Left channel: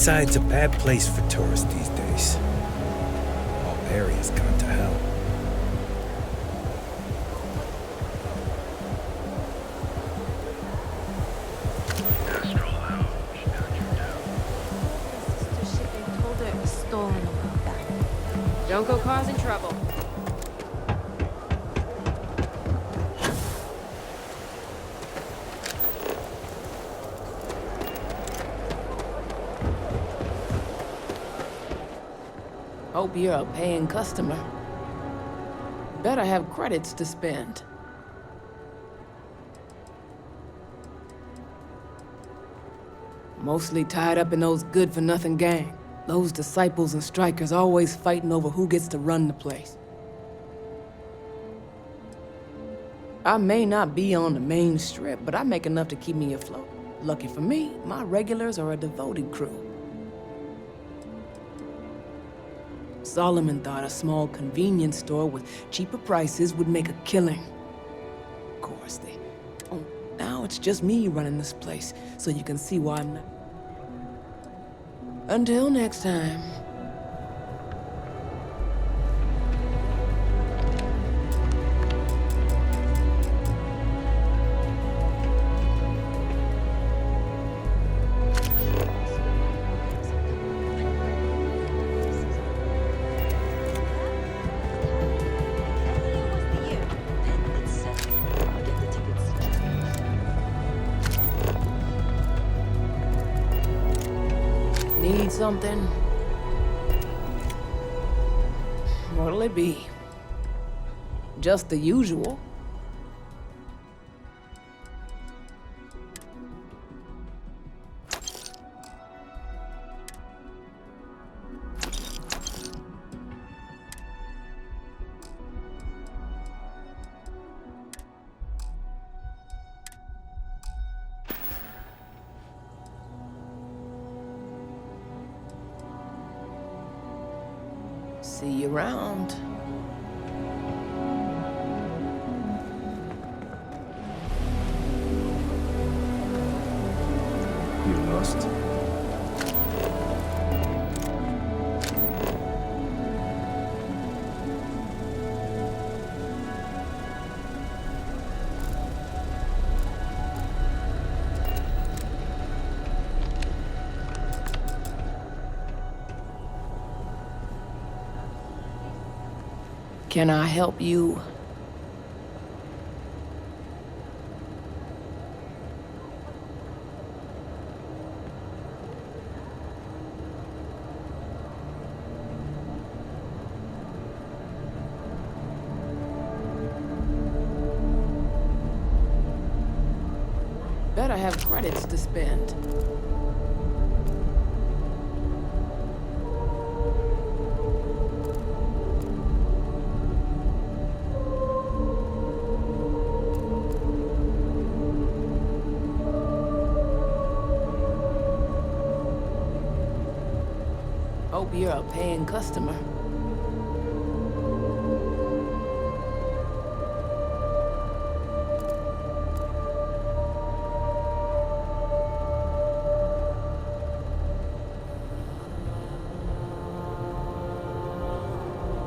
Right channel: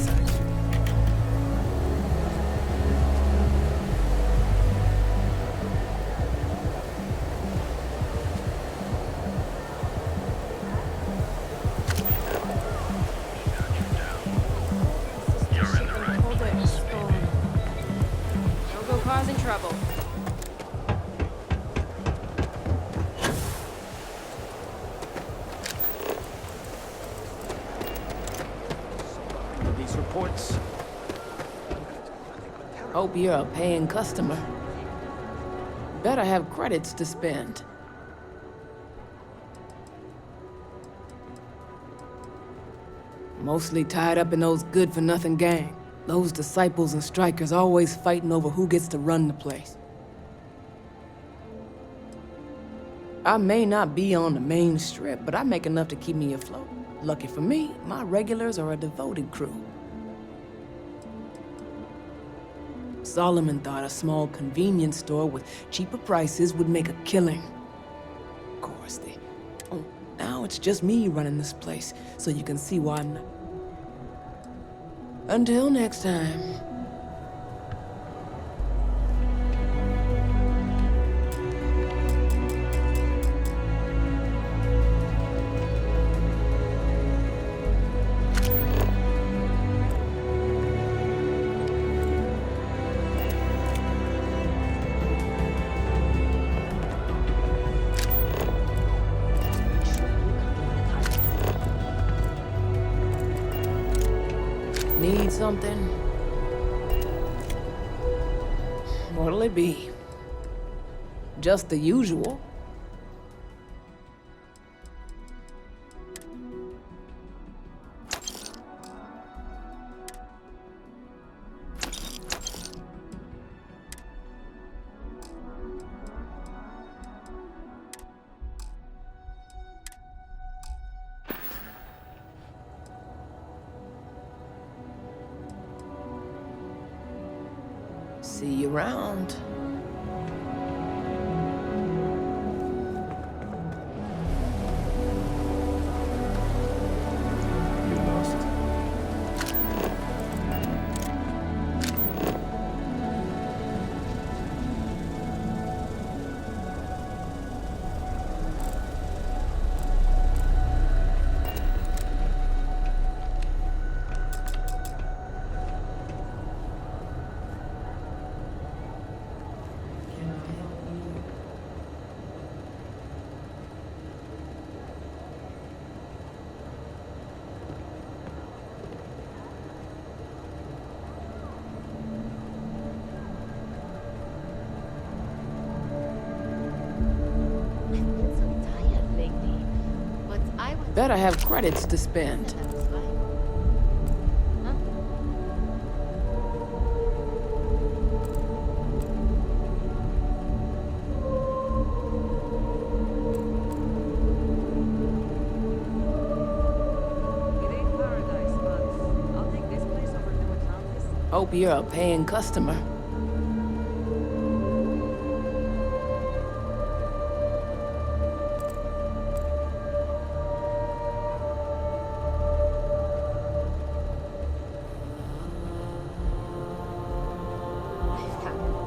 Besides, a bad place for tourists these days. Whole area's gone to hell. Don't go causing trouble. Hope you're a paying customer. Better have credits to spend. Mostly tied up in those good-for-nothing gang. Those disciples and strikers always fighting over who gets to run the place. I may not be on the main strip, but I make enough to keep me afloat. Lucky for me, my regulars are a devoted crew. Solomon thought a small convenience store with cheaper prices would make a killing. Of course, now it's just me running this place, so you can see why I'm not. Until next time. Need something? What'll it be? Just the usual. See you around. You lost? Can I help you? Better have credits to spend. Hope you're a paying customer.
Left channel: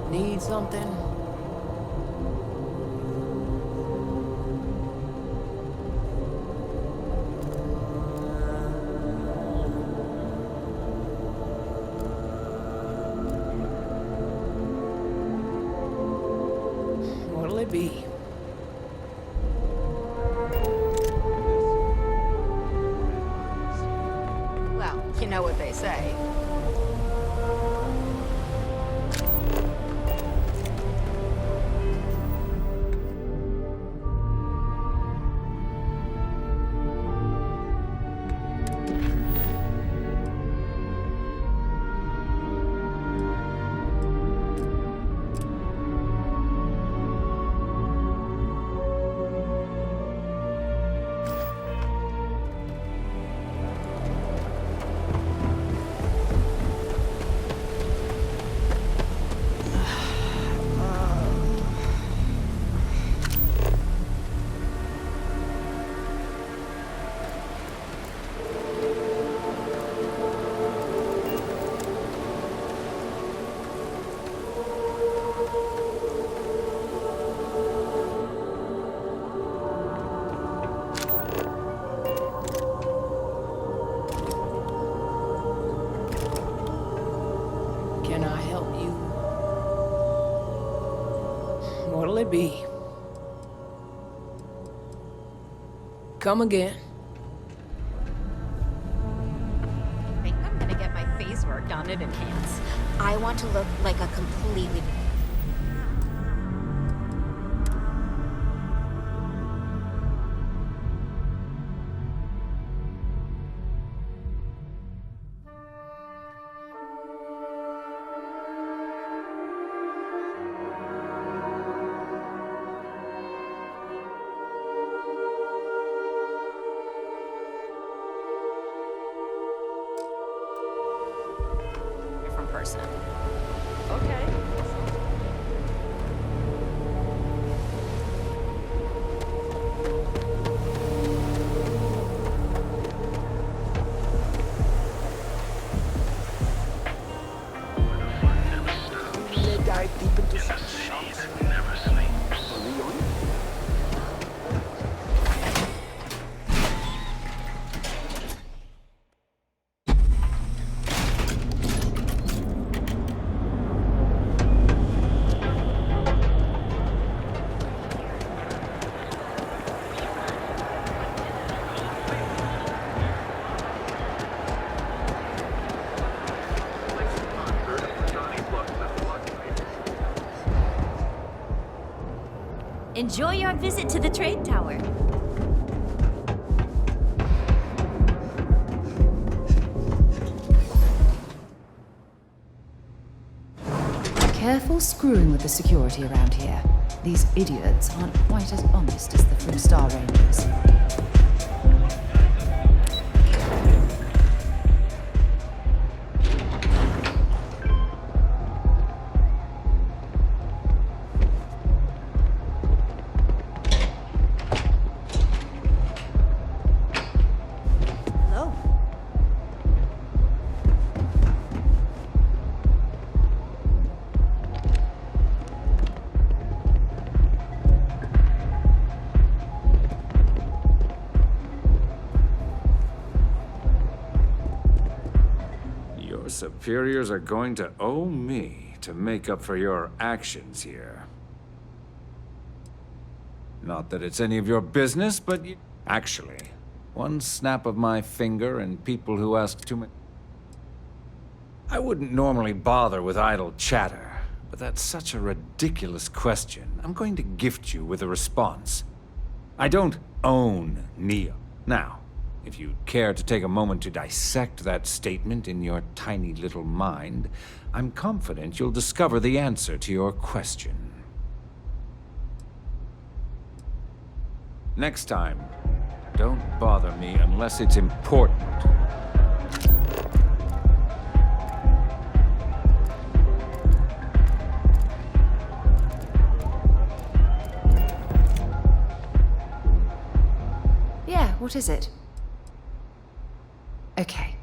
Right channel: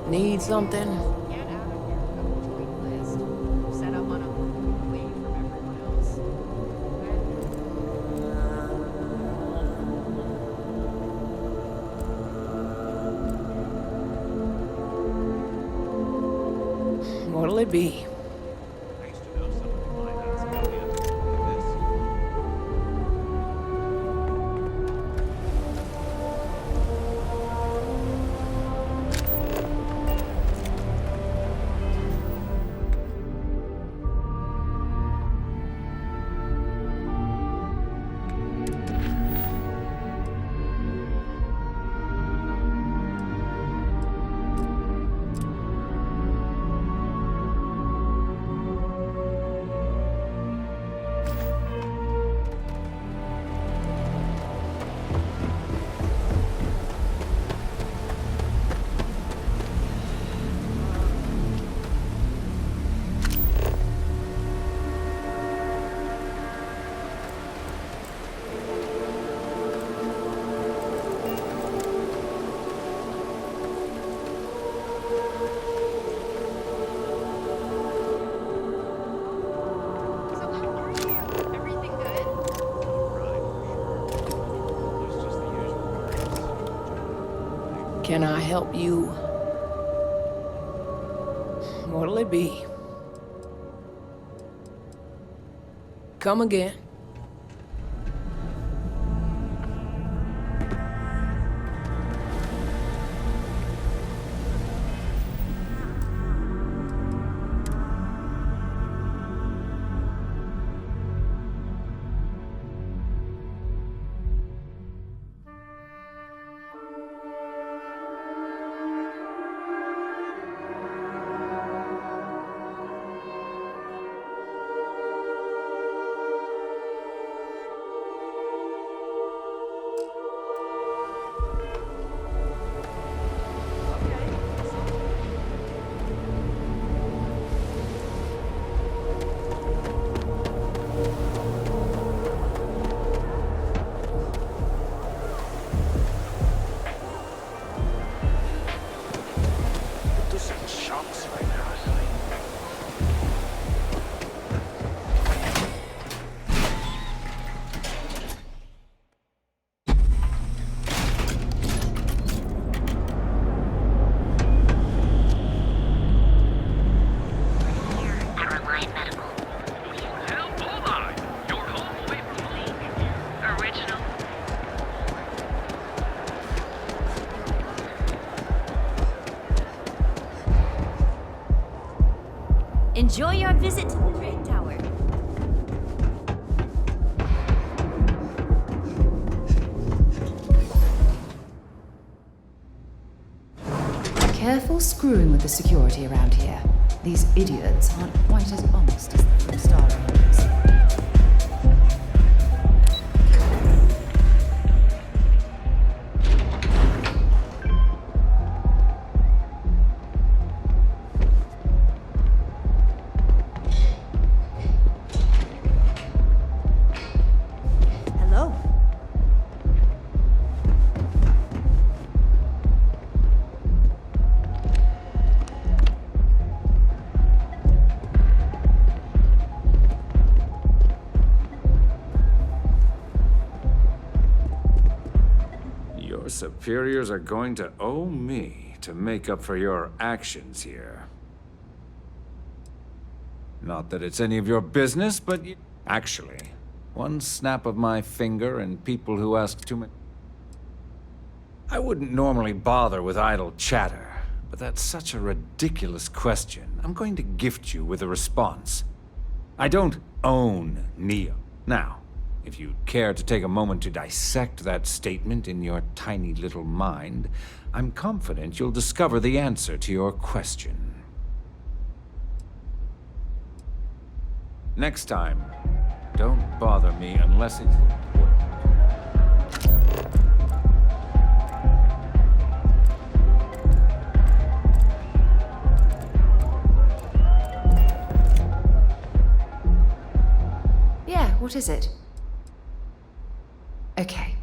Need something? What'll it be? Well, you know what they say. Can I help you? What'll it be? Come again. I think I'm gonna get my face work done in advance. I want to look like a completely... different person. Okay. Enjoy your visit to the trade tower. Careful screwing with the security around here. These idiots aren't quite as honest as the Three-Star Rangers. Hello. Your superiors are going to owe me to make up for your actions here. Not that it's any of your business, but actually, one snap of my finger and people who ask too many... I wouldn't normally bother with idle chatter, but that's such a ridiculous question. I'm going to gift you with a response. I don't own Neo. Now, if you'd care to take a moment to dissect that statement in your tiny little mind, I'm confident you'll discover the answer to your question. Next time, don't bother me unless it's important. Yeah, what is it? Okay.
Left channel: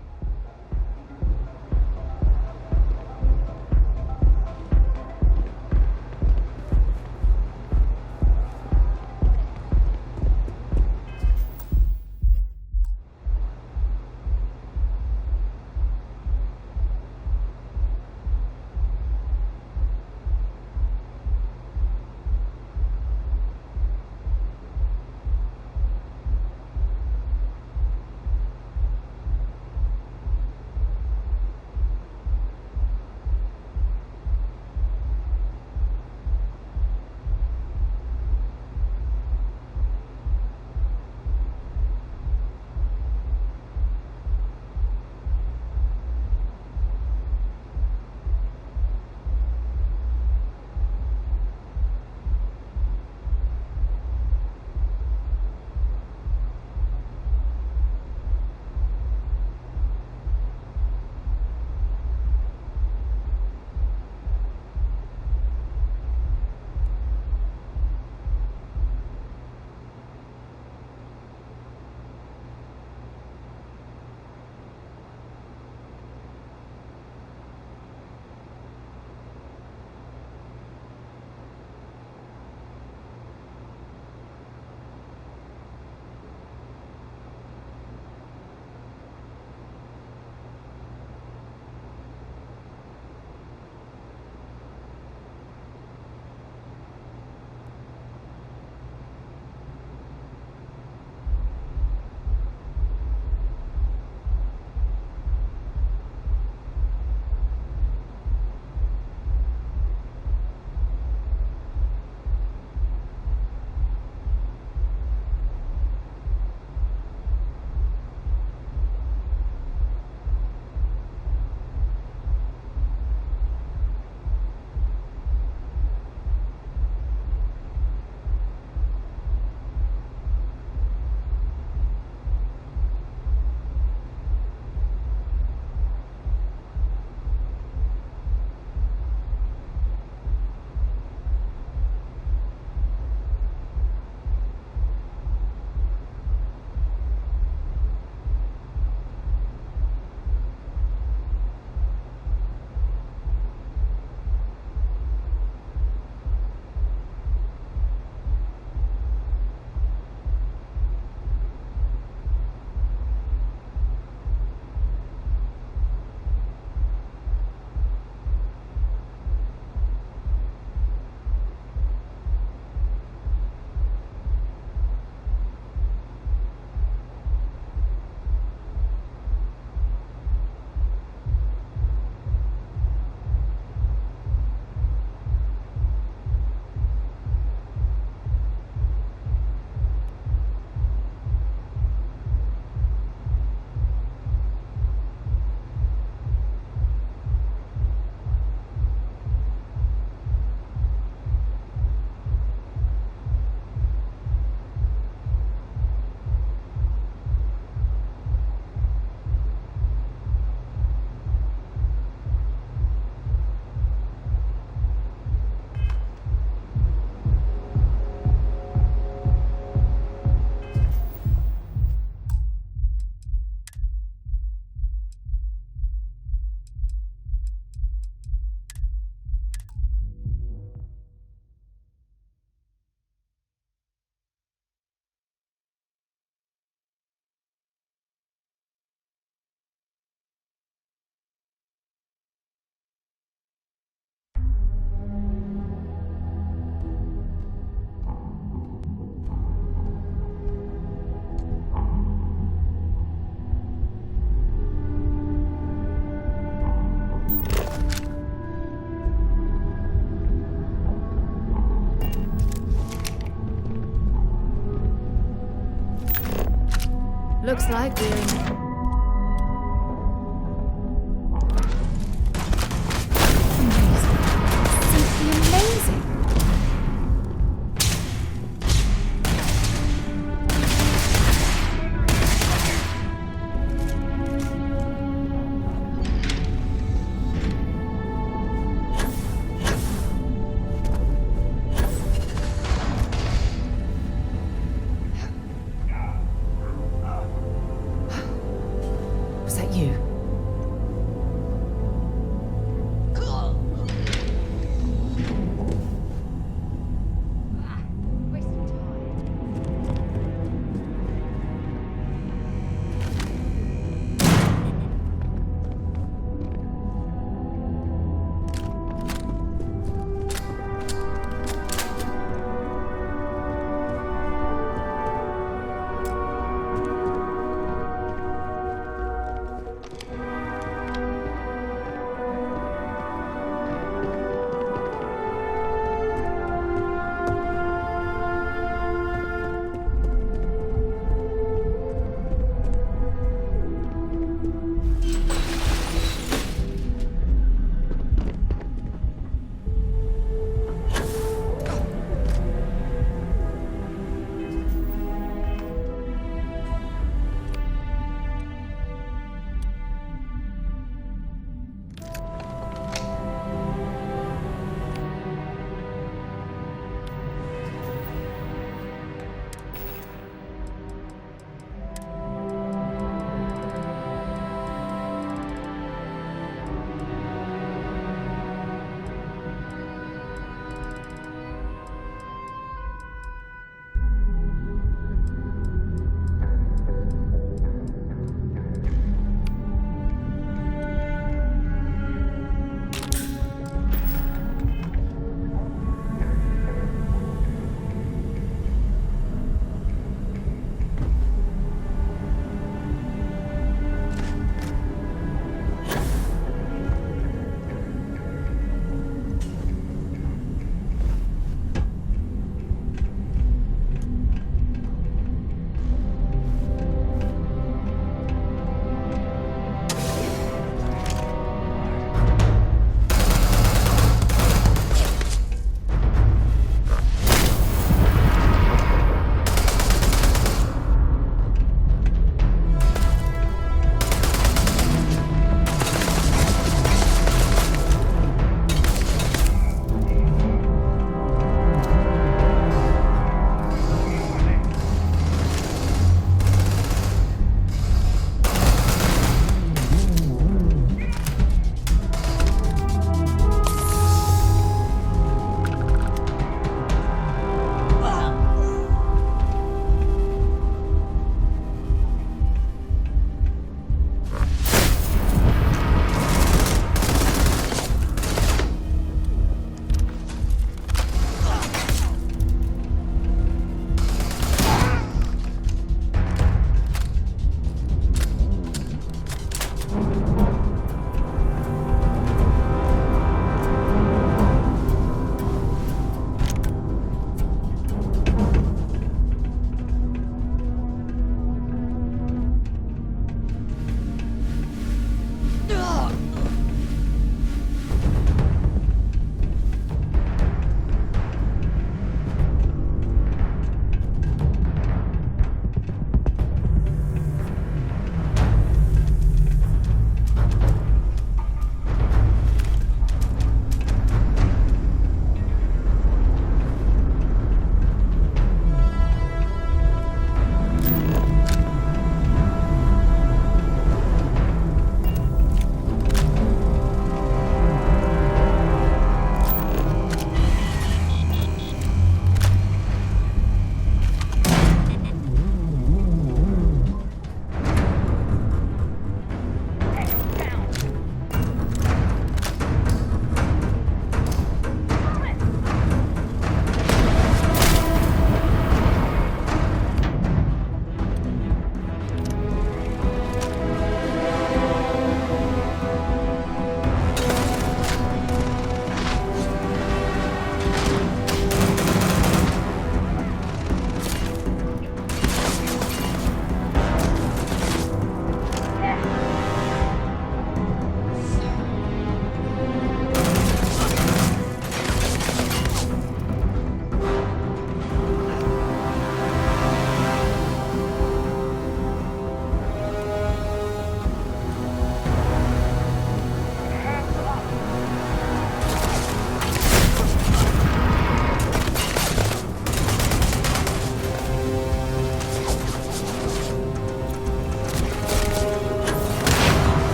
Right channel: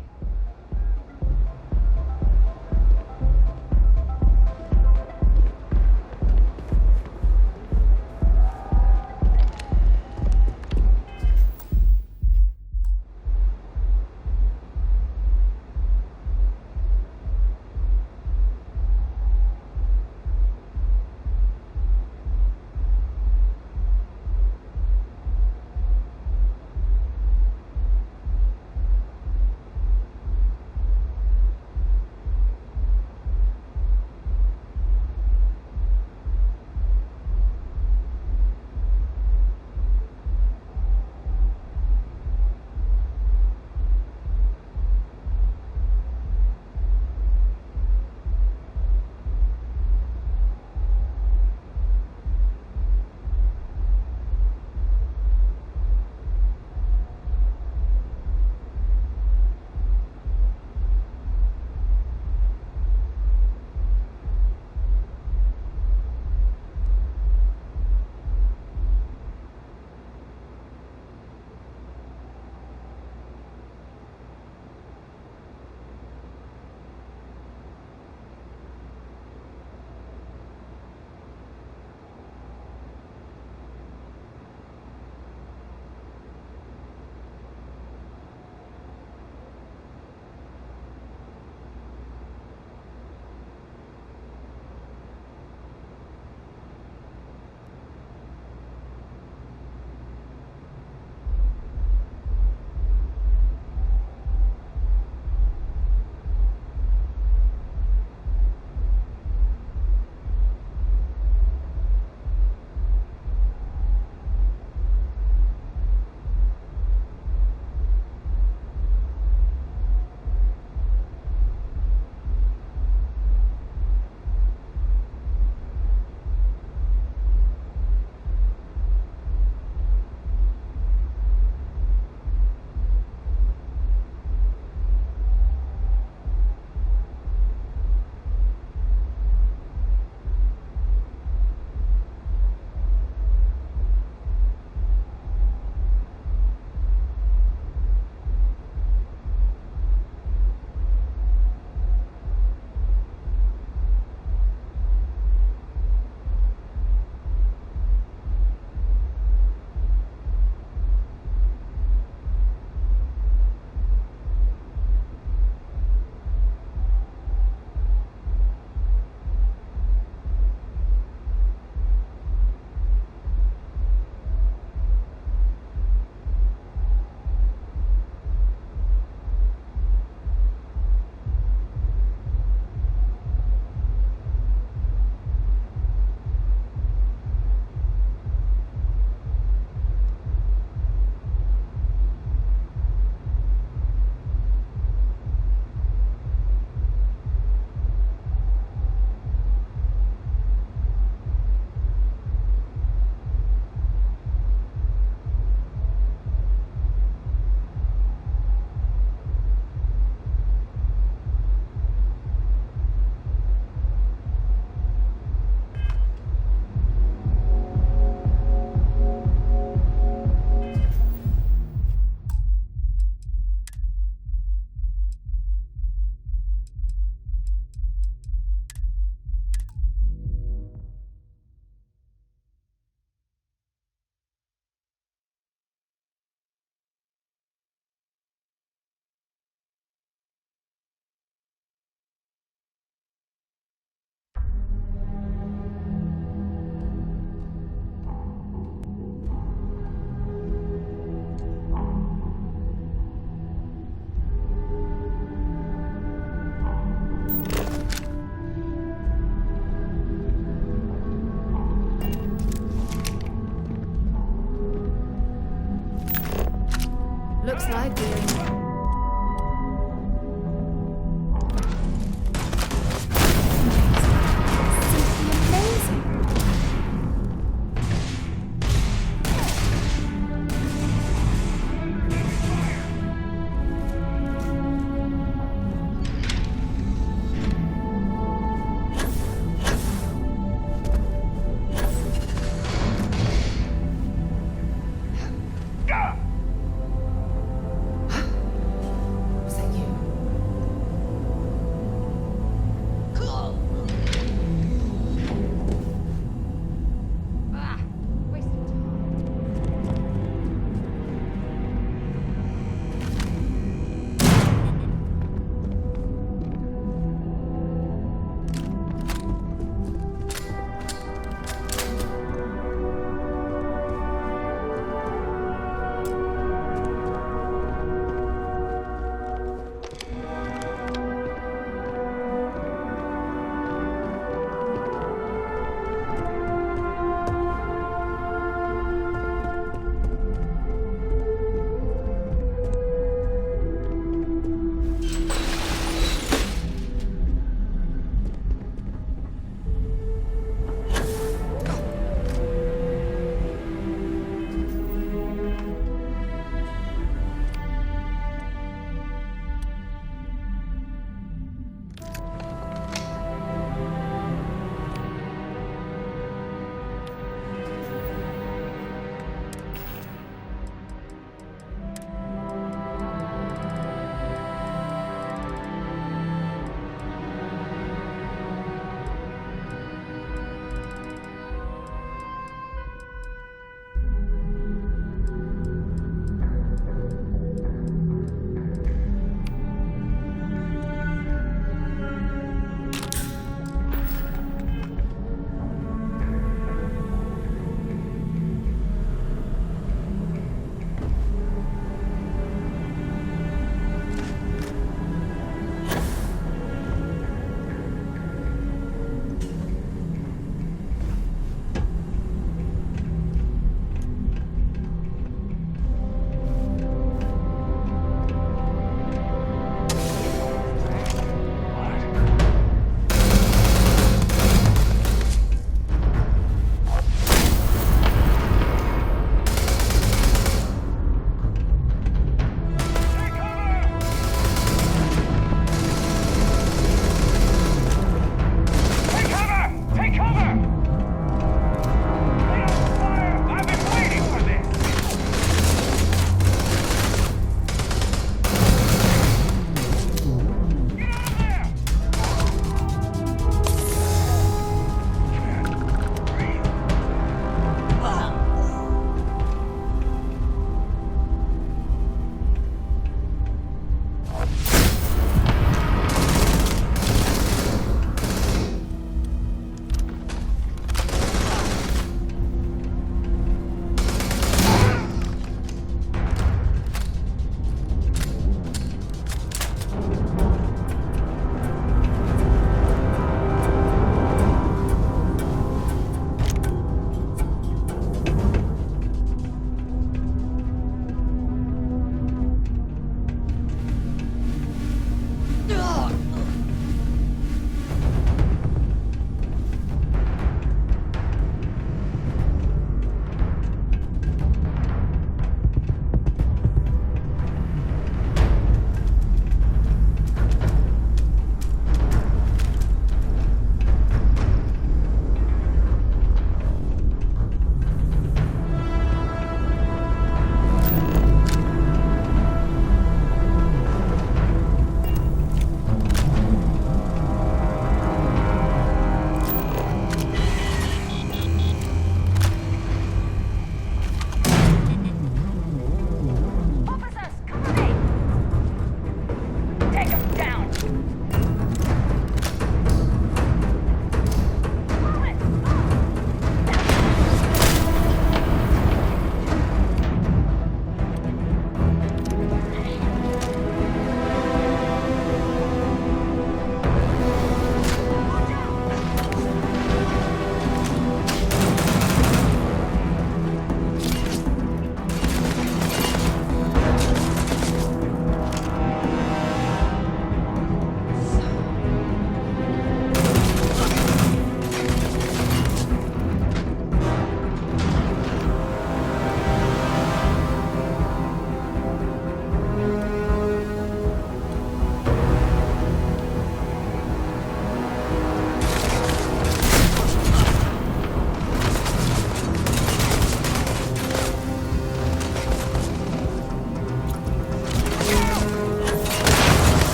Looks like we're in. Amazing. Simply amazing.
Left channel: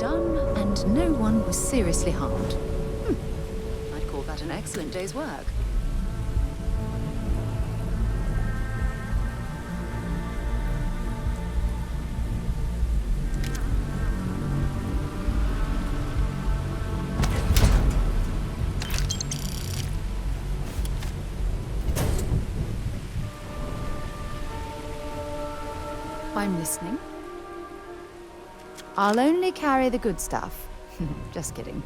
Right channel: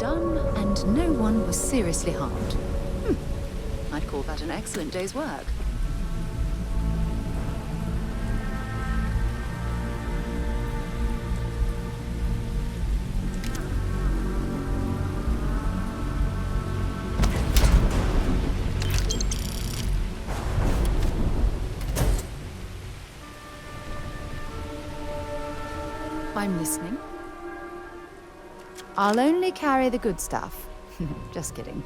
done, and no one was seriously harmed. I'd call that an excellent day's work. I'm listening. I'll only carry the good stuff. Just kidding.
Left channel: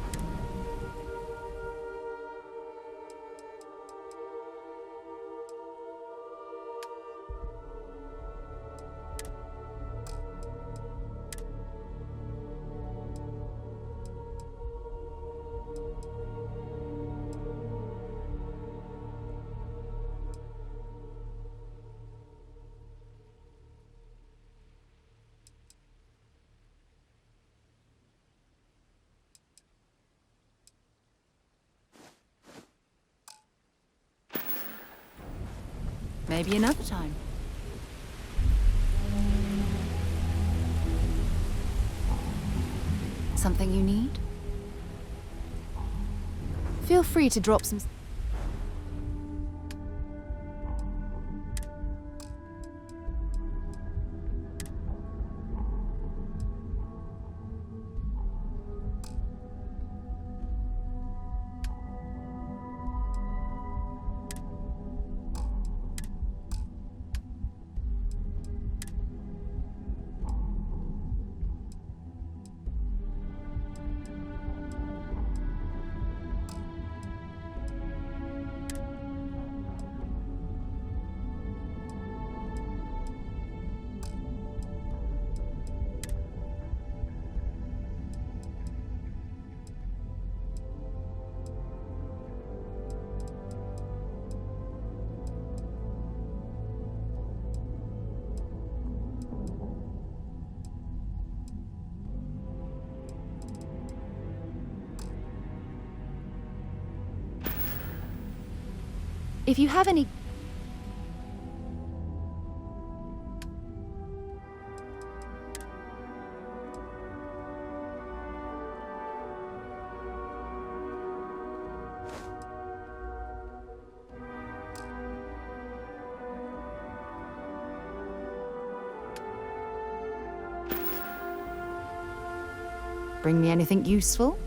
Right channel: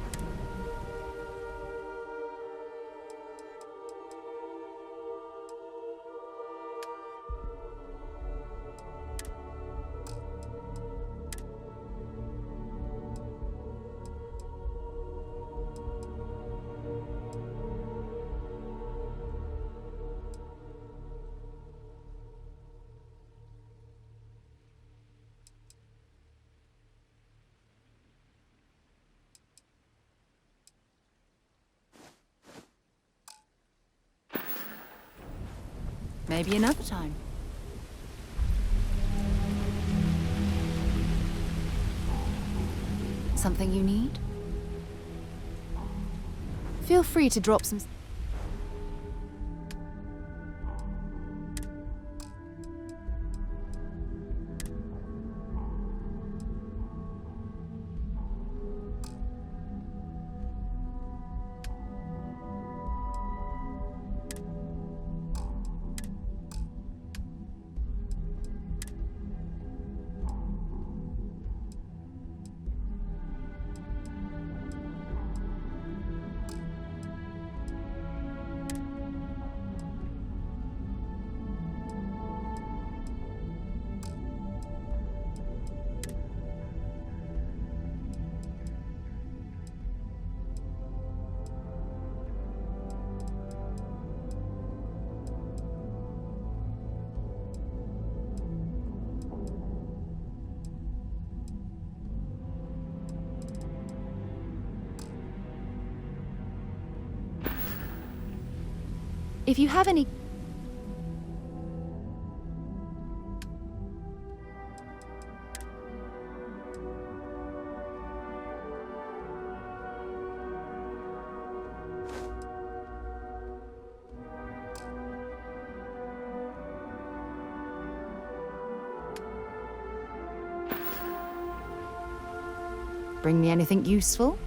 Maybe another time. Something you need? Feel free to drop some... If you have any... Bring me anything useful?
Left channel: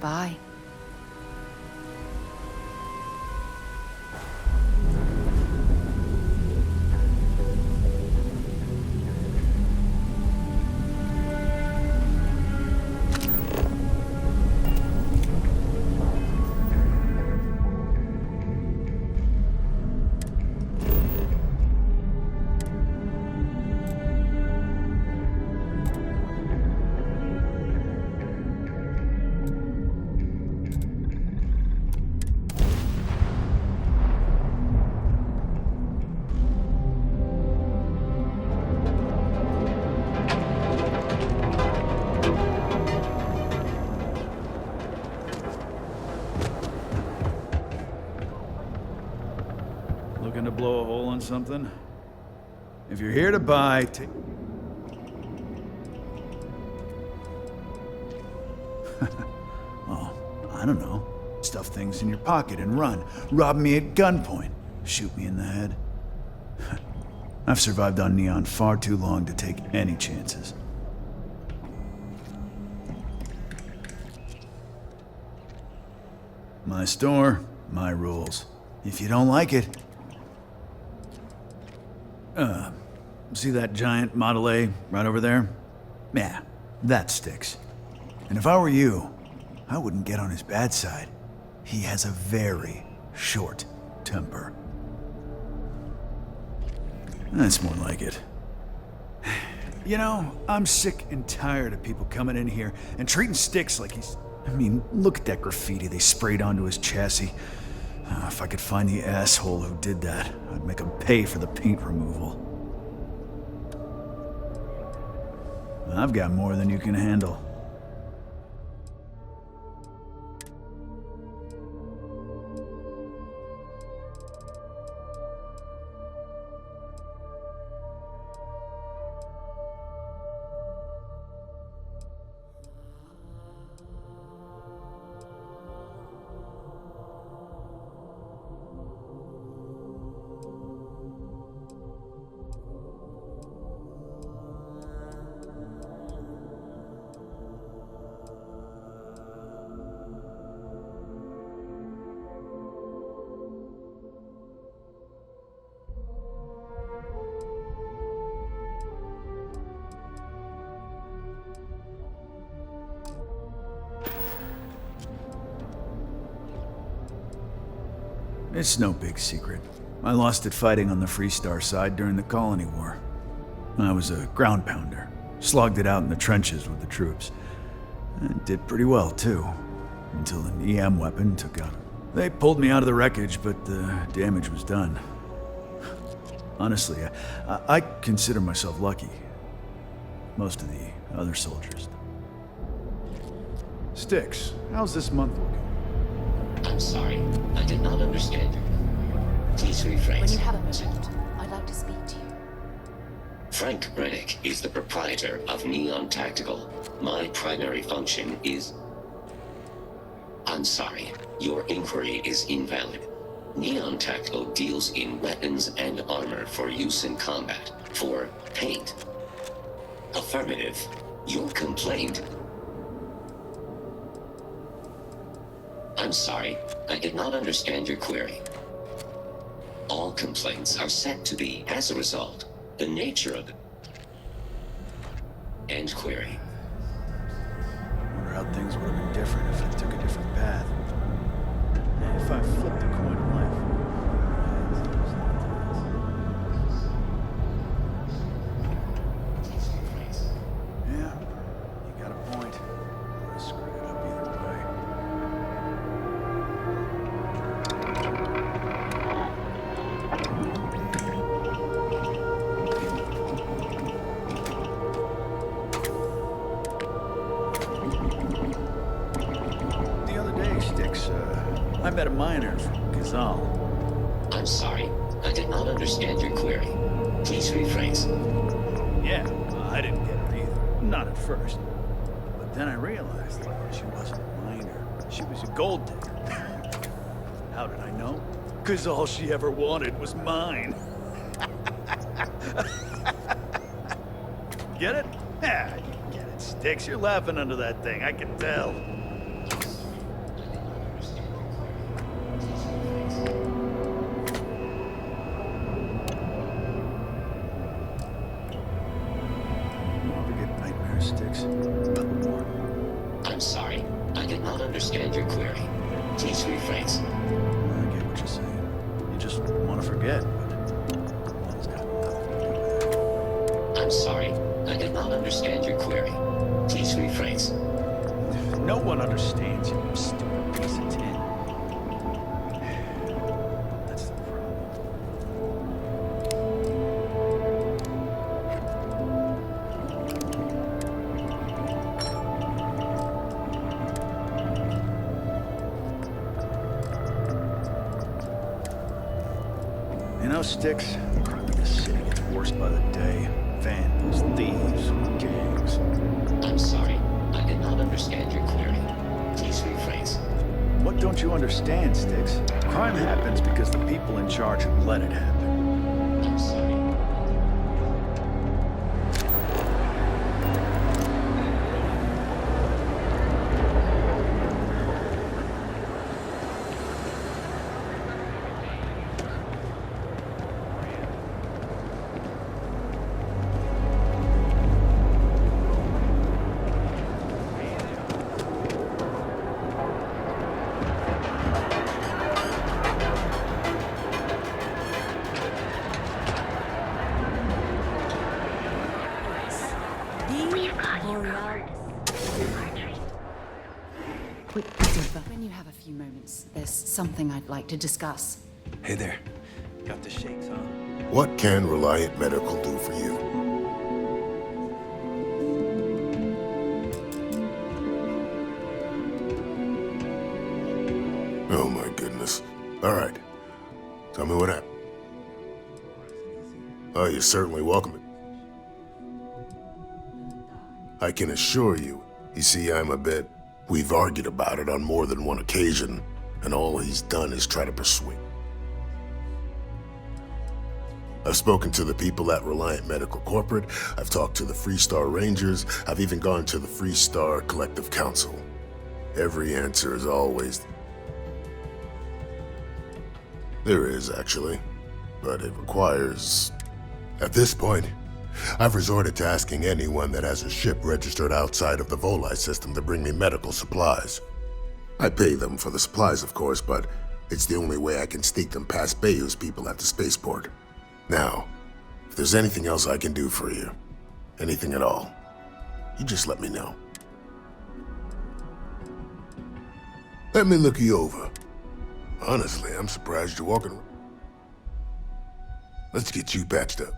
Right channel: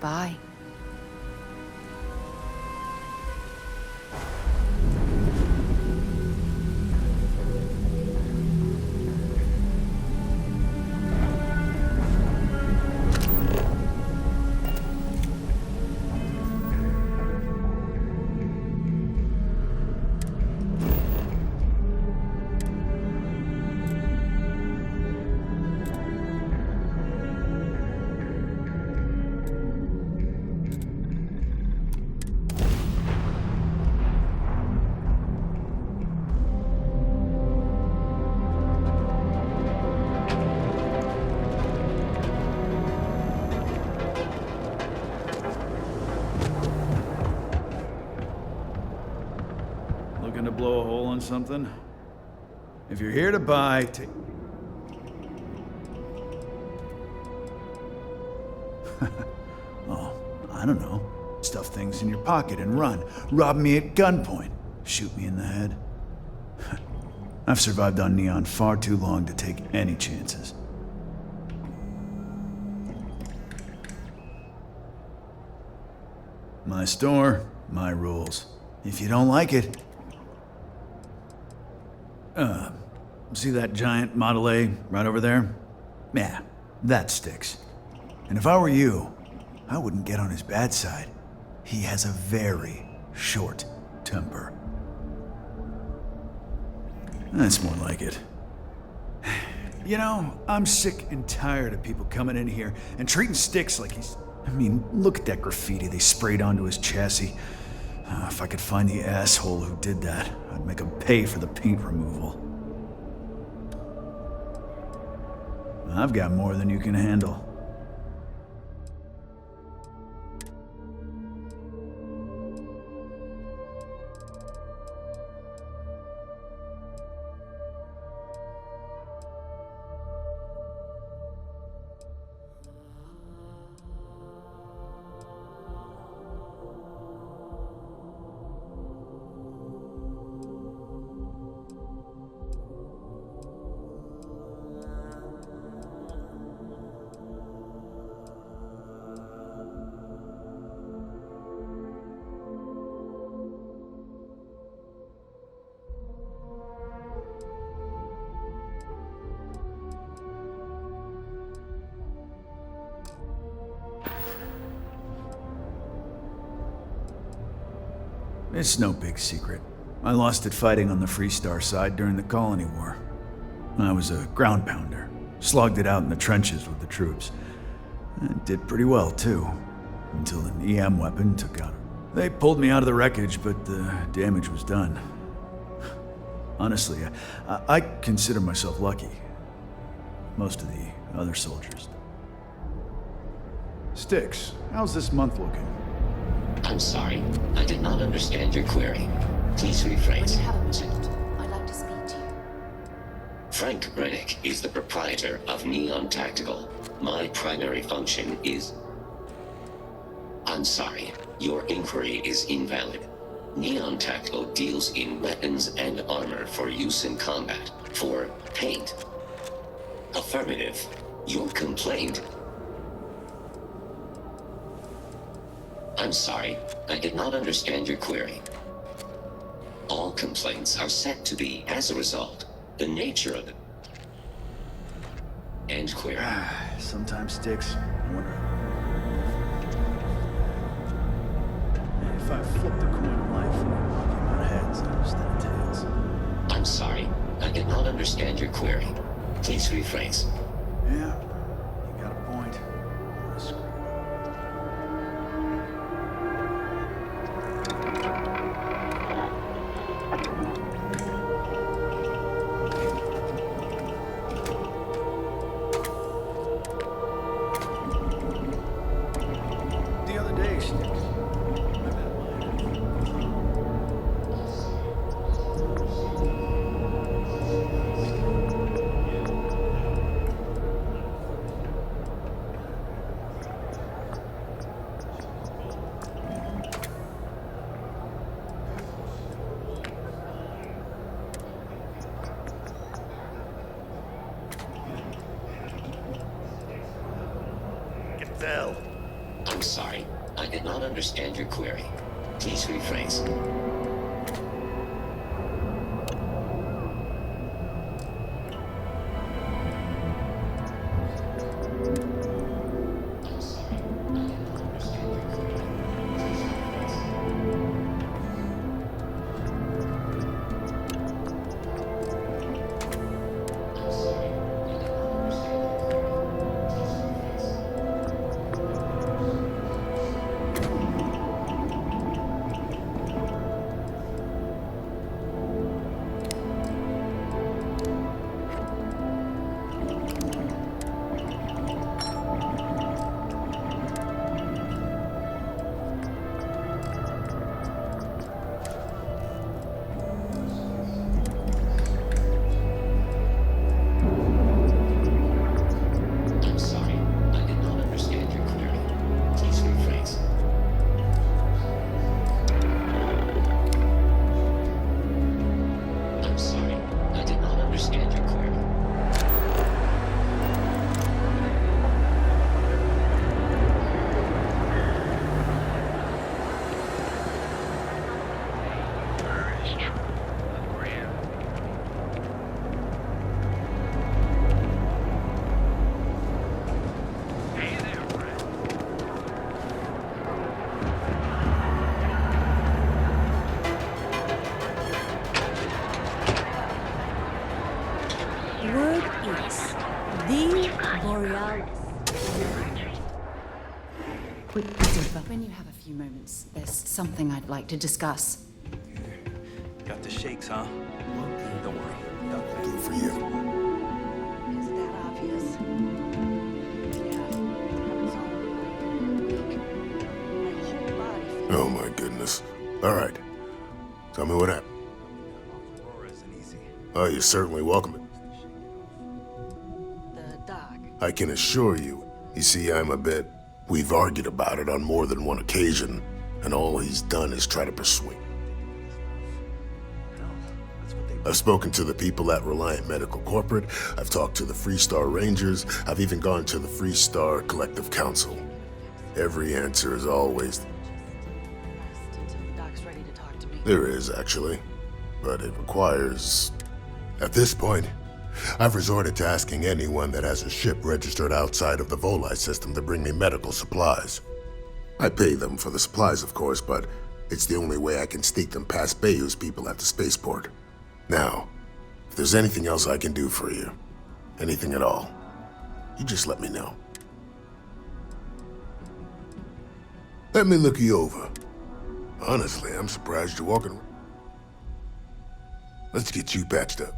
Bye. Looking to blow a hole in something? If you're here to buy, take... Oh, I don't know. Stuff things in your pocket and run. Rob me at gunpoint. Shoot me in the head. I've survived on Neon far too long to take any chances. My store, my rules. If you don't like it... see that giant Model A right over there? Yeah, that sticks. And if I were you, I wouldn't get on his bad side. He has a very short temper. That's more like it. You know, I'm sick and tired of people coming in here and treating Styx like he's... I mean, look at that graffiti they sprayed onto his chassis. If I could find the asshole who did that, I'd make him pay for the paint removal. I've got more than you can handle. It's no big secret. I lost it fighting on the Freestar side during the Colony War. I was a ground pounder. Slogged it out in the trenches with the troops. And did pretty well, too. Until an EM weapon took out. They pulled me out of the wreckage, but the damage was done. Honestly, I consider myself lucky. Most of the other soldiers. Styx, how's this month looking? I'm sorry. I did not understand your query. Please rephrase. When you have a minute, I'd like to speak to you. Frank Rennick is the proprietor of Neon Tactical. My primary function is... I'm sorry. Your inquiry is invalid. Neon Tactical deals in weapons and armor for use in combat. For paint. Affirmative. Your complaint... I'm sorry, I did not understand your query. All complaints are set to be, as a result, the nature of it. End query. Sometimes, Styx, I wonder how things would have been different if you took a different path. If I flipped a coin of life, it'd be heads instead of tails. I'm sorry, I did not understand your query. Please rephrase. Yeah, you got a point. I'm gonna screw it up either way. The other day, Styx, I met a miner from Kazal. I'm sorry, I did not understand your query. Please rephrase. Yeah, I didn't get her either. Not at first. But then I realized that she wasn't a miner. She was a gold digger. How did I know? Because all she ever wanted was mine. Get it? Yeah, I get it, Styx. You're laughing under that thing, I can tell. I'm sorry, I did not understand your query. Please rephrase. Get nightmares, Styx. I'm sorry, I did not understand your query. Please rephrase. I get what you're saying. You just want to forget. I'm sorry, I did not understand your query. Please rephrase. No one understands you, stupid piece of tin. That's the problem. You know, Styx, the city gets worse by the day. Vandals, thieves, gangs. I'm sorry, I did not understand your query. Please rephrase. What don't you understand, Styx? Crime happens because the people in charge let it happen. I'm sorry, I did not understand your query. word is the Borealis. When you have a few moments, there's something I'd like to discuss. Hey there. Got the shakes, huh? What can Reliant Medical do for you? Oh my goodness. All right. Tell me what happened. Oh, you're certainly welcome. I can assure you. You see, I'm a bit... We've argued about it on more than one occasion, and all he's done is try to persuade. I've spoken to the people at Reliant Medical Corporate, I've talked to the Freestar Rangers, I've even gone to the Freestar Collective Council. Every answer is always... There is, actually, but it requires... At this point, I've resorted to asking anyone that has a ship registered outside of the Volii system to bring me medical supplies. I pay them for the supplies, of course, but it's the only way I can sneak them past Bayou's people at the spaceport. Now, if there's anything else I can do for you, anything at all, you just let me know. Let me look you over. Honestly, I'm surprised you're walking around. Let's get you patched up.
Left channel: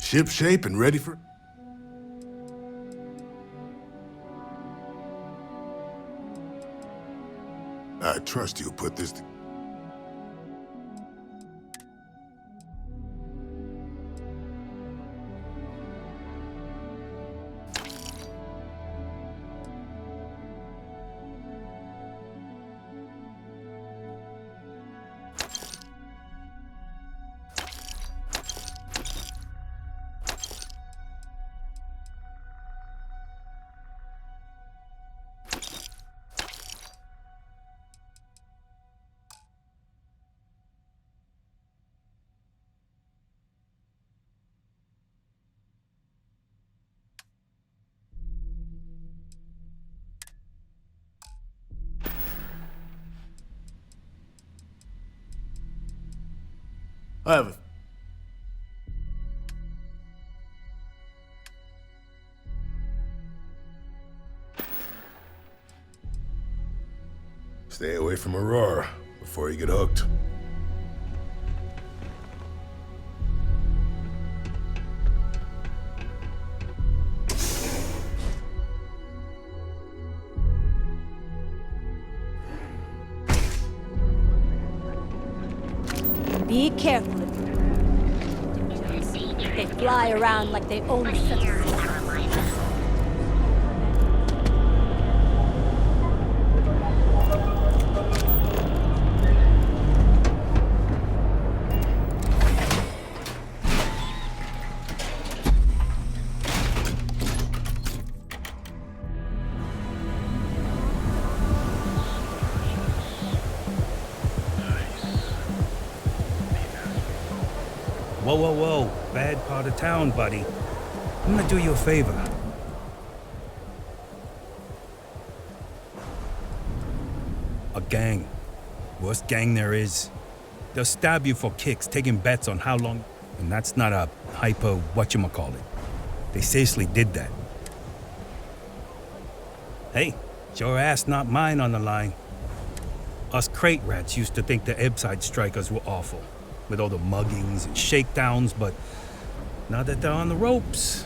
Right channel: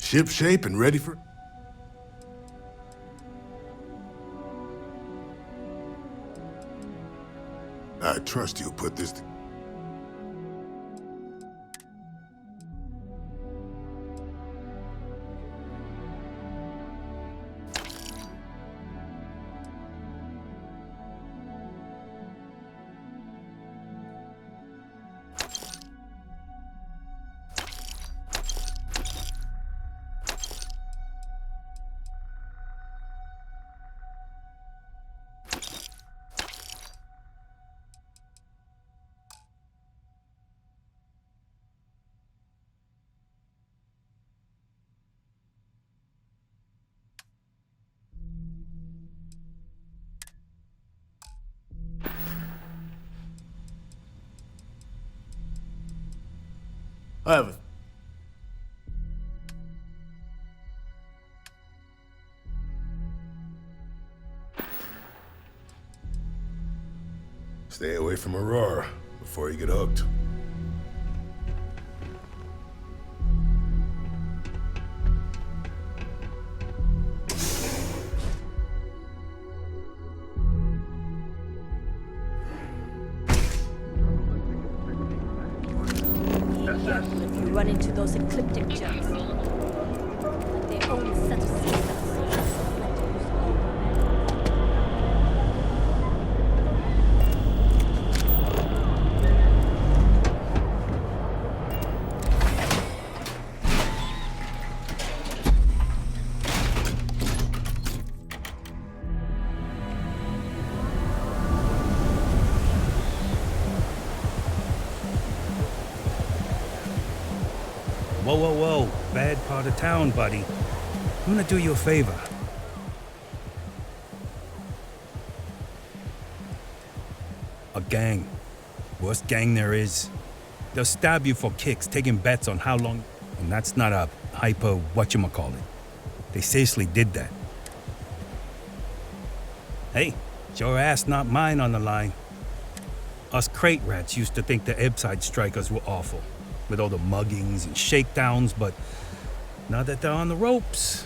Ship shape and ready for... I trust you'll put this... I have a... Stay away from Aurora before you get hooked. Be careful if you run into those ecliptic jets. They fly around like they own a set of seasons. Whoa, whoa, whoa. Bad part of town, buddy. I'm gonna do you a favor. A gang. Worst gang there is. They'll stab you for kicks, taking bets on how long... And that's not a hyper whatchamacallit. They seriously did that. Hey, it's your ass, not mine on the line. Us crate rats used to think the Ebbside strikers were awful, with all the muggings and shakedowns, but now that they're on the ropes,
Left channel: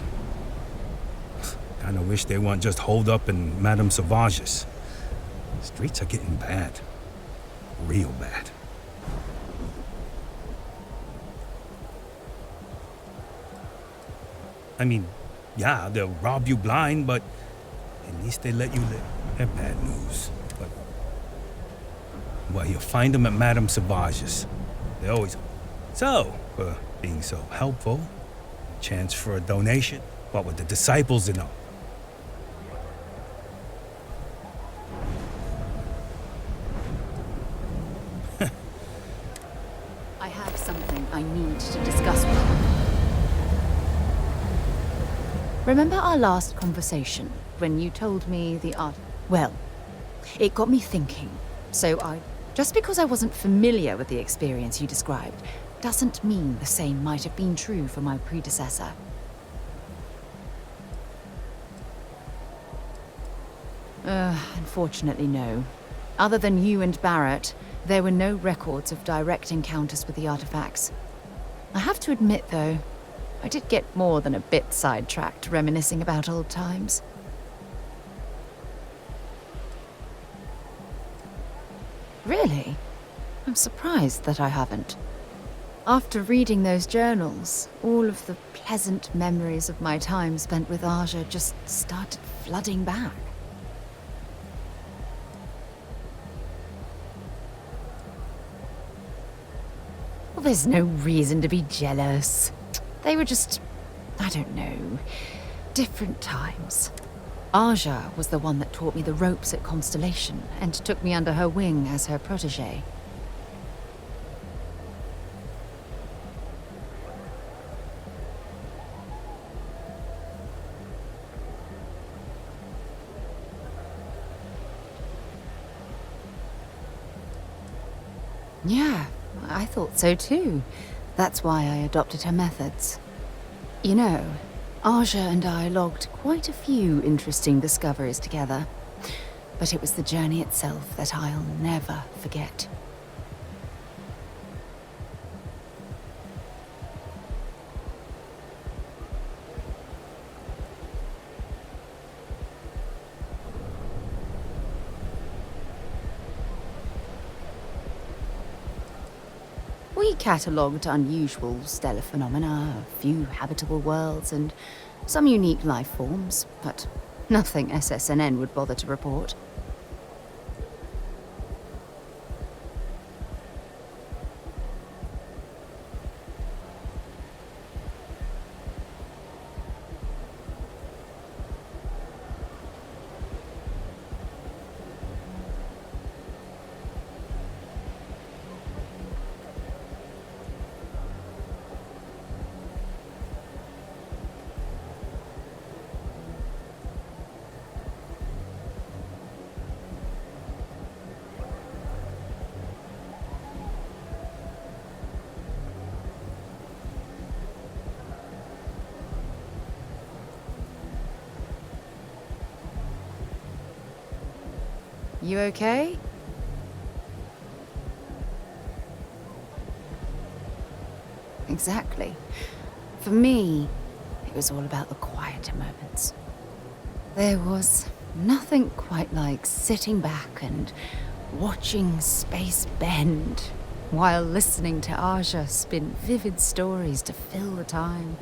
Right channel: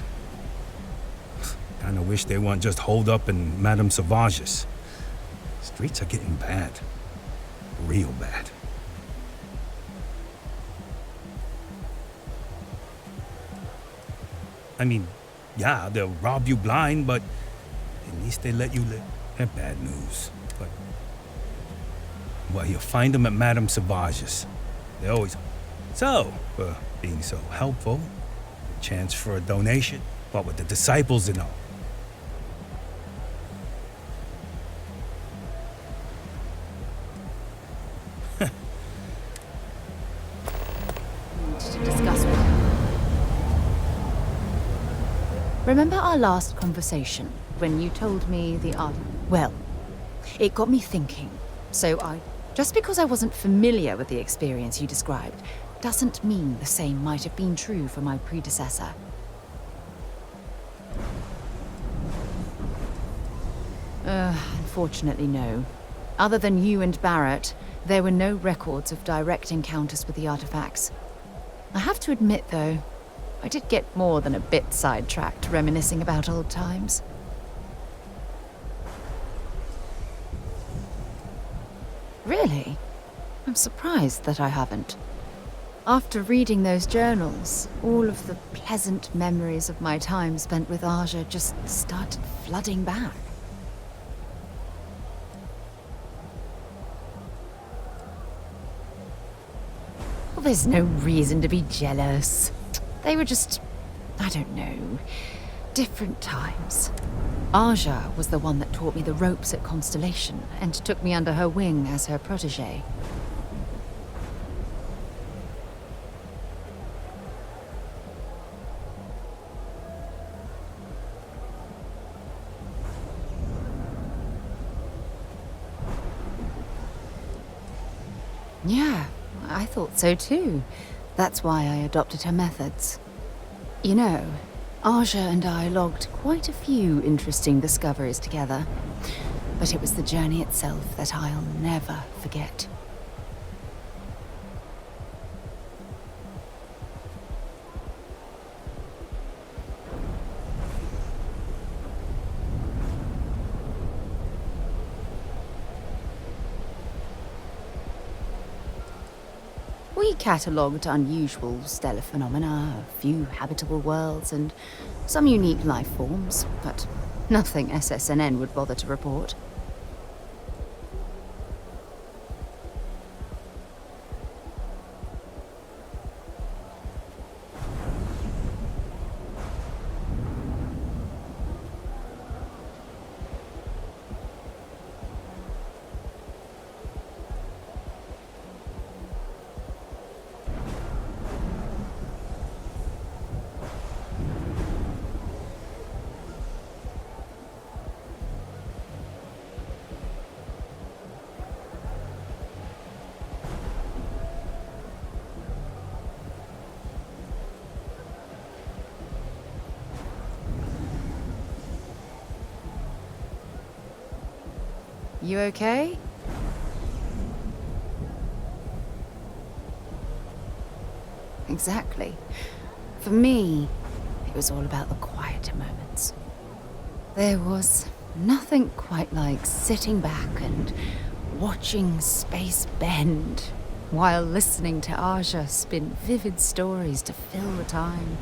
kinda wish they weren't just holed up in Madame Sauvage's. Streets are getting bad. Real bad. I mean, yeah, they'll rob you blind, but at least they let you live. They're bad news, but... Well, you'll find them at Madame Sauvage's. They always... So, for being so helpful, chance for a donation, what with the disciples and all. I have something I need to discuss with you. Remember our last conversation when you told me the art? Well, it got me thinking. Just because I wasn't familiar with the experience you described, doesn't mean the same might have been true for my predecessor. Unfortunately, no. Other than you and Barrett, there were no records of direct encounters with the artifacts. I have to admit, though, I did get more than a bit sidetracked reminiscing about old times. Really? I'm surprised that I haven't. After reading those journals, all of the pleasant memories of my time spent with Aja just started flooding back. Well, there's no reason to be jealous. They were just, I don't know, different times. Aja was the one that taught me the ropes at Constellation and took me under her wing as her protege. Yeah, I thought so too. That's why I adopted her methods. You know, Aja and I logged quite a few interesting discoveries together, but it was the journey itself that I'll never forget. We catalogued unusual stellar phenomena, a few habitable worlds, and some unique life forms, but nothing SSNN would bother to report. You okay? Exactly. For me, it was all about the quieter moments. There was nothing quite like sitting back and watching space bend while listening to Aja spin vivid stories to fill the time.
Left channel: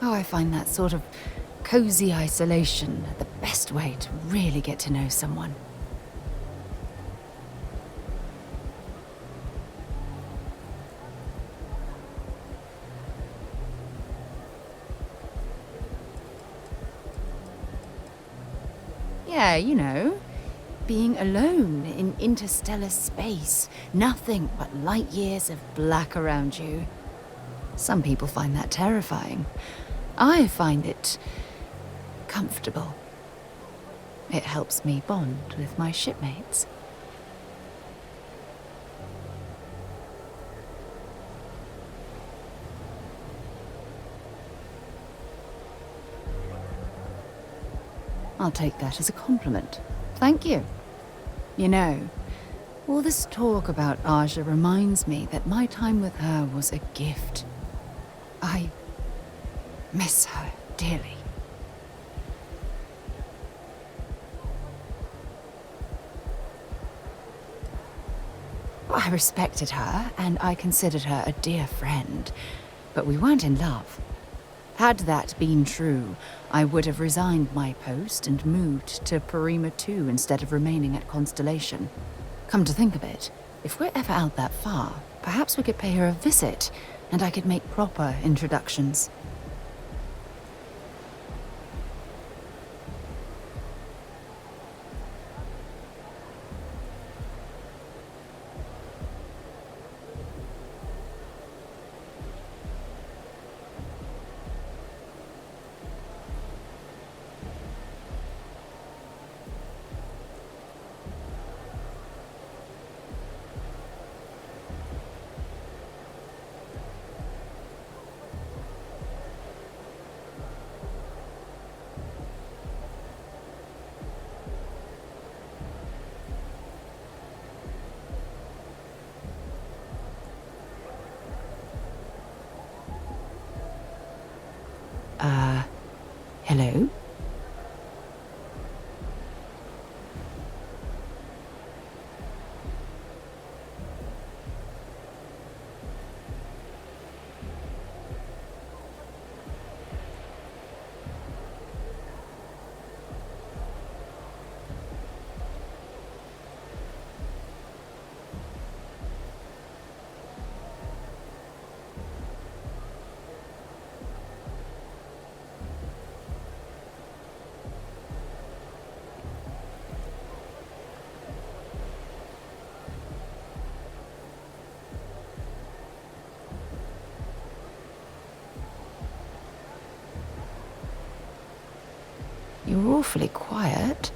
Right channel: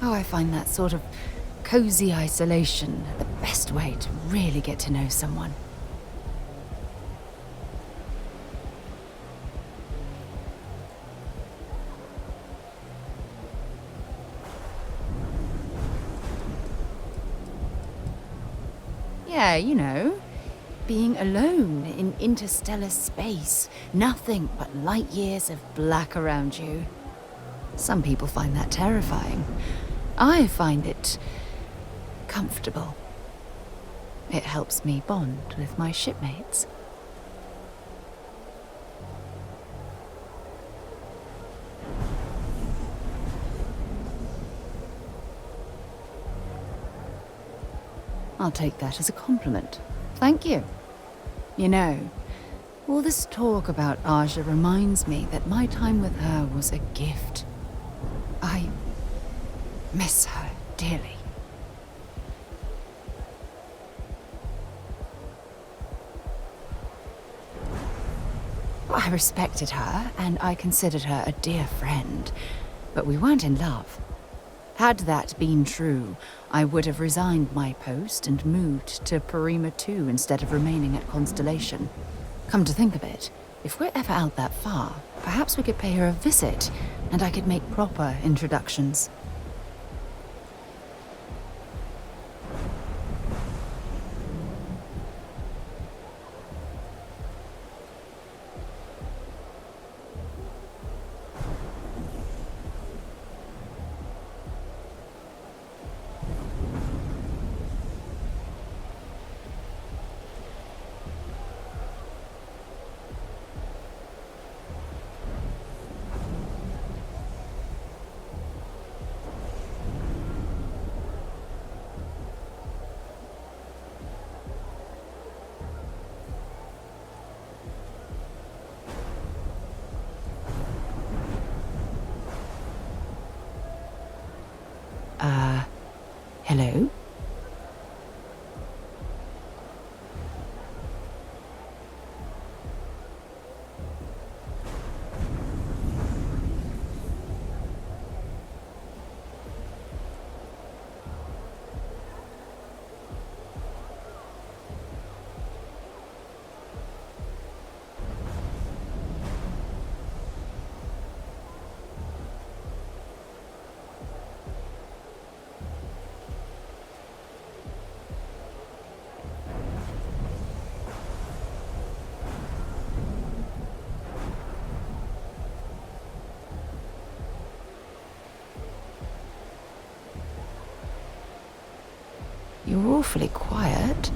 Oh, I find that sort of cozy isolation the best way to really get to know someone. Yeah, you know, being alone in interstellar space, nothing but light years of black around you. Some people find that terrifying. I find it comfortable. It helps me bond with my shipmates. I'll take that as a compliment. Thank you. You know, all this talk about Aja reminds me that my time with her was a gift. I miss her dearly. I respected her, and I considered her a dear friend, but we weren't in love. Had that been true, I would have resigned my post and moved to Parima 2 instead of remaining at Constellation. Come to think of it, if we're ever out that far, perhaps we could pay her a visit, and I could make proper introductions. Hello? You're awfully quiet.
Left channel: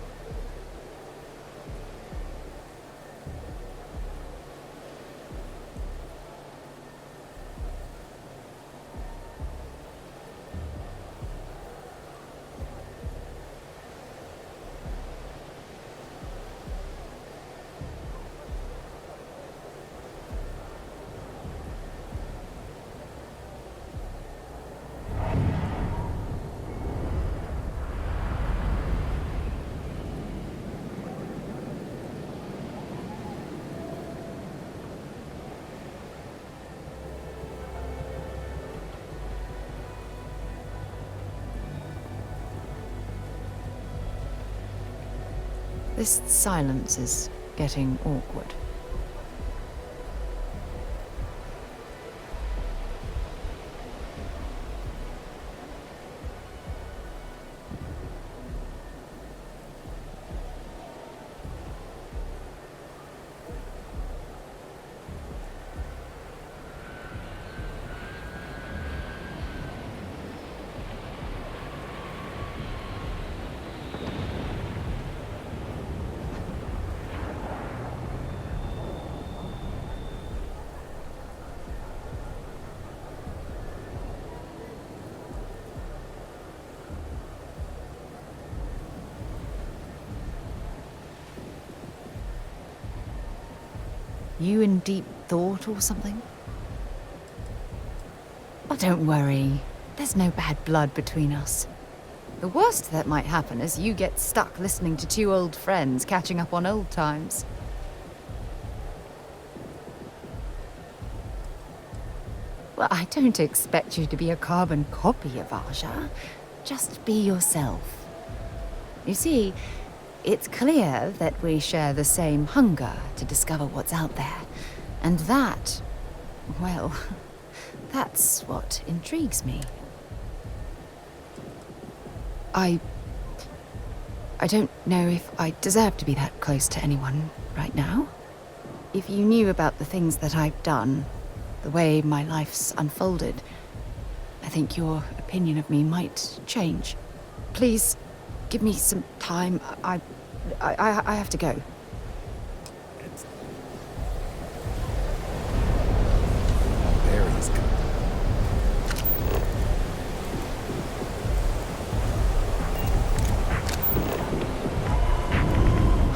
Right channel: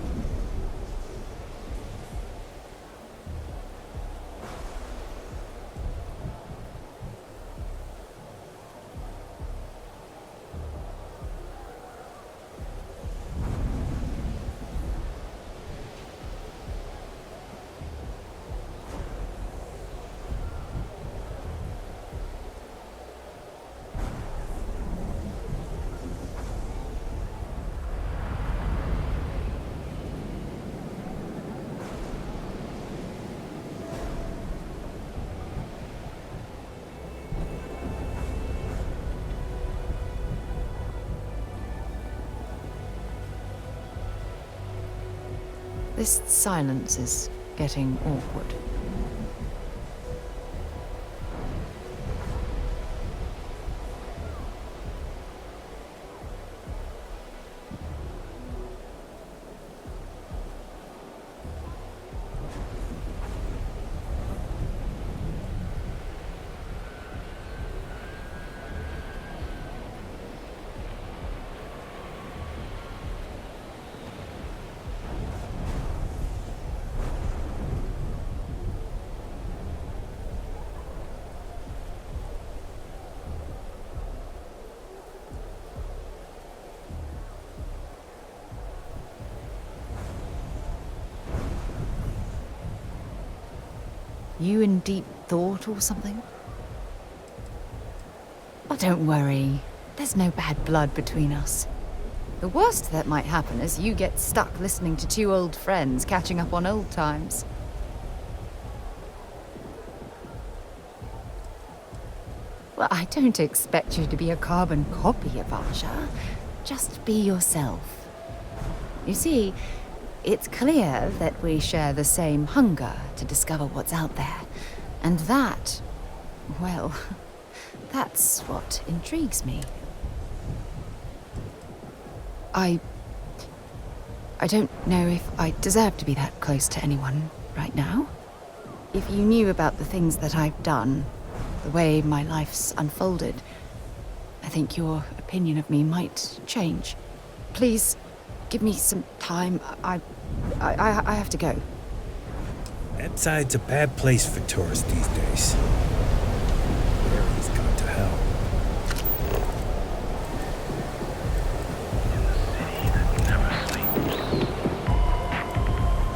This silence is getting awkward. You in deep thought or something? Oh, don't worry. There's no bad blood between us. The worst that might happen is you get stuck listening to two old friends catching up on old times. Well, I don't expect you to be a carbon copy of Aja. Just be yourself. You see, it's clear that we share the same hunger to discover what's out there. And that, well, that's what intrigues me. I don't know if I deserve to be that close to anyone right now. If you knew about the things that I've done, the way my life's unfolded, I think your opinion of me might change. Please, give me some time. I have to go. That side's a bad place for tourists these days. Area's gone to hell.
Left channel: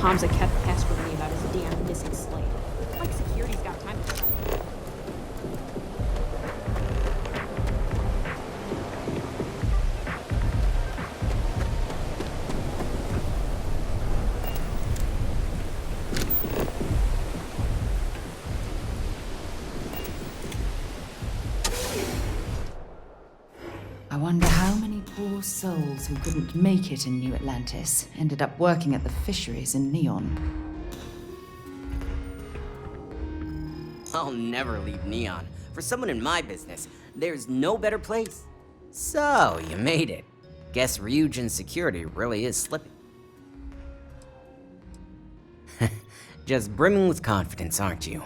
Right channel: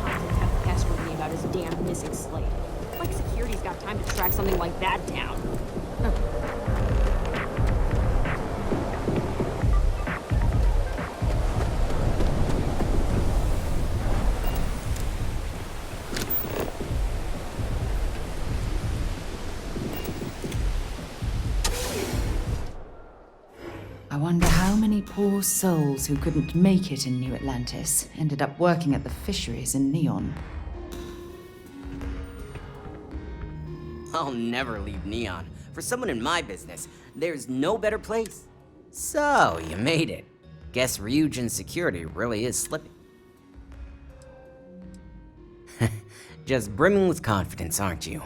Hamza kept pestering me about his damn missing slate. Like security's got time to track something like that down. I wonder how many poor souls who couldn't make it in New Atlantis ended up working at the fisheries in Neon. I'll never leave Neon. For someone in my business, there's no better place. So, you made it. Guess Ryujin's security really is slipping. Just brimming with confidence, aren't you?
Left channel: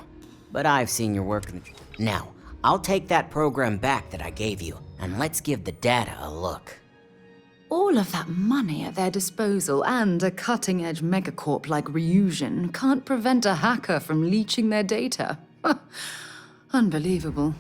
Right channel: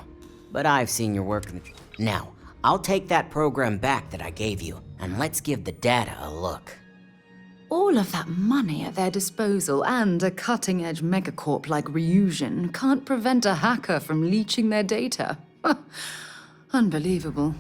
But I've seen your work in the... Now, I'll take that program back that I gave you, and let's give the data a look. All of that money at their disposal and a cutting-edge megacorp like Ryujin can't prevent a hacker from leeching their data. Unbelievable.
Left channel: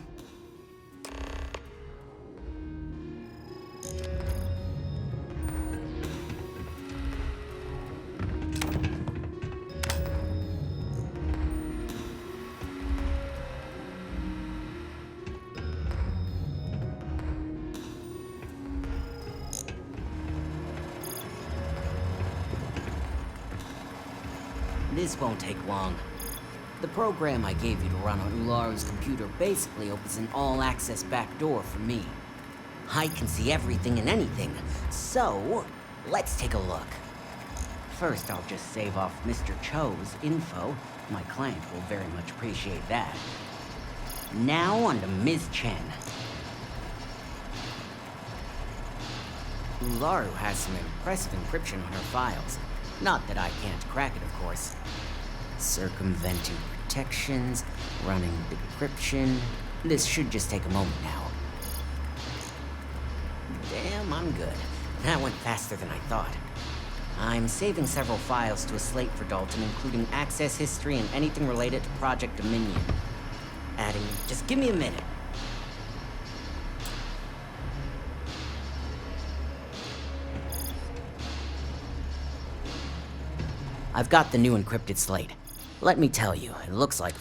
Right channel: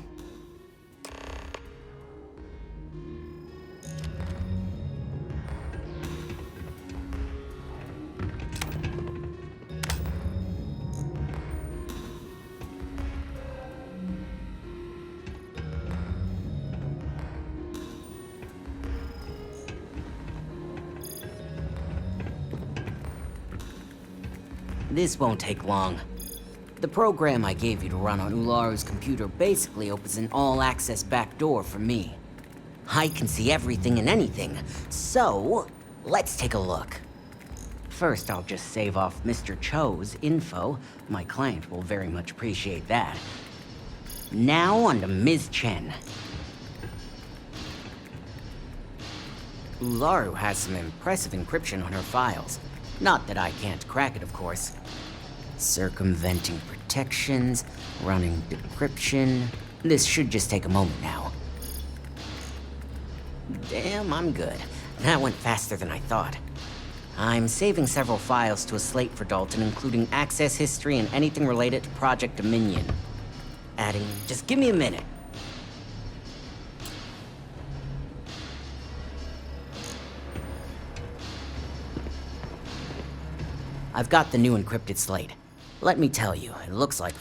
This won't take long. The program I gave you to run on Ularu's computer basically opens an all-access backdoor for me. I can see everything and anything, so let's take a look. First, I'll just save off Mr. Cho's info. My client will very much appreciate that. Now on to Ms. Chen. Ularu has some impressive encryption on her files. Not that I can't crack it, of course. Circumventing protections, running decryption. This should just take a moment now. Damn, I'm good. That went faster than I thought. I'm saving several files to a slate for Dalton, including access history and anything related to Project Dominion. Adding... just give me a minute. I've got the new encrypted slate. Let me tell you, it looks like...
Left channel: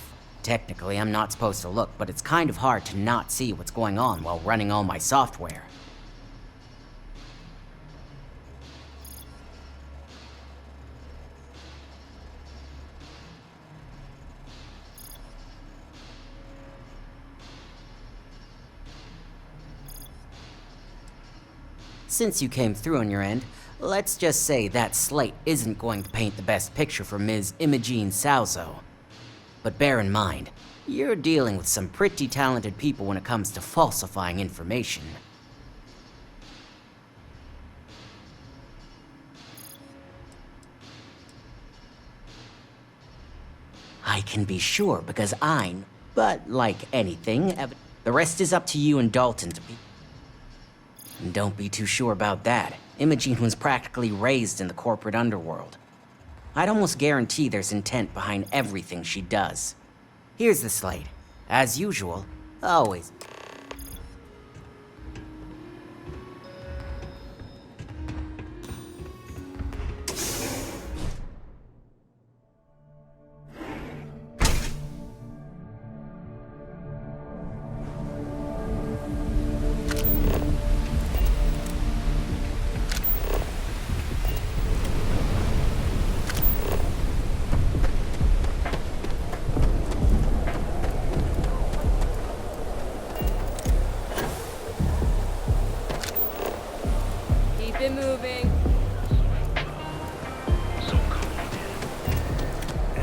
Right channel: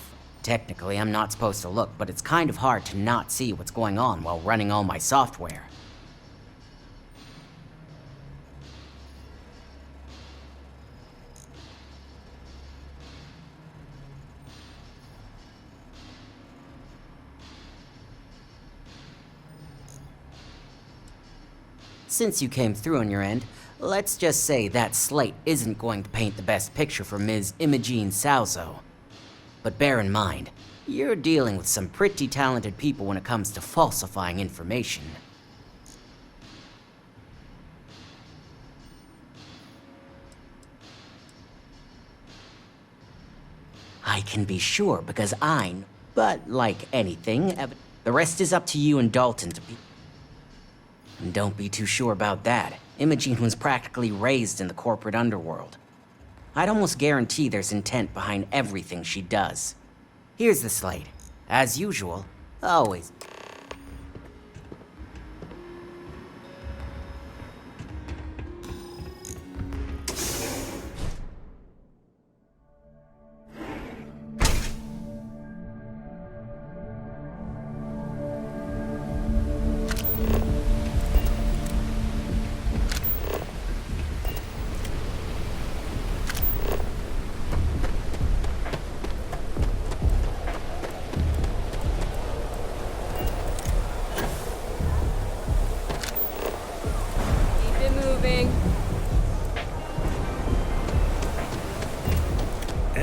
technically, I'm not supposed to look, but it's kind of hard to not see what's going on while running all my software. Since you came through on your end, let's just say that slate isn't going to paint the best picture for Ms. Imogene Salzo. But bear in mind, you're dealing with some pretty talented people when it comes to falsifying information. I can be sure because but like anything, the rest is up to you and Dalton to be... And don't be too sure about that. Imogene was practically raised in the corporate underworld. I'd almost guarantee there's intent behind everything she does. Here's the slate. As usual, always.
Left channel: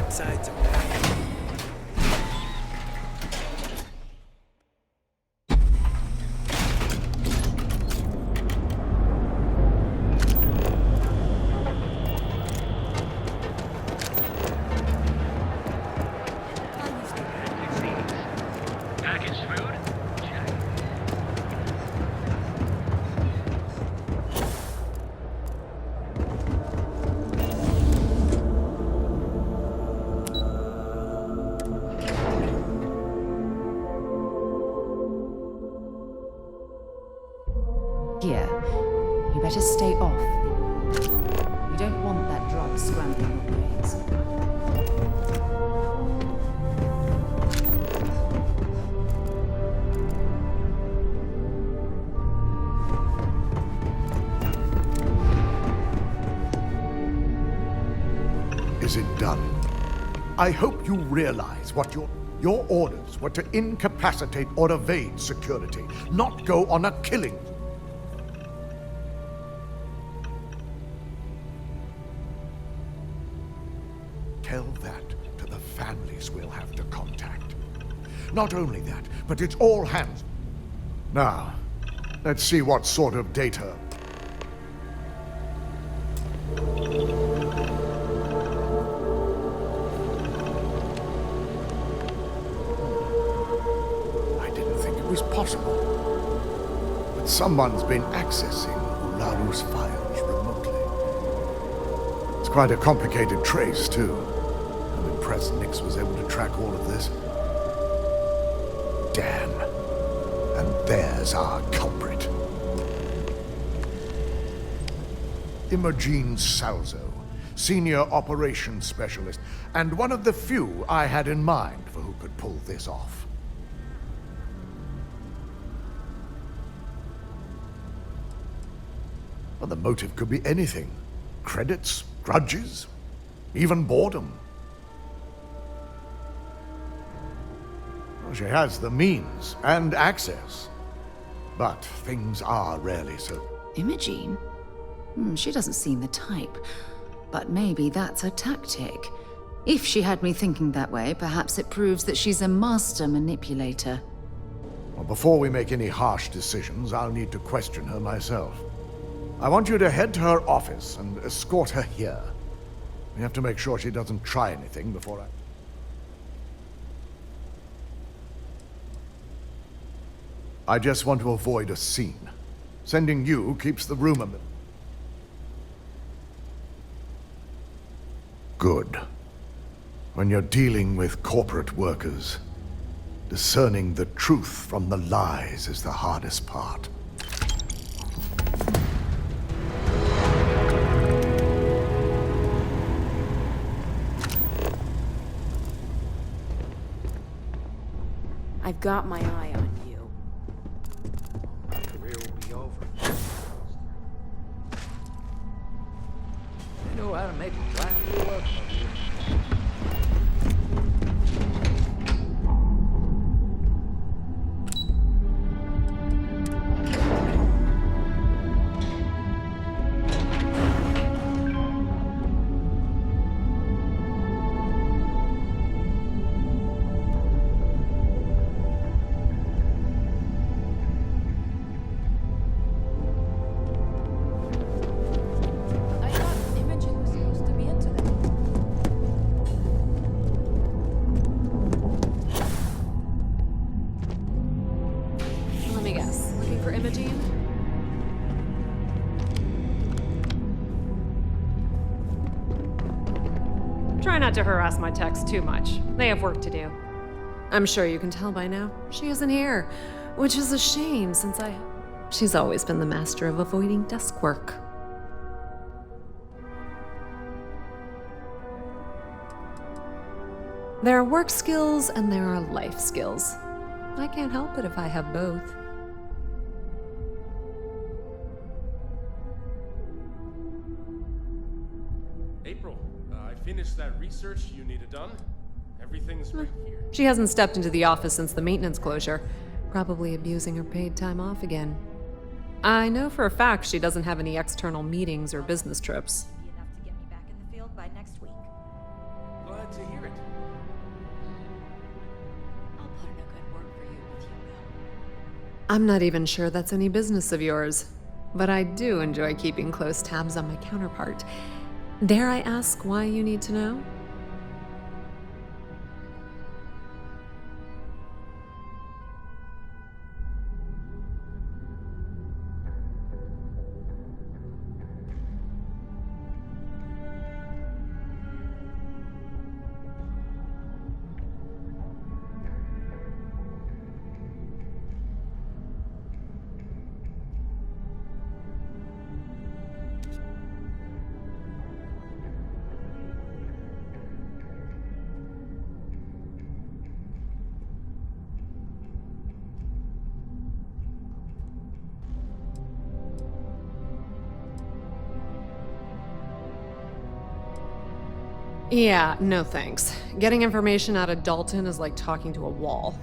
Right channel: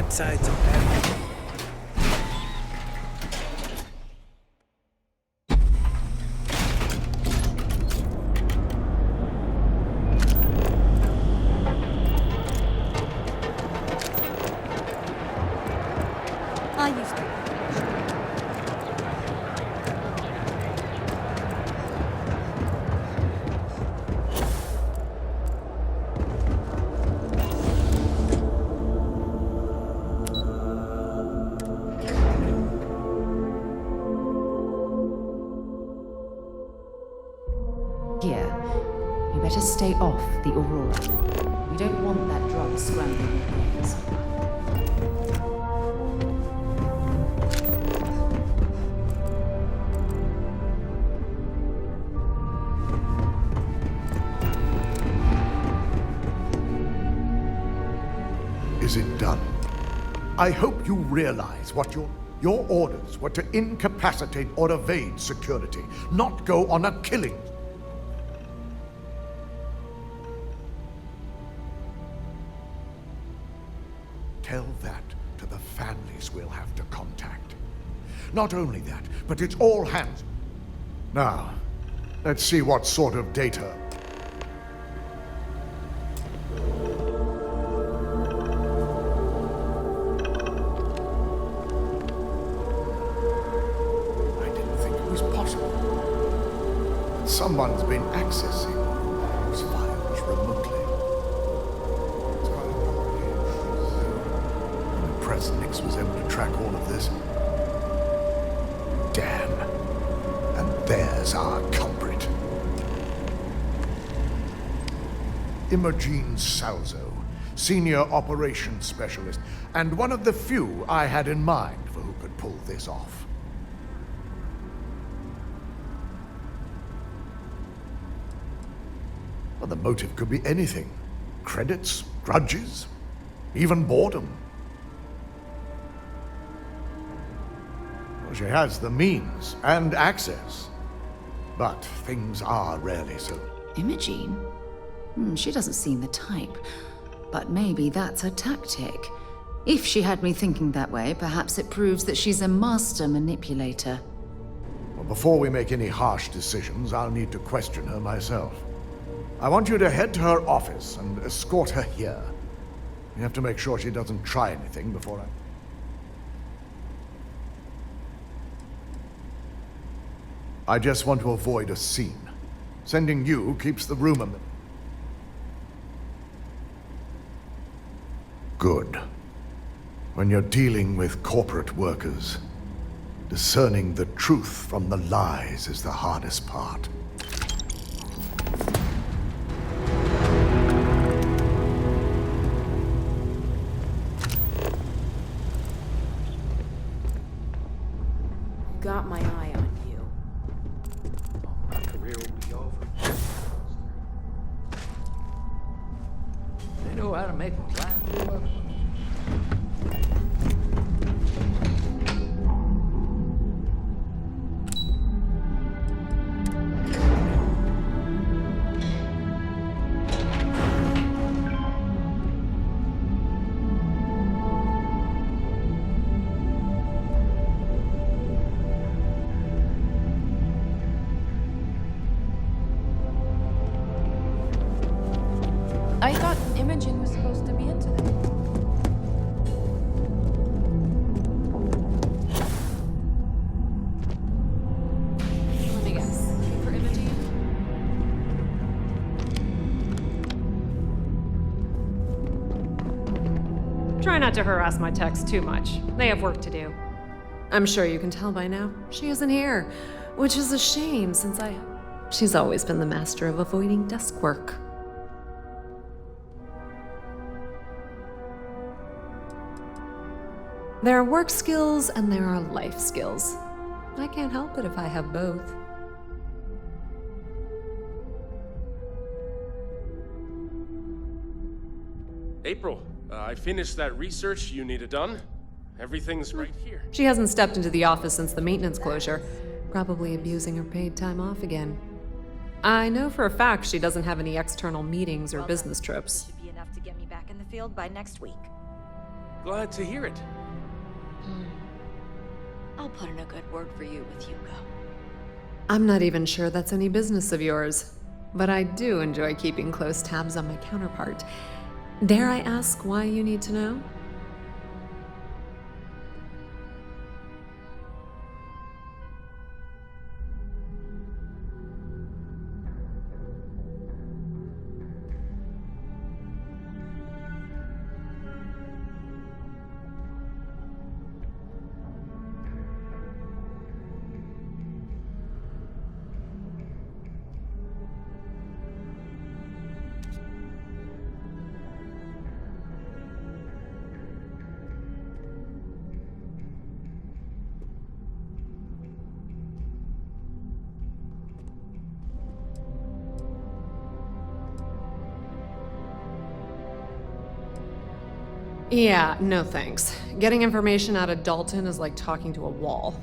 Sides of that. I used to. Packaged food? Check. Here, you better stay off the Aurora. We don't want that drug scrambling your brains. Is it done? I hope you realize what your orders were to incapacitate or evade security, not go on a killing. Tell that to the families we'll have to contact. Not only that, but it's all hands. Now, let's see what sort of data. I didn't think it was possible. But someone's been accessing Ularu's files remotely. It's quite a complicated trace, too. I'm impressed Nix was able to track all of this. Damn. And there's our culprit. Imogene Salzo, Senior Operations Specialist, and one of the few I had in mind for who could pull this off. Well, the motive could be anything. Credits, grudges, even boredom. Well, she has the means and access. But things are rarely so. Imogene? She doesn't seem the type. But maybe that's her tactic. If she had me thinking that way, perhaps it proves that she's a master manipulator. Well, before we make any harsh decisions, I'll need to question her myself. I want you to head to her office and escort her here. We have to make sure she doesn't try anything before I just want to avoid a scene. Sending you keeps the rumor. Good. When you're dealing with corporate workers, discerning the truth from the lies is the hardest part. I've got my eye on you. My career will be over. They know how to make a plan work. I thought Imogen was supposed to be into that. Let me guess. Looking for Imogen? Try not to harass my techs too much. They have work to do. I'm sure you can tell by now. She isn't here, which is a shame since she's always been the master of avoiding desk work. There are work skills and there are life skills. I can't help it if I have both. April, I finished that research you needed done. Everything's right here. She hasn't stepped into the office since the maintenance closure, probably abusing her paid time off again. I know for a fact she doesn't have any external meetings or business trips. Should be enough to get me back in the field by next week. Glad to hear it. I'll put in a good word for you with Hugo. I'm not even sure that's any business of yours, but I do enjoy keeping close tabs on my counterpart. Dare I ask why you need to know? Yeah, no thanks. Getting information out of Dalton is like talking to a wall.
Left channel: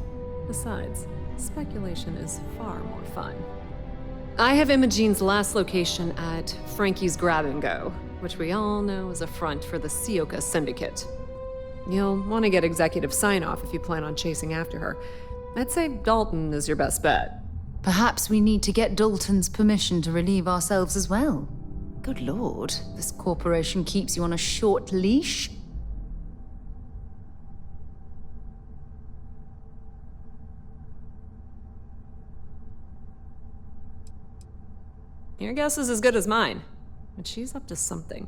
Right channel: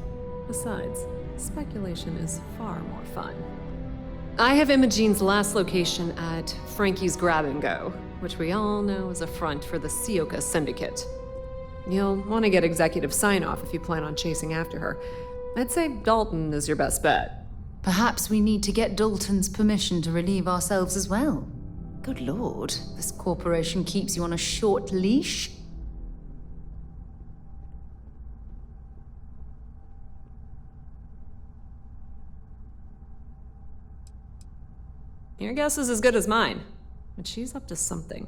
Besides, speculation is far more fun. I have Imogene's last location at Frankie's Grab and Go, which we all know is a front for the Sioka Syndicate. You'll want to get executive sign-off if you plan on chasing after her. I'd say Dalton is your best bet. Perhaps we need to get Dalton's permission to relieve ourselves as well. Good lord, this corporation keeps you on a short leash. Your guess is as good as mine, but she's up to something.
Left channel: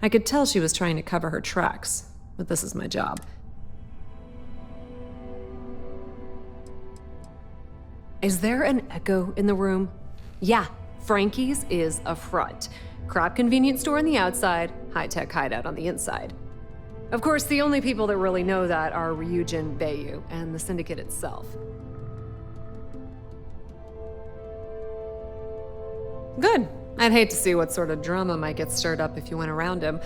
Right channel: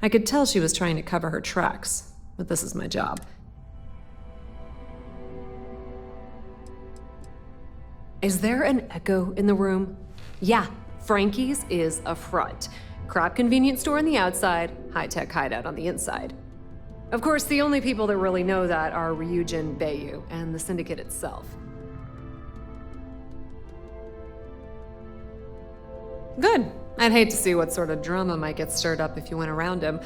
I could tell she was trying to cover her tracks, but this is my job. Is there an echo in the room? Yeah, Frankie's is a front. Crap convenience store on the outside, high-tech hideout on the inside. Of course, the only people that really know that are Ryujin, Bayu, and the Syndicate itself. Good. I'd hate to see what sort of drama might get stirred up if you went around him.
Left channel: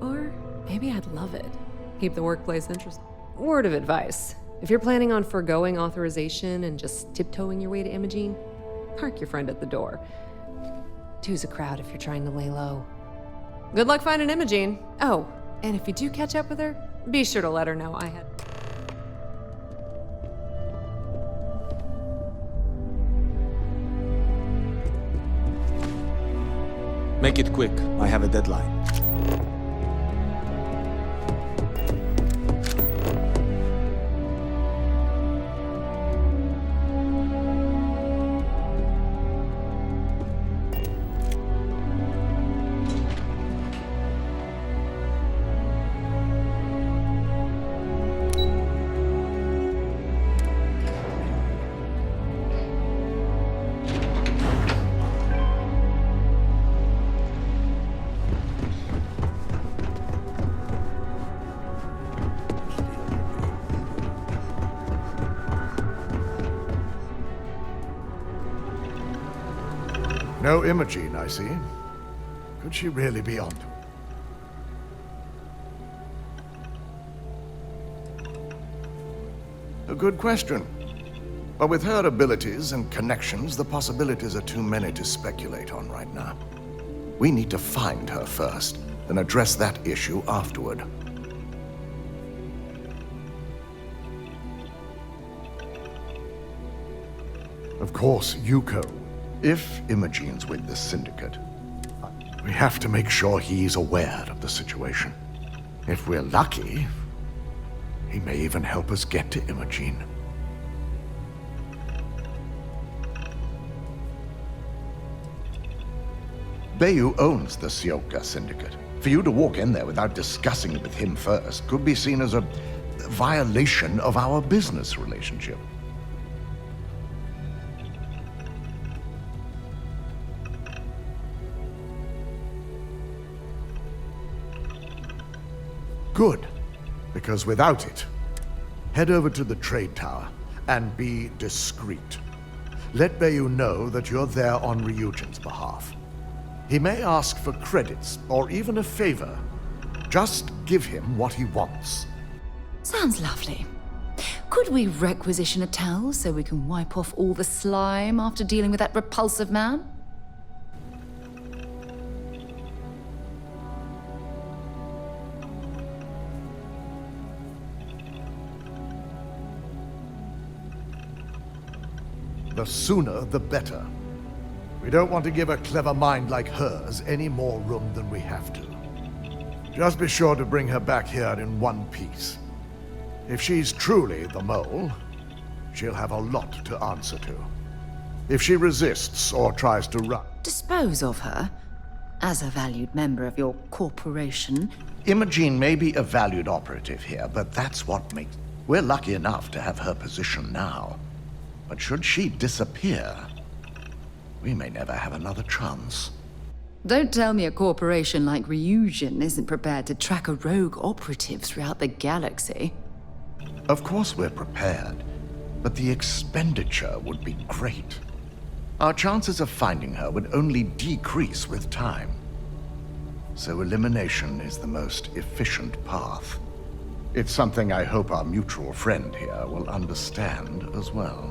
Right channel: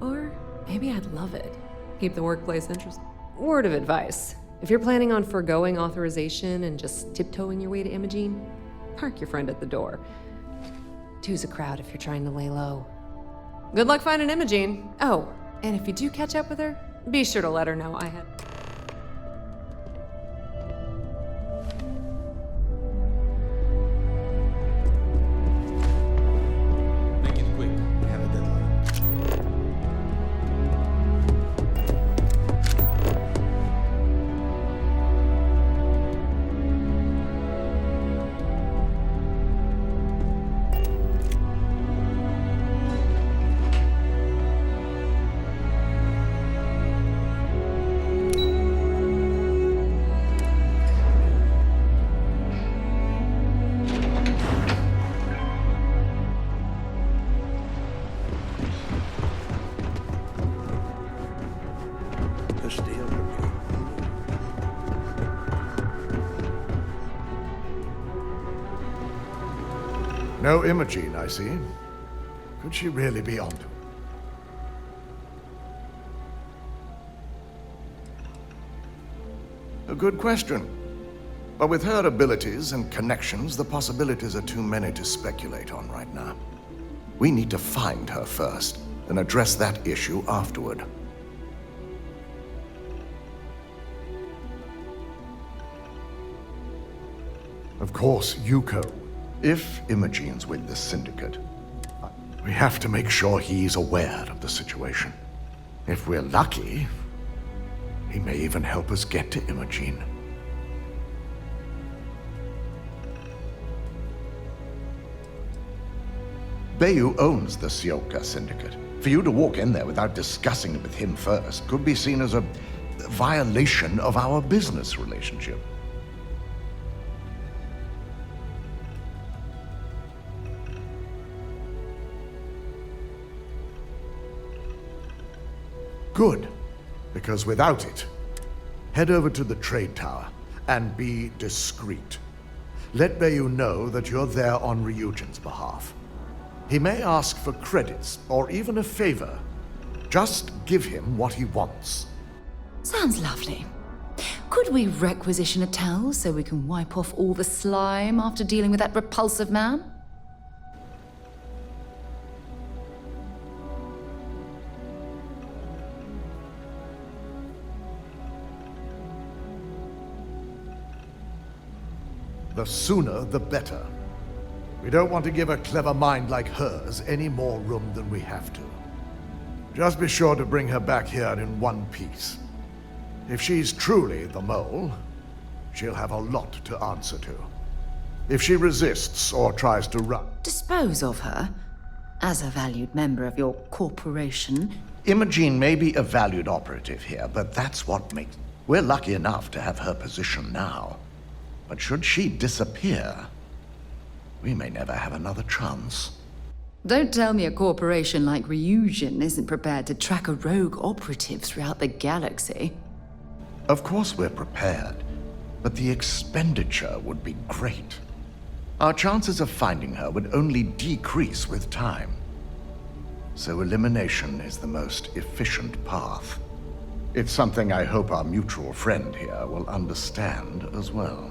Or maybe I'd love it. Keep the workplace interesting. Word of advice. If you're planning on forgoing authorization and just tiptoeing your way to Imogene, park your friend at the door. Two's a crowd if you're trying to lay low. Good luck finding Imogene. Oh, and if you do catch up with her, be sure to let her know I had... Make it quick. I have a deadline. No Imogene, I see. Could she really be onto it? A good question. But with her abilities and connections, the possibilities are too many to speculate on right now. We need to find her first, and address that issue afterward. Of course, Yuko. If Imogene's with the Syndicate, we have to make sure he's aware of the situation. If we're lucky, he may even help us get to Imogene. Bayu owns the Sioka Syndicate. For you to walk in there without discussing it with him first could be seen as a violation of our business relationship. Good, because without it, head over to the trade tower and be discreet. Let Bayu know that you're there on Ryujin's behalf. He may ask for credits or even a favor. Just give him what he wants. Sounds lovely. Could we requisition a towel so we can wipe off all the slime after dealing with that repulsive man? The sooner, the better. We don't want to give a clever mind like hers any more room than we have to. Just be sure to bring her back here in one piece. If she's truly the mole, she'll have a lot to answer to. If she resists or tries to run... Dispose of her? As a valued member of your corporation? Imogene may be a valued operative here, but that's what makes... We're lucky enough to have her position now. But should she disappear, we may never have another chance. Don't tell me a corporation like Ryujin isn't prepared to track a rogue operative throughout the galaxy. Of course we're prepared, but the expenditure would be great. Our chances of finding her would only decrease with time. So elimination is the most efficient path. It's something I hope our mutual friend here will understand as well.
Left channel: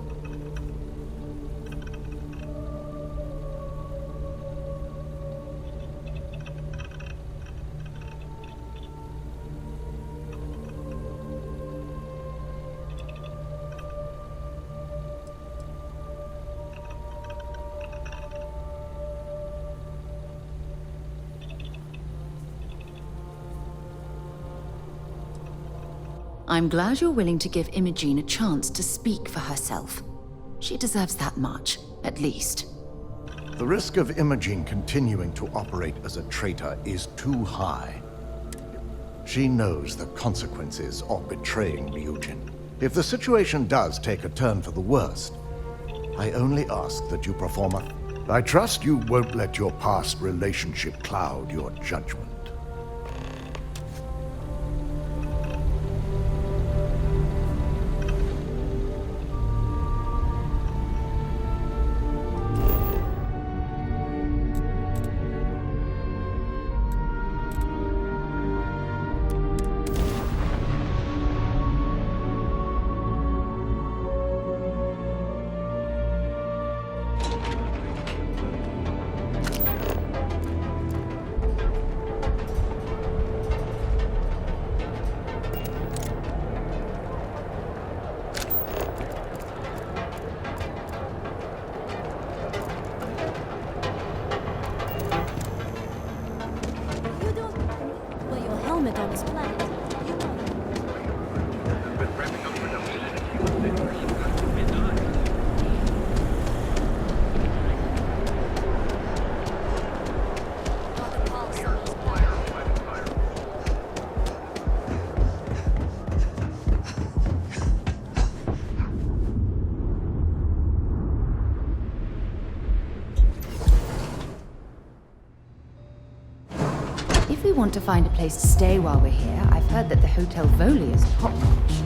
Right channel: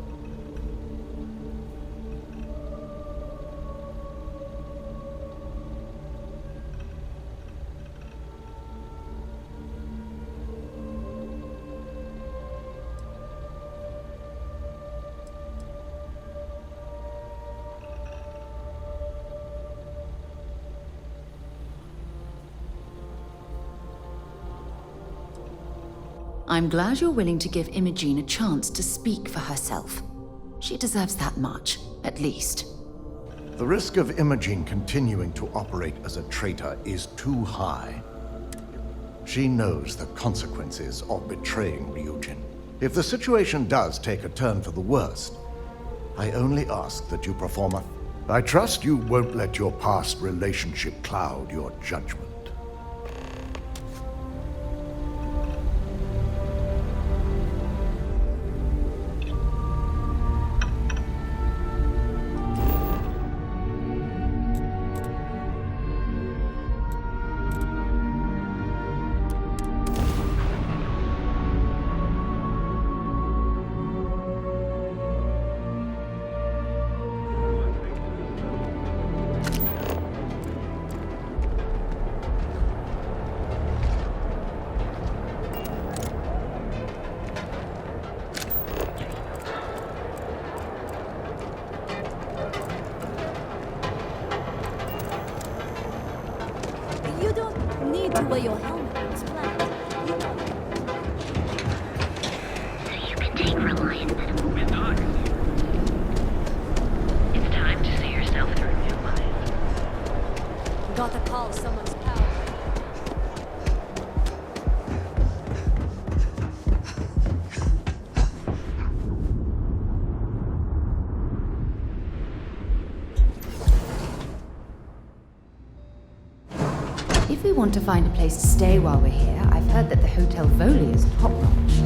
I'm glad you're willing to give Imogene a chance to speak for herself. She deserves that much, at least. The risk of Imogene continuing to operate as a traitor is too high. She knows the consequences of betraying Ryujin. If the situation does take a turn for the worst, I only ask that you perform a... I trust you won't let your past relationship cloud your judgment. to wear your helmet on his planet. You know that. You can take Reliant medical reports. It's time to see yourself through your life. Gotta call someone's paranoid. If we want to find a place to stay while we're here, I've heard that the Hotel Voli is top-notch.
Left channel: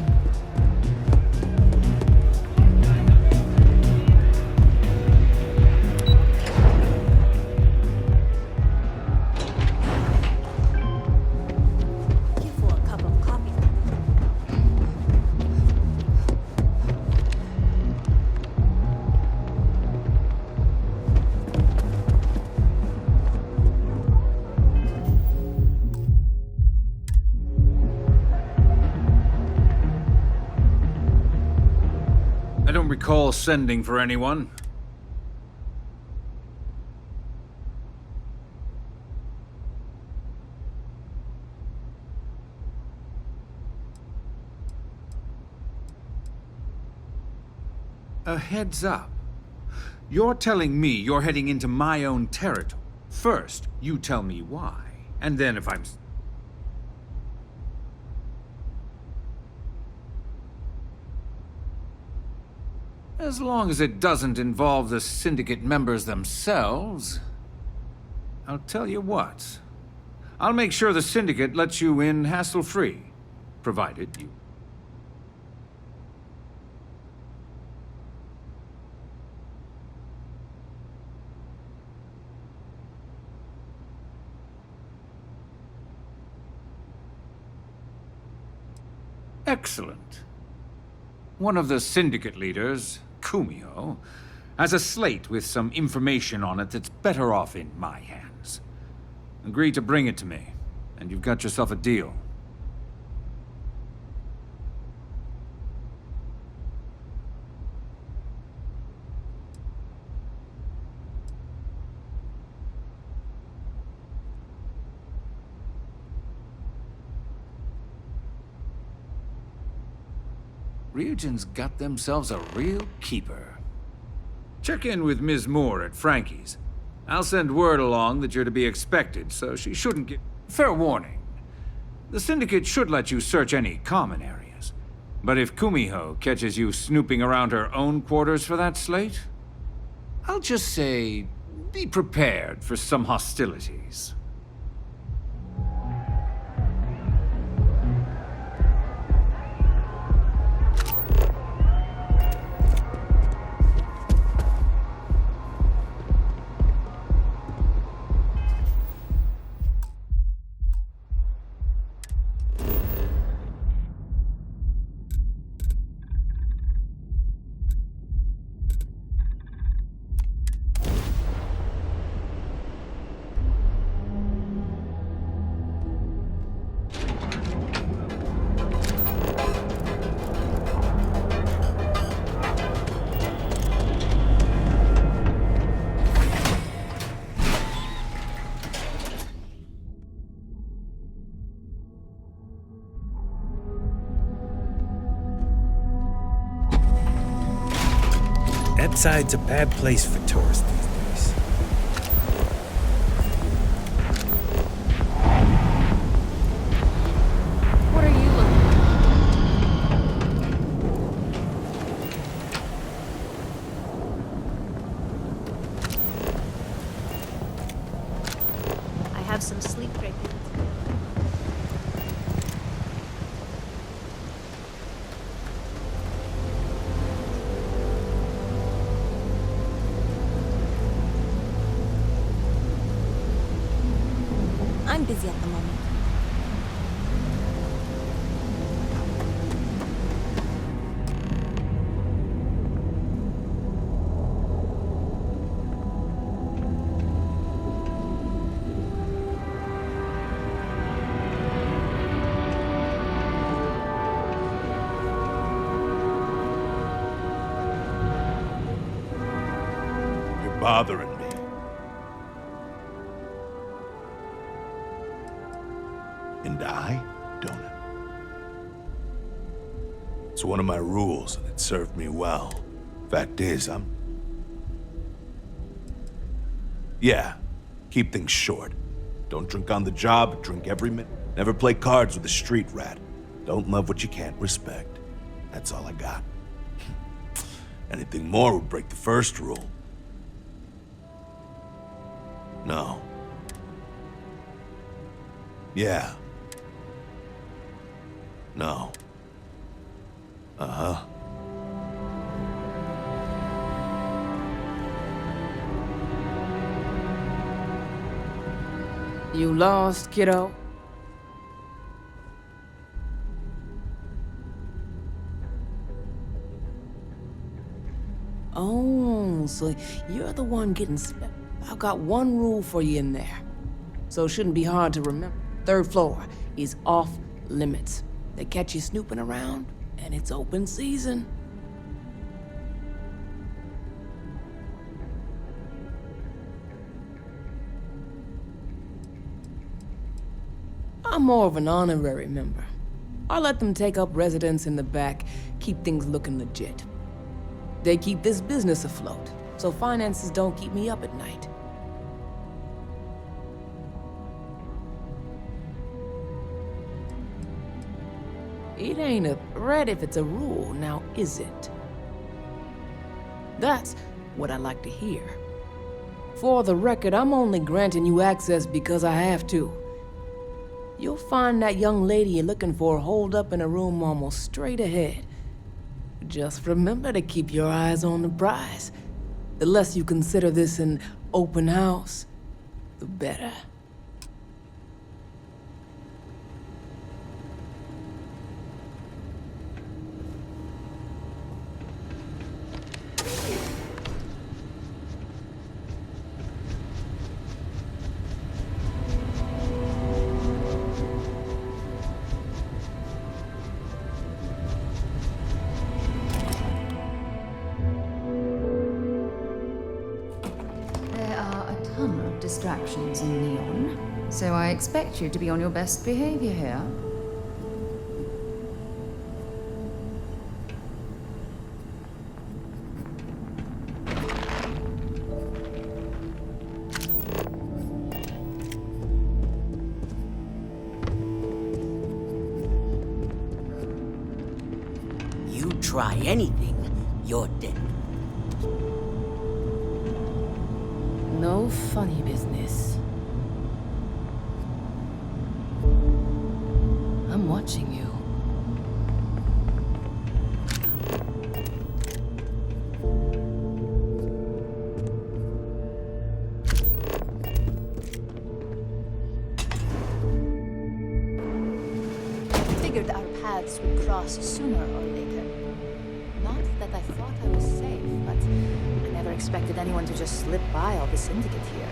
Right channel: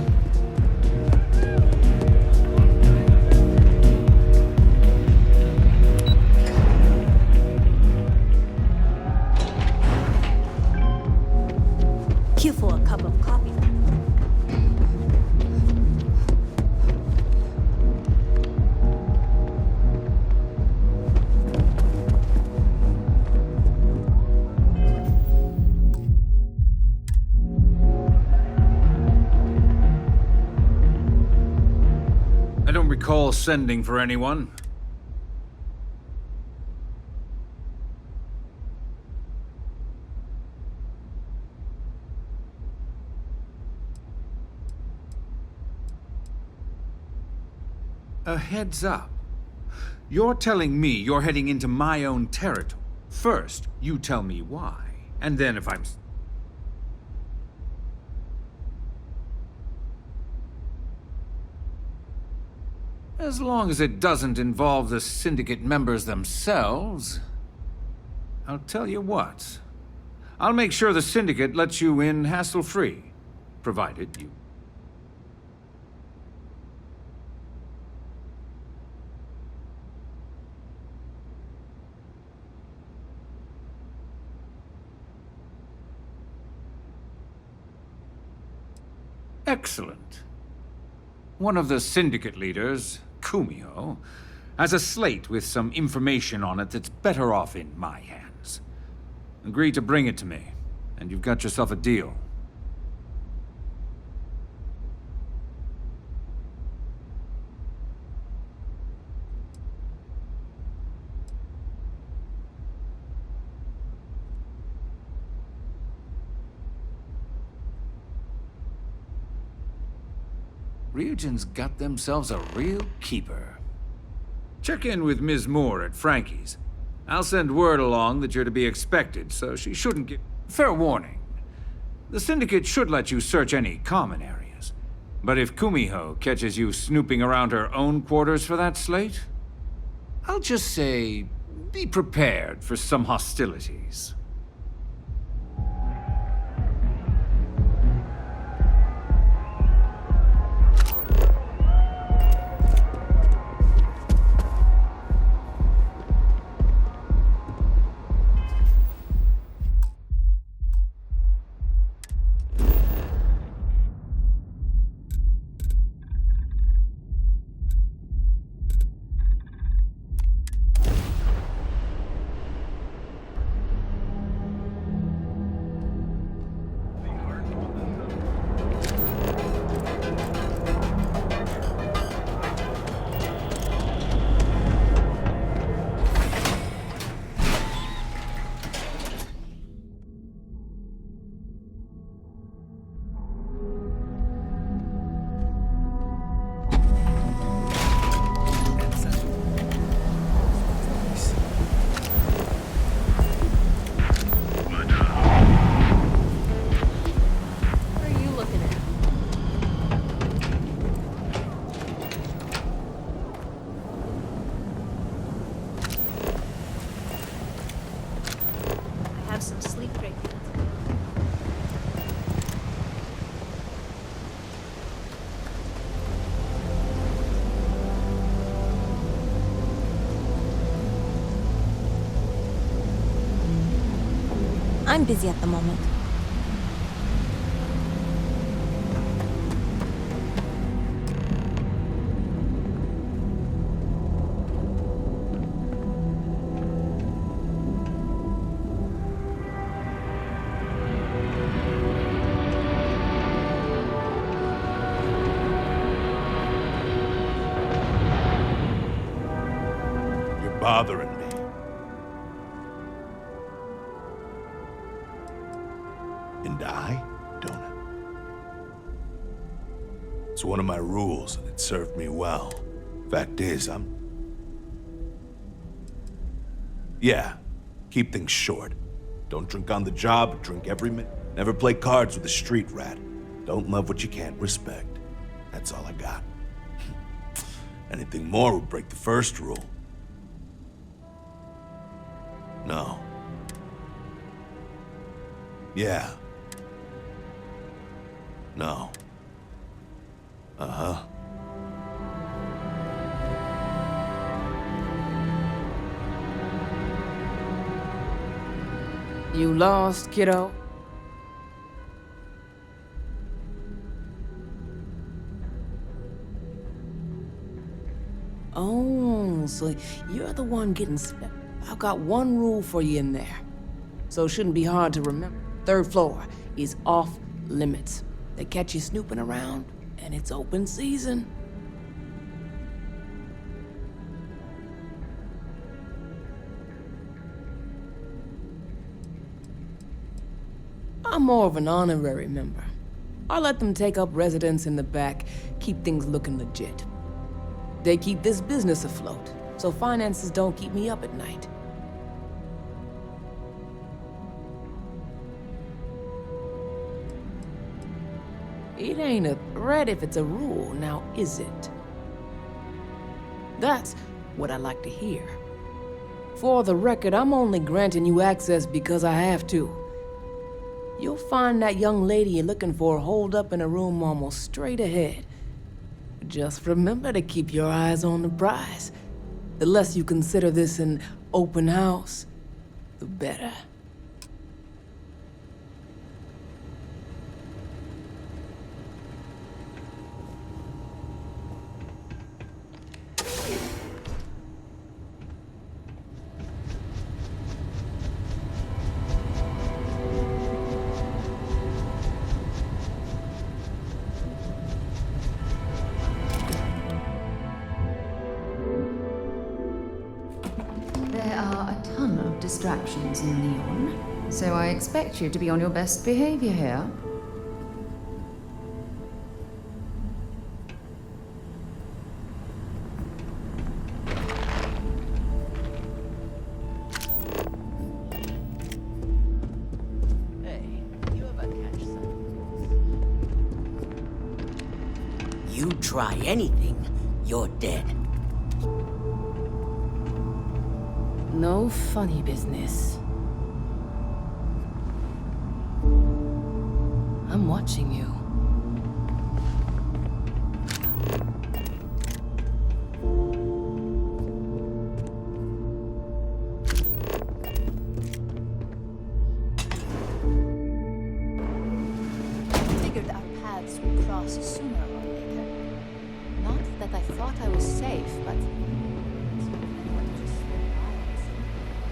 Queue for a cup of coffee. I don't recall sending for anyone. A heads up. You're telling me you're heading into my own territory. First, you tell me why, and then if I'm... As long as it doesn't involve the Syndicate members themselves, I'll tell you what. I'll make sure the Syndicate lets you in hassle-free, provided you... Excellent. One of the Syndicate leaders, Kumio, has a slate with some information on it that's better off in my hands. Agree to bring it to me, and you've got yourself a deal. Ryujin's got themselves a real keeper. Check in with Ms. Moore at Frankie's. I'll send word along that you're to be expected, so she shouldn't get... Fair warning. The Syndicate should let you search any common areas. But if Kumiho catches you snooping around her own quarters for that slate, I'll just say, be prepared for some hostilities. Side's a bad place for tourists these days. What are you looking at? I have some sleep break. I'm busy at the moment. You're bothering me. And I don't. It's one of my rules, and it served me well. Fact is, Yeah, keep things short. Don't drink on the job, drink every minute. Never play cards with a street rat. Don't love what you can't respect. That's all I got. Anything more would break the first rule. No. Yeah. No. Uh-huh. You lost, kiddo? Oh, so you're the one getting I've got one rule for you in there. So it shouldn't be hard to remember. 3rd floor is off limits. They catch you snooping around, and it's open season. I'm more of an honorary member. I let them take up residence in the back, keep things looking legit. They keep this business afloat, so finances don't keep me up at night. It ain't a threat if it's a rule, now is it? That's what I like to hear. For the record, I'm only granting you access because I have to. You'll find that young lady you're looking for holed up in a room almost straight ahead. Just remember to keep your eyes on the prize. The less you consider this an open house, the better. Distractions in Neon, so I expect you to be on your best behavior here. You try anything, you're dead. No funny business. I'm watching you. Figured our paths would cross sooner or later. Not that I thought I was safe, but I never expected anyone to just slip by all the syndicate here.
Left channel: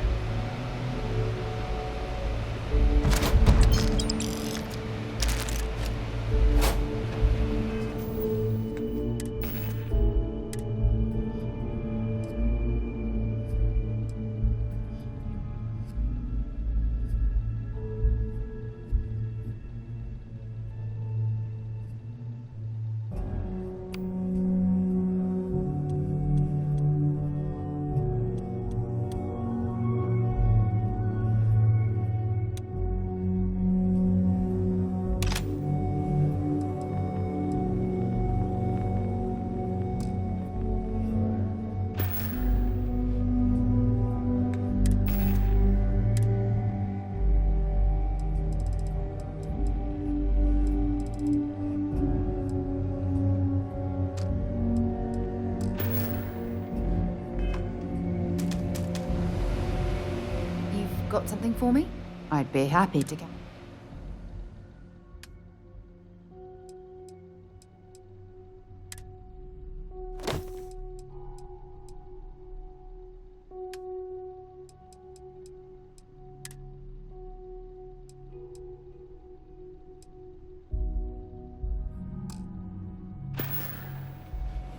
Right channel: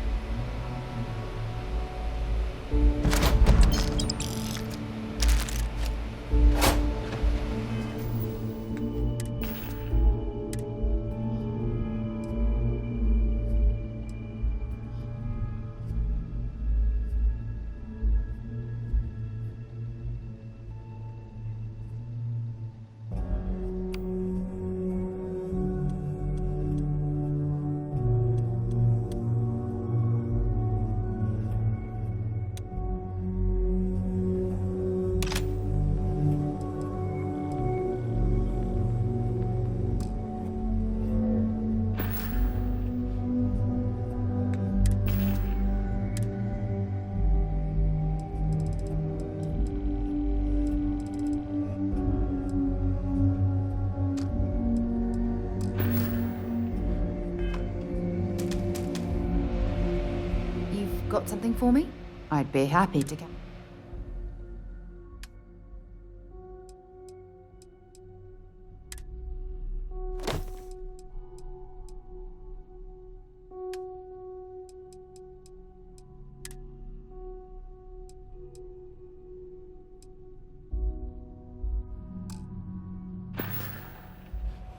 Got something for me? I'd be happy to get.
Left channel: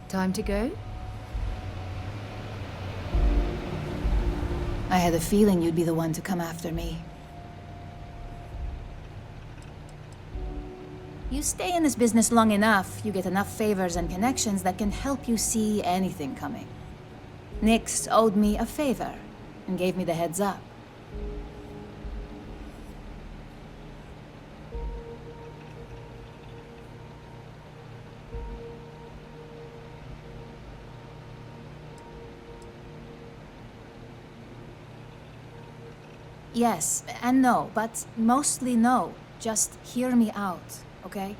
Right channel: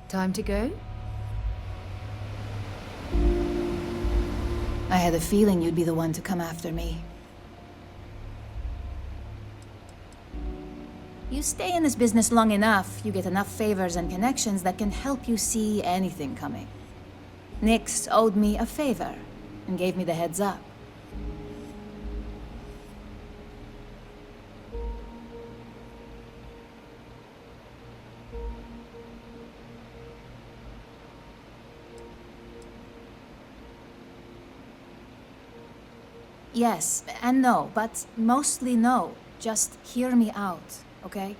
Time to go? I had a feeling you'd be the one to come after me. You stay in this business long enough, you get enough favors and connections that can help you see anything coming. Nix owed me a favor and gave me the heads up. Yes and no, but mostly no. Just hear me out, okay?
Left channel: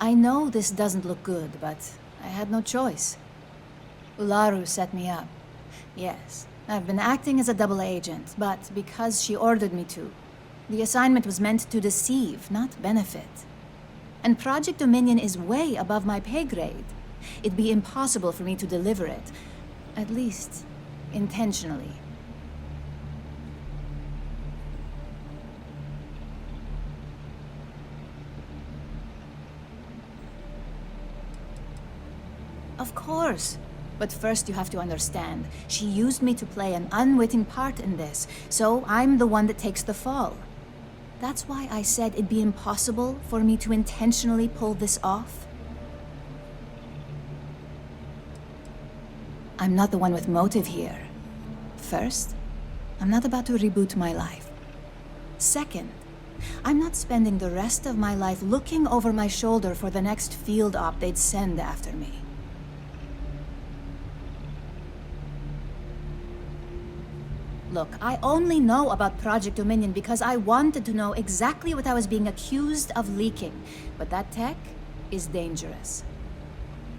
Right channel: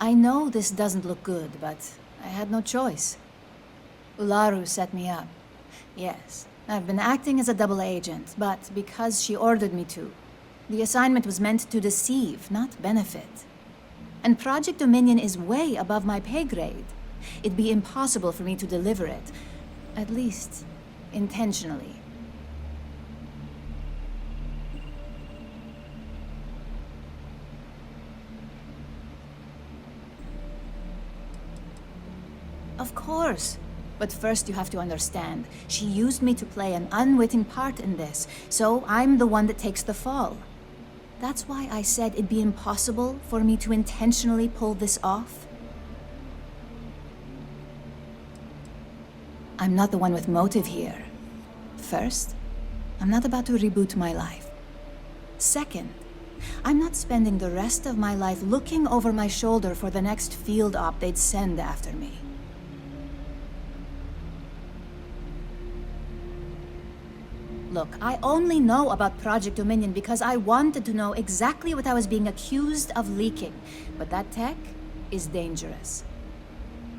I know this doesn't look good, but I had no choice. Ularu set me up. Yes, I've been acting as a double agent, but because she ordered me to. The assignment was meant to deceive, not benefit. And Project Dominion is way above my pay grade. It'd be impossible for me to deliver it. At least, intentionally. Of course. But first you have to understand, she used me to play an unwitting part in this, so I'm the one that takes the fall. That's why I said it'd be impossible for me to intentionally pull this off. I'm not the one with motive here. First, I'm not about to reboot my life. Second, I'm not spending the rest of my life looking over my shoulder for the next field op they'd send after me. Look, I only know about Project Dominion because I wanted to know exactly what I was being accused of leaking. But that tech is dangerous.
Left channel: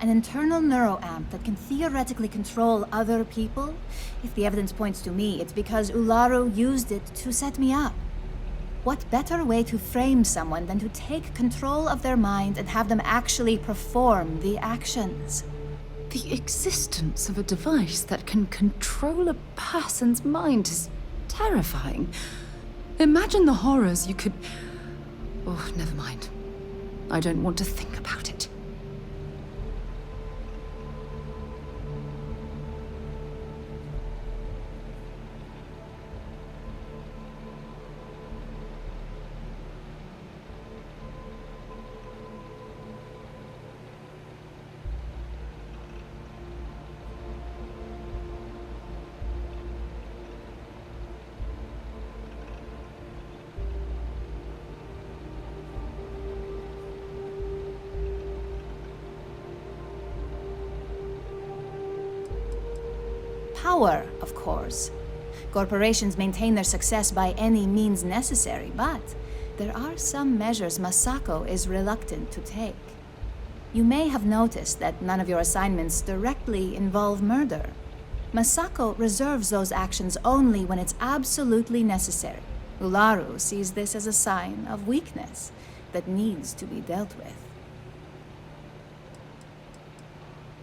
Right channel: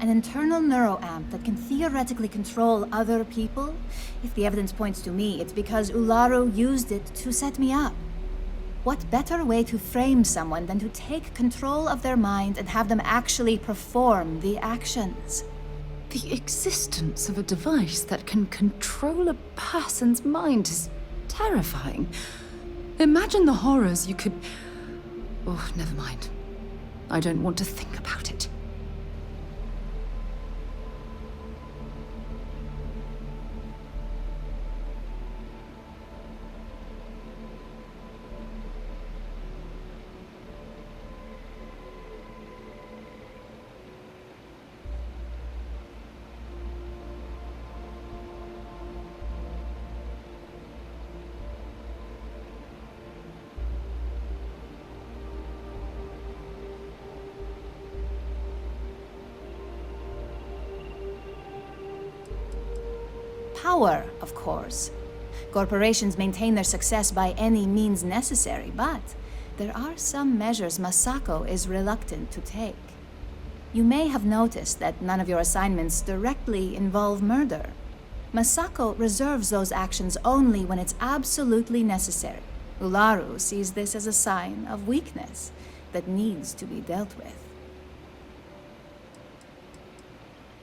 An internal neuroamp that can theoretically control other people? If the evidence points to me, it's because Ularu used it to set me up. What better way to frame someone than to take control of their mind and have them actually perform the actions? The existence of a device that can control a person's mind is terrifying. Imagine the horrors you could... Oh, never mind. I don't want to think about it. Power, of course. Corporations maintain their success by any means necessary, but there are some measures Masako is reluctant to take. You may have noticed that none of your assignments directly involve murder. Masako reserves those actions only when it's absolutely necessary. Ularu sees this as a sign of weakness that needs to be dealt with.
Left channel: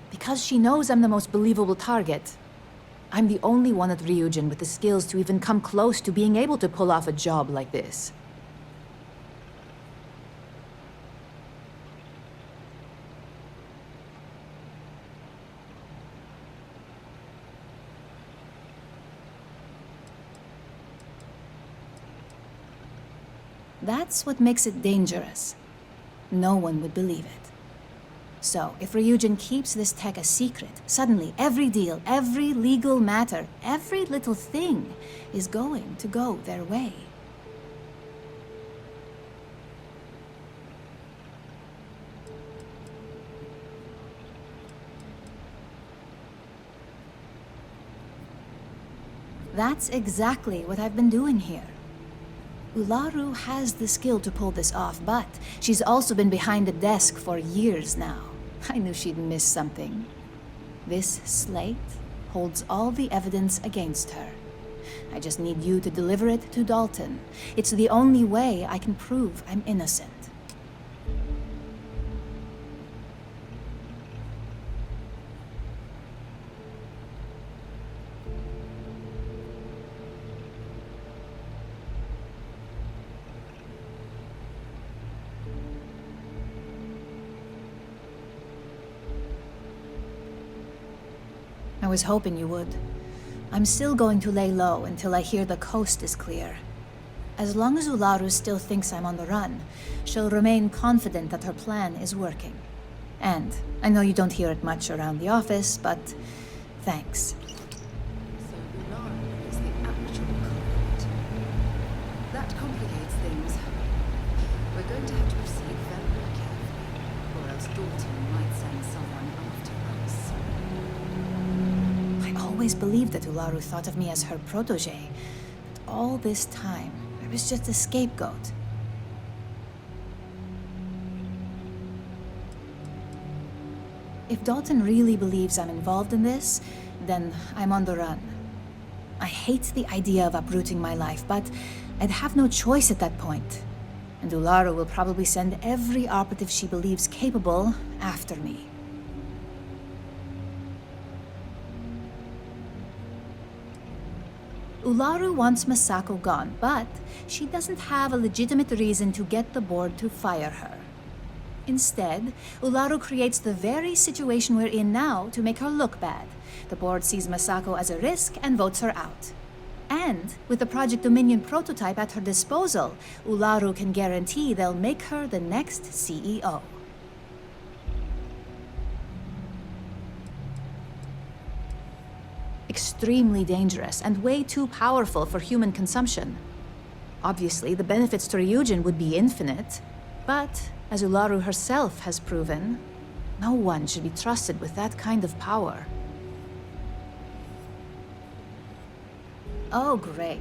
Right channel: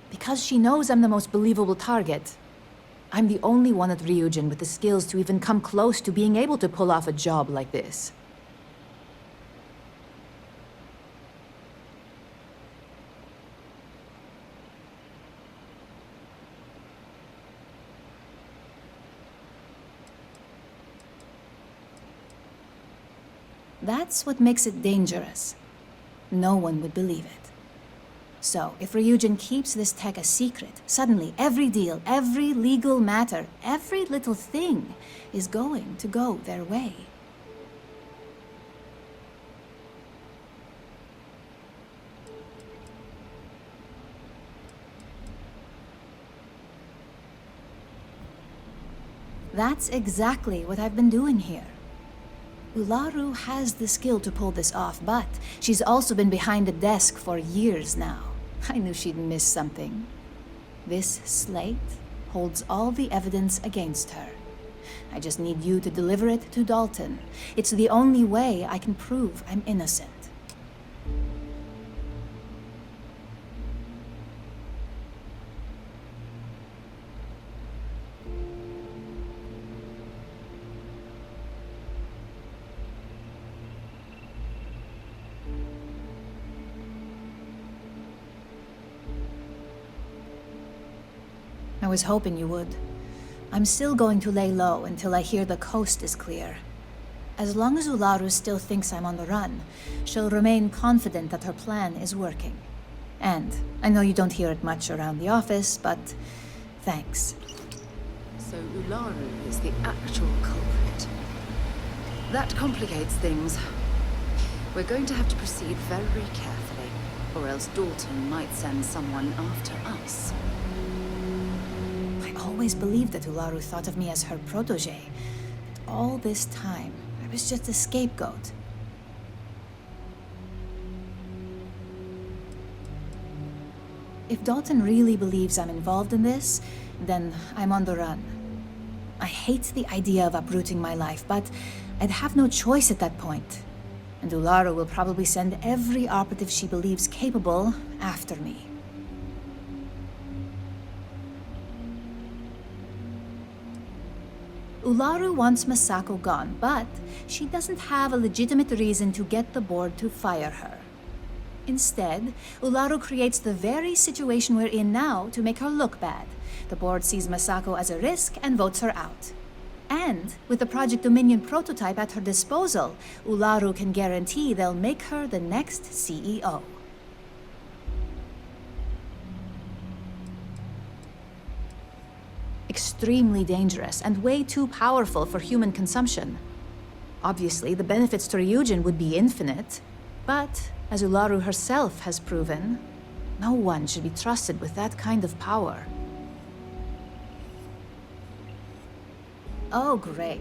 Because she knows I'm the most believable target, I'm the only one at Ryujin with the skills to even come close to being able to pull off a job like this. That's what makes it dangerous. No one would believe it. So, if Ryujin keeps this tech a secret, suddenly every deal, every legal matter, every little thing is going to go their way. That's exactly what I've been doing here. Ularu has the skill to pull this off, but she's also been behind the desk for years now. I knew she'd miss something. This slate holds all the evidence against her. I just need you to deliver it to Dalton. It's the only way I can prove I'm innocent. I was hoping you would. I'm still going to lay low until I hear the coast is clear. as long as Ularu still thinks I'm on the run, she'll remain confident that her plan is working. And I know you don't hear it much around the office, but thanks. So Ularu is the actual culprit. That complicates things. We're going to have to proceed very carefully, or else Dalton might send someone after us. I always believed that Ularu thought of me as her protege. But all this time, I was just a scapegoat. If Dalton really believes I'm involved in this, then I'm on the run. I hate the idea of uprooting my life, but I'd have no choice at that point. And Ularu will probably send every operative she believes capable after me. Ularu wants Masako gone, but she doesn't have a legitimate reason to get the board to fire her. Instead, Ularu creates the very situation we're in now to make her look bad. The board sees Masako as a risk and votes her out. And with the Project Dominion prototype at her disposal, Ularu can guarantee they'll make her the next CEO. Extremely dangerous and way too powerful for human consumption. Obviously, the benefits to Ryujin would be infinite, but as Ularu herself has proven, no one should be trusted with that kind of power. Oh, great.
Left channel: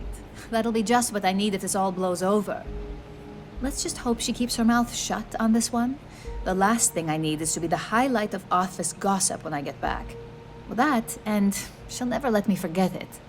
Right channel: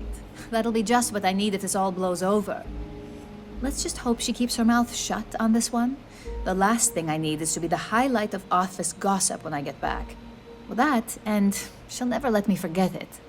That'll be just what I need if this all blows over. Let's just hope she keeps her mouth shut on this one. The last thing I need is to be the highlight of office gossip when I get back. Well, that, and she'll never let me forget it.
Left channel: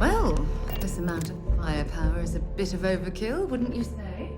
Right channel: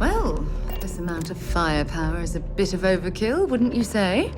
Well, this amount of firepower is a bit of overkill, wouldn't you say?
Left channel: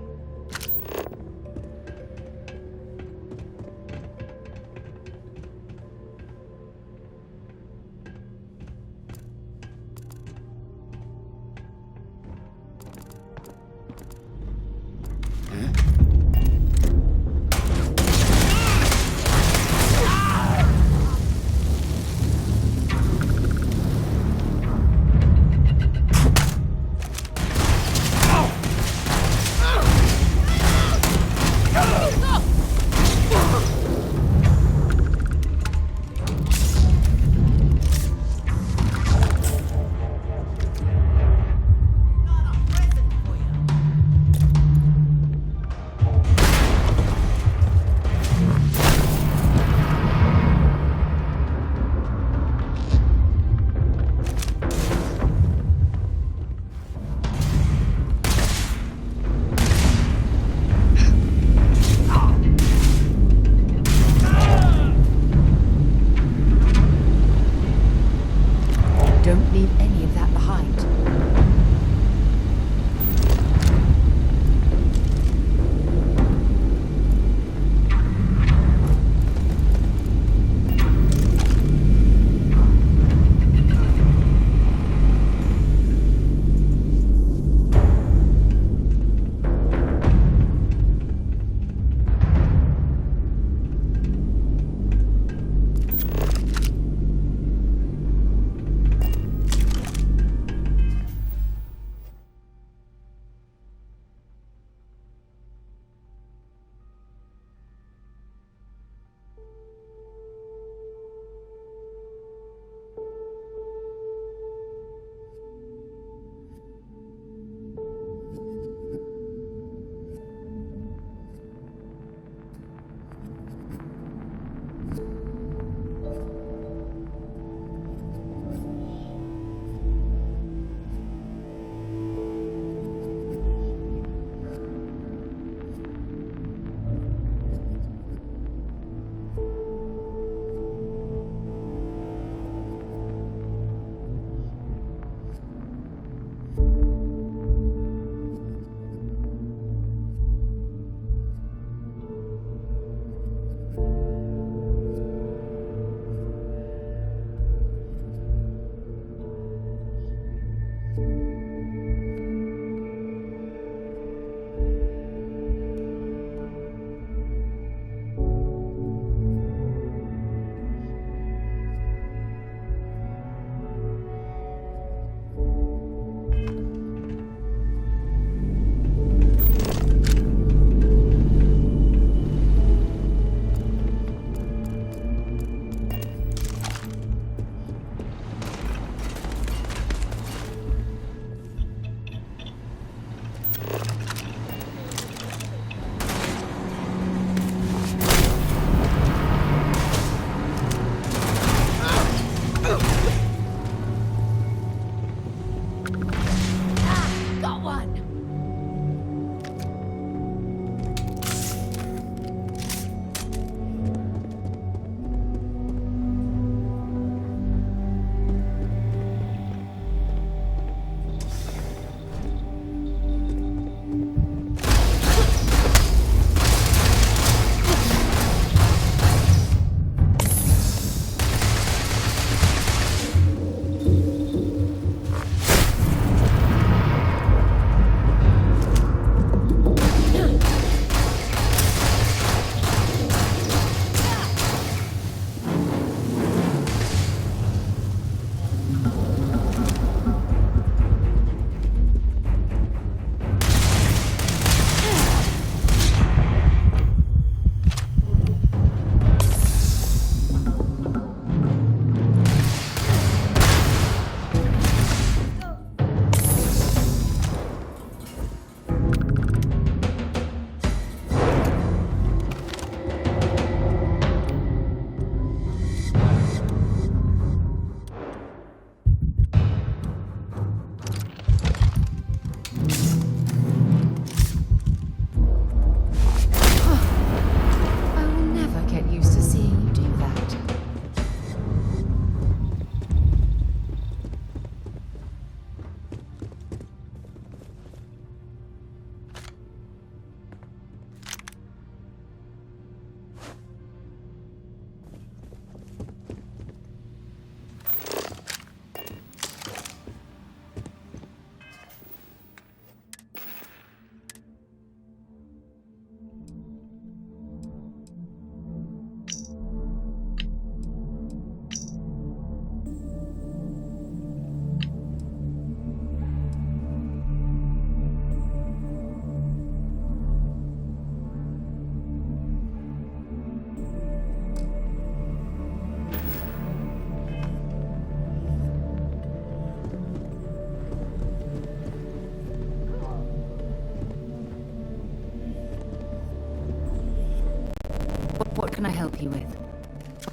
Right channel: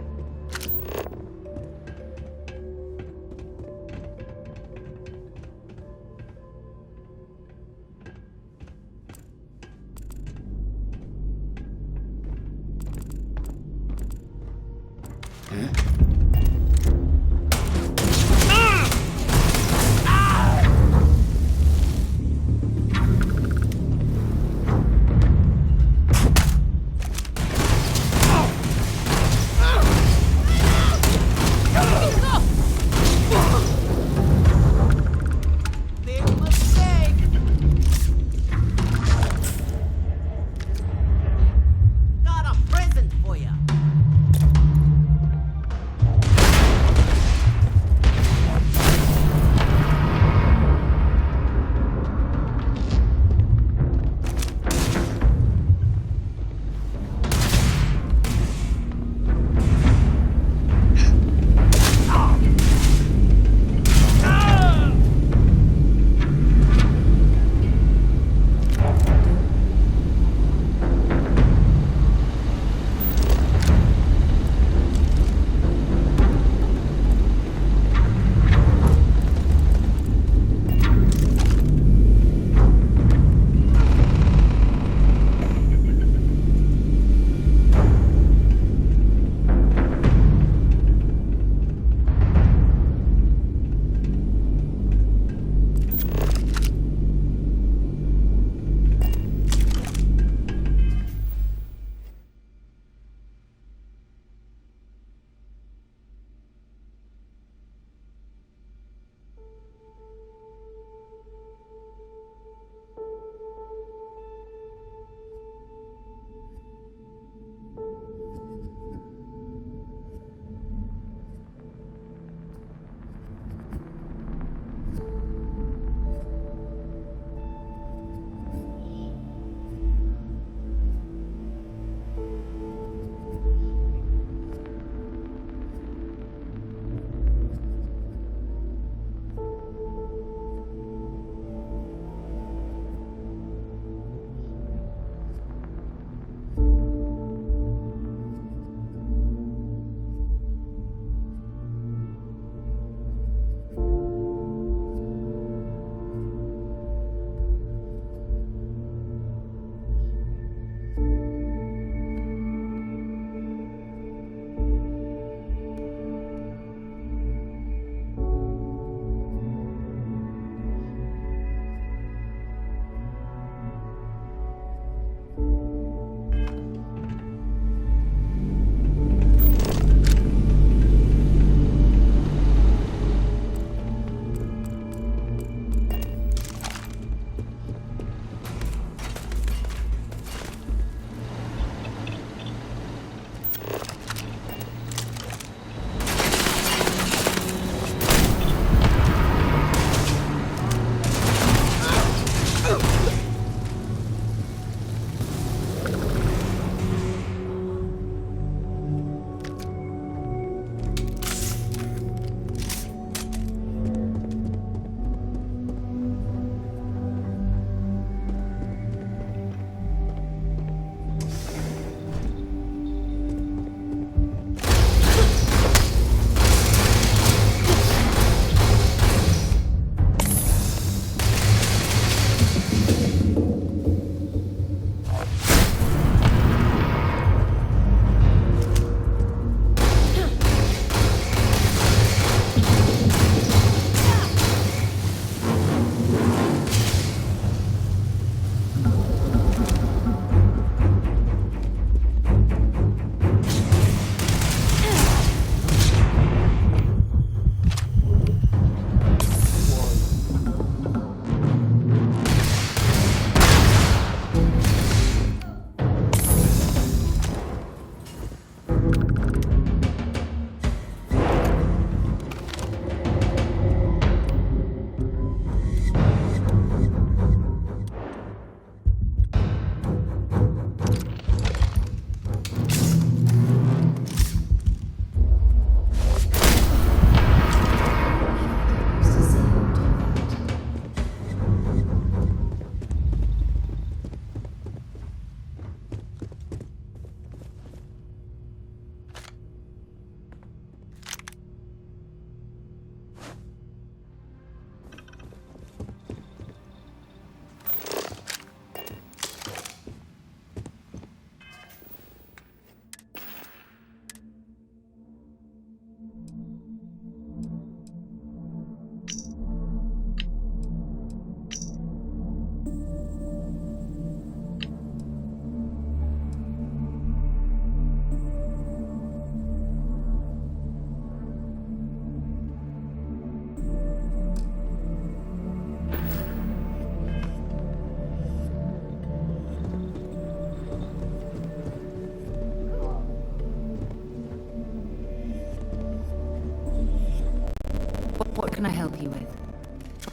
can I help you with?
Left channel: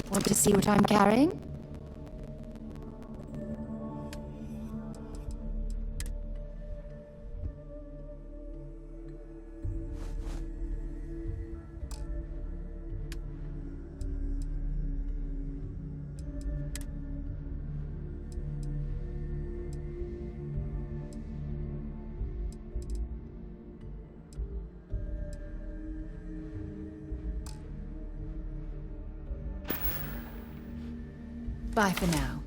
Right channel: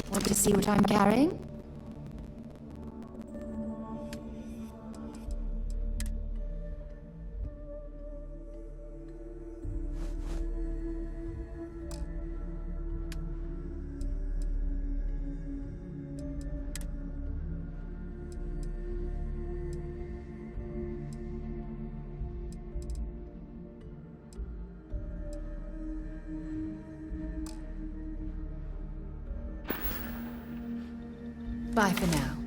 Want to see what I'm carrying? Bye for now.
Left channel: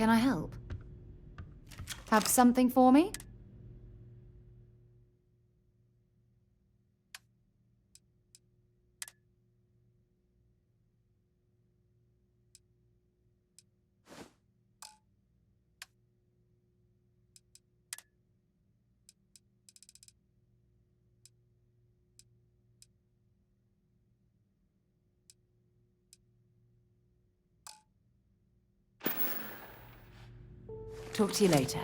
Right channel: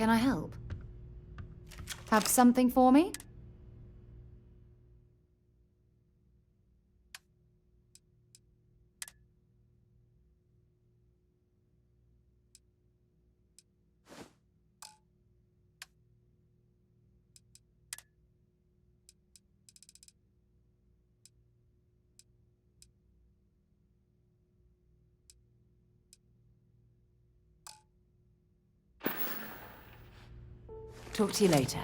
Can I help? Have something for me? Talk to you later.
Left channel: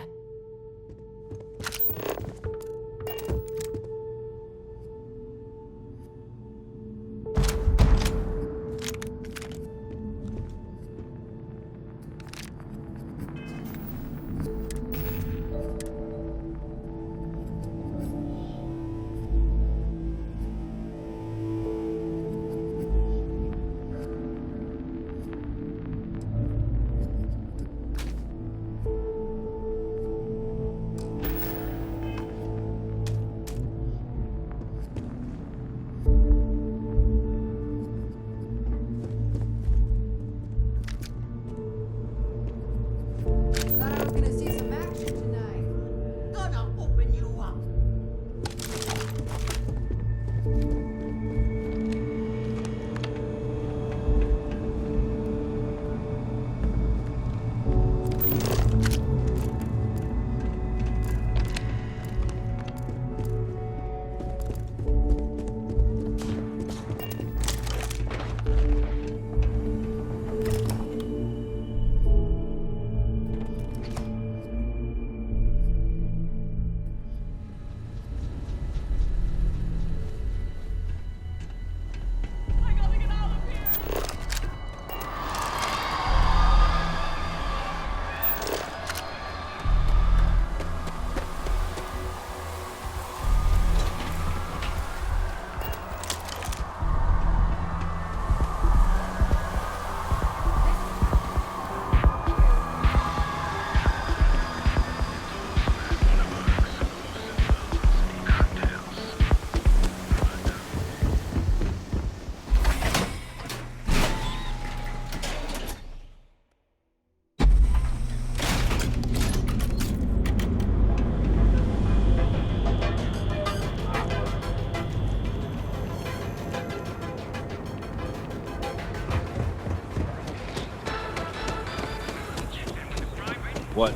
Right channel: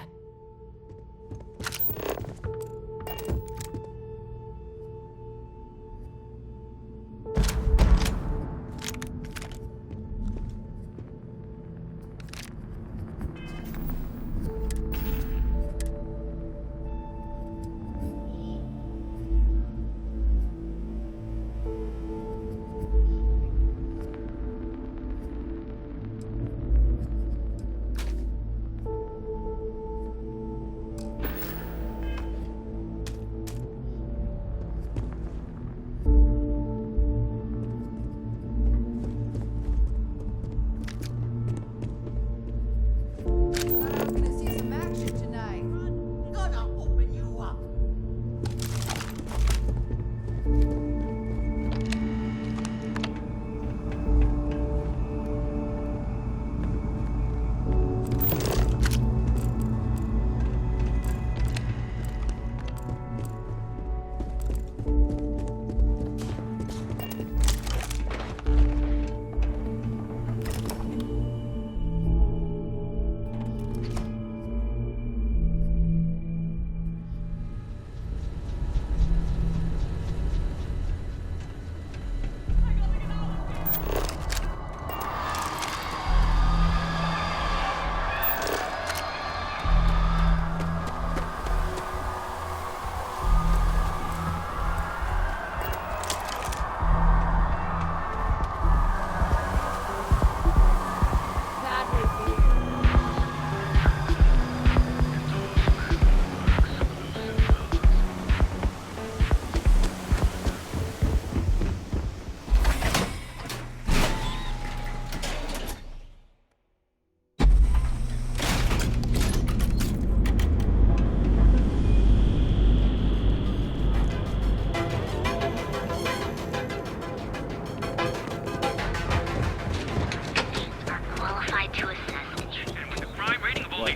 What?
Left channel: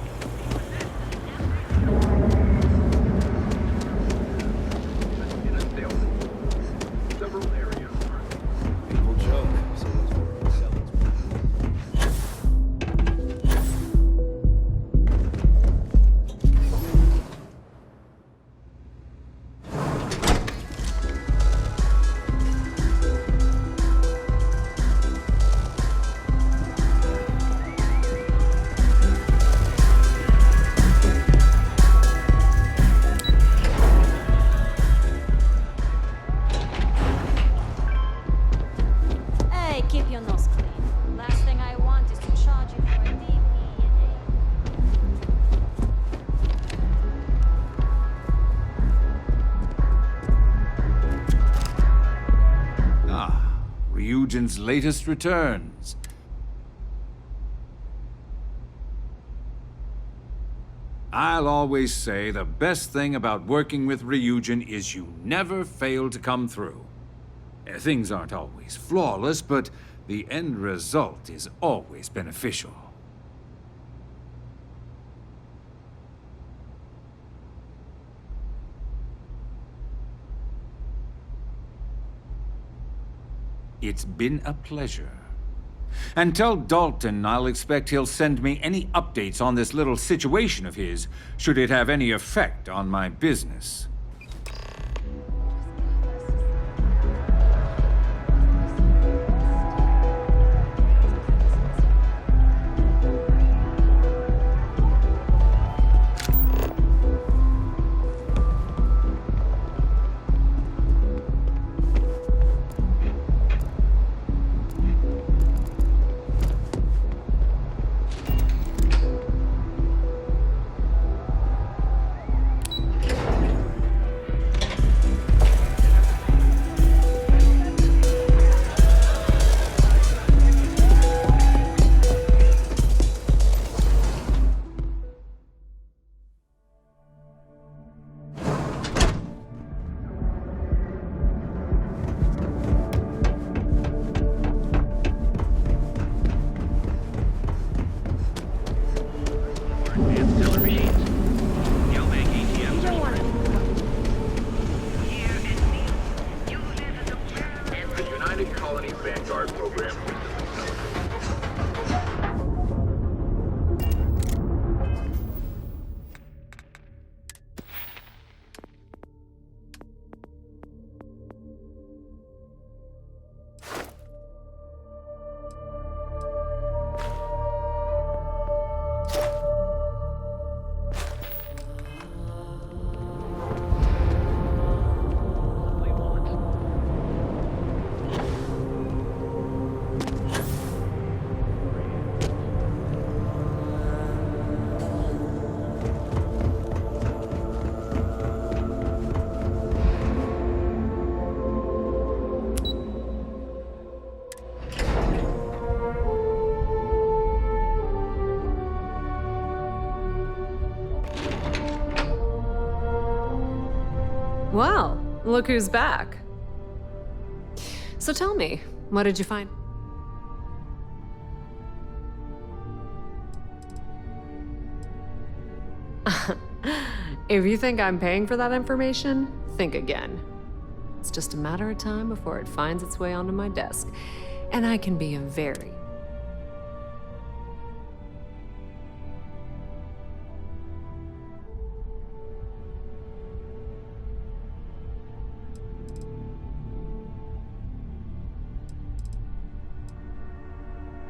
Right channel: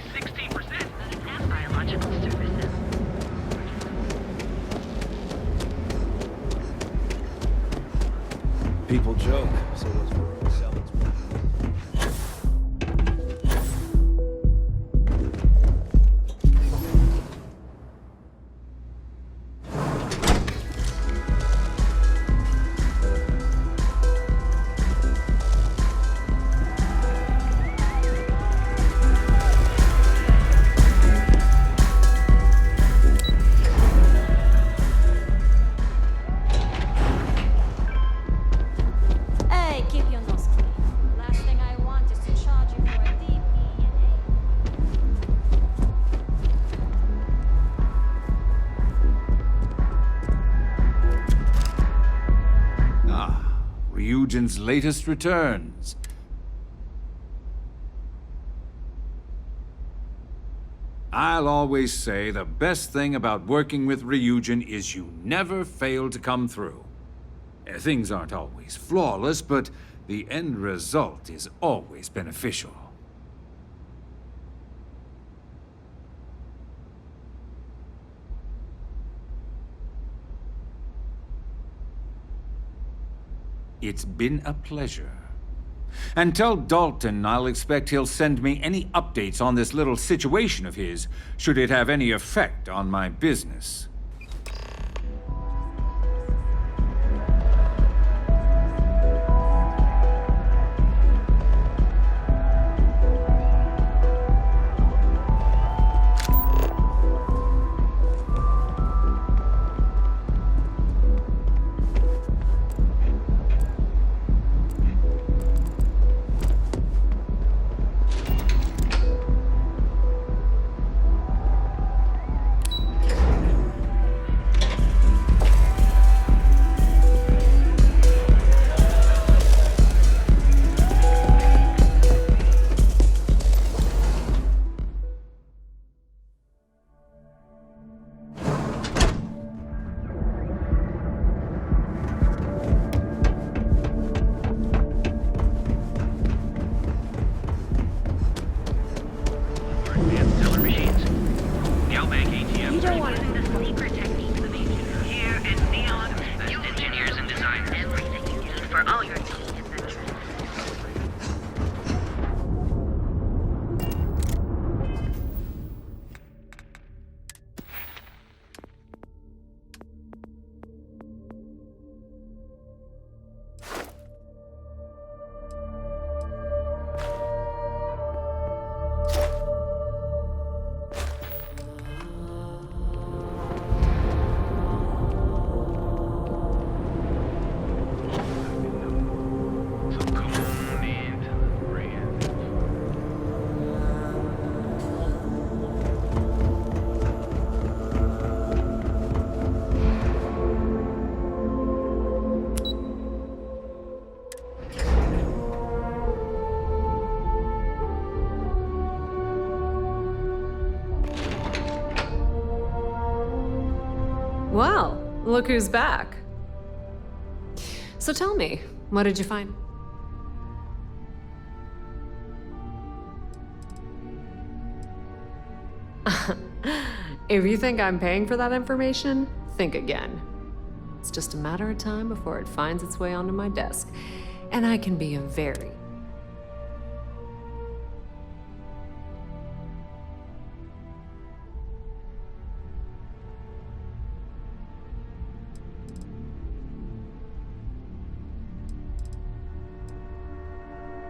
People joke, so those were sellings. Hey, keep your nose clean. Last thing I want is to charge you for a DP Ah, Ryujin's latest returns. I'll always say the best thing about working with Ryujin is you never fail to come through. Things aren't always flawless, but the end result is always beneficial. It's been a pleasure. And tell Dalton I'll expect he'll send me any updates on this little situation of his, should it have any effect on my business. Well, look who's back. So tell me, what did you find? If you think I'm paying for that information, think again. It's just a matter of time before it finds its way onto my desk, and I can be a very...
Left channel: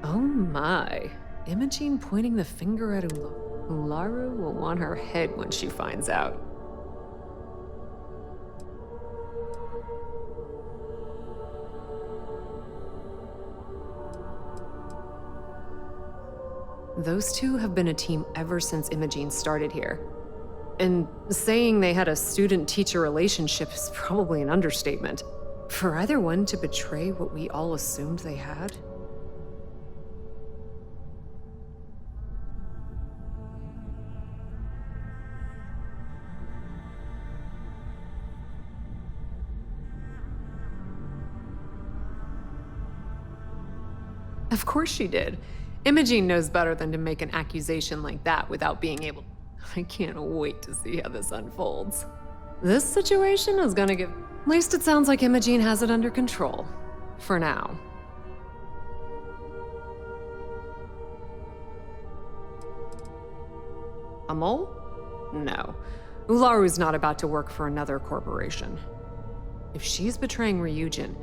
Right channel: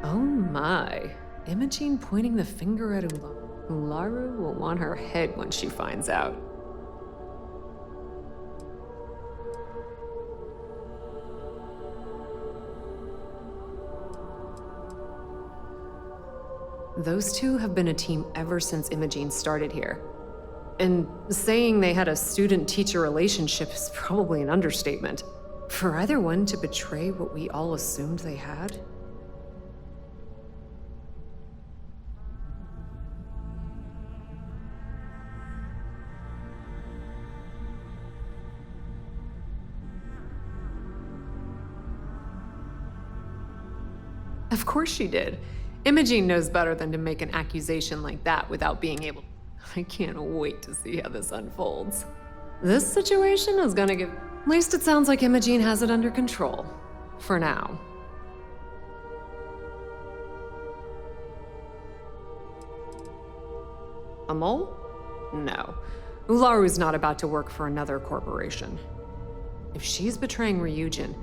Oh my. Imogene pointing the finger at Ularu. Ularu will want her head when she finds out. Those two have been a team ever since Imogene started here. And saying they had a student-teacher relationship is probably an understatement. For either one to betray what we all assumed they had? Of course she did. Imogene knows better than to make an accusation like that without being able... I can't wait to see how this unfolds. This situation is gonna give... At least it sounds like Imogene has it under control. For now. A mole? No. Ularu's not about to work for another corporation. If she's betraying Ryujin,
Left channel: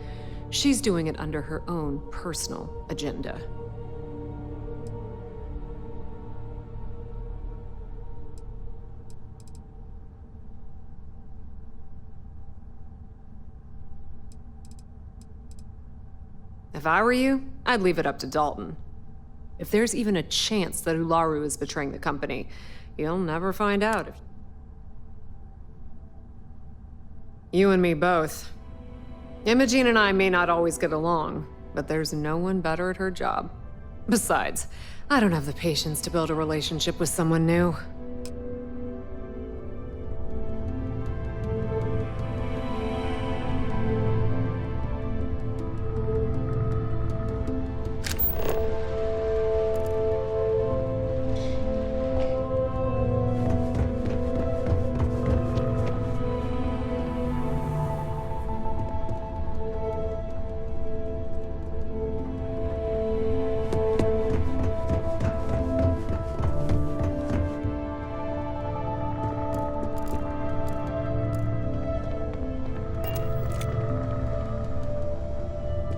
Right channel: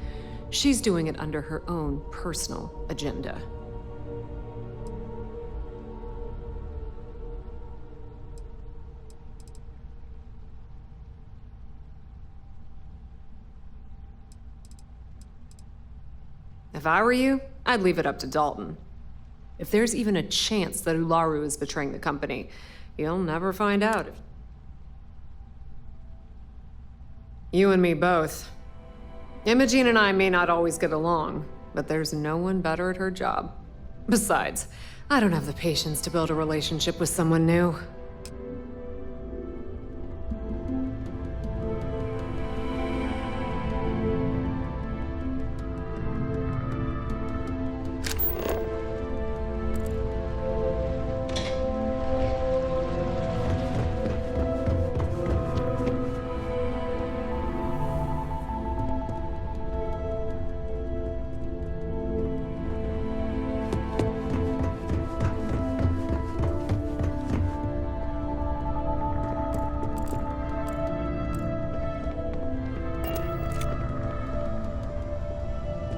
she's doing it under her own personal agenda. If I were you, I'd leave it up to Dalton. If there's even a chance that Ularu is betraying the company, you'll never find out. You and me both. Imogene and I may not always get along, but there's no one better at her job. Besides, I don't have the patience to build a relationship with someone new.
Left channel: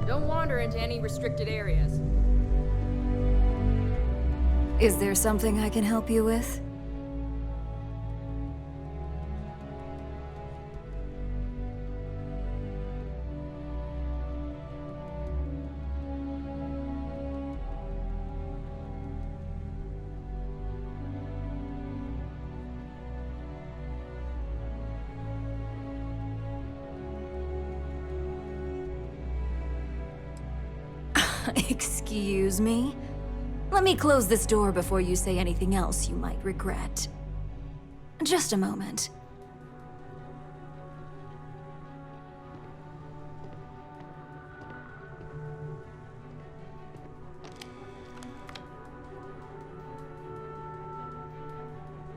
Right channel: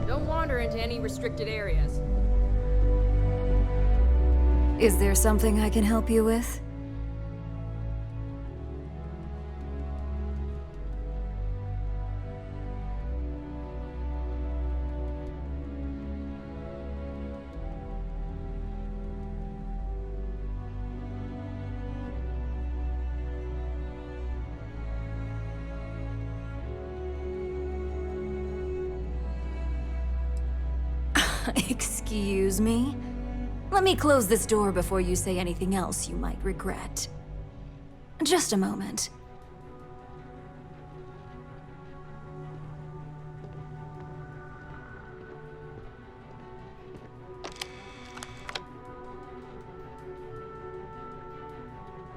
Don't wander into any restricted areas. Is there something I can help you with? Excuse me? Let me close this door before you say anything else you might regret. Just a moment.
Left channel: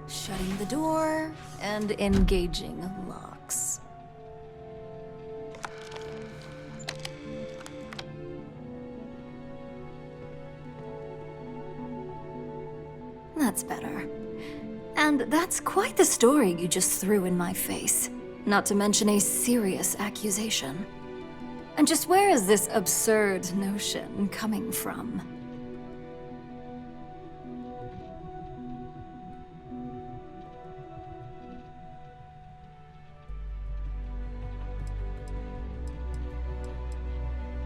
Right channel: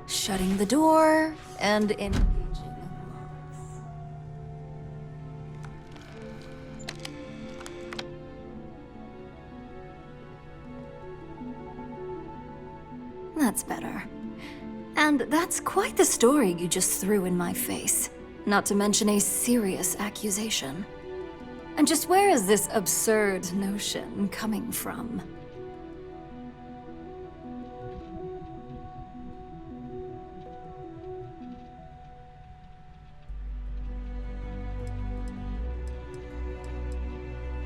Shutting the door and engaging locks. That's better. And that's quite the story you just threw in my face. Not to mention a serious accusation. And just where is this absurd notion coming from?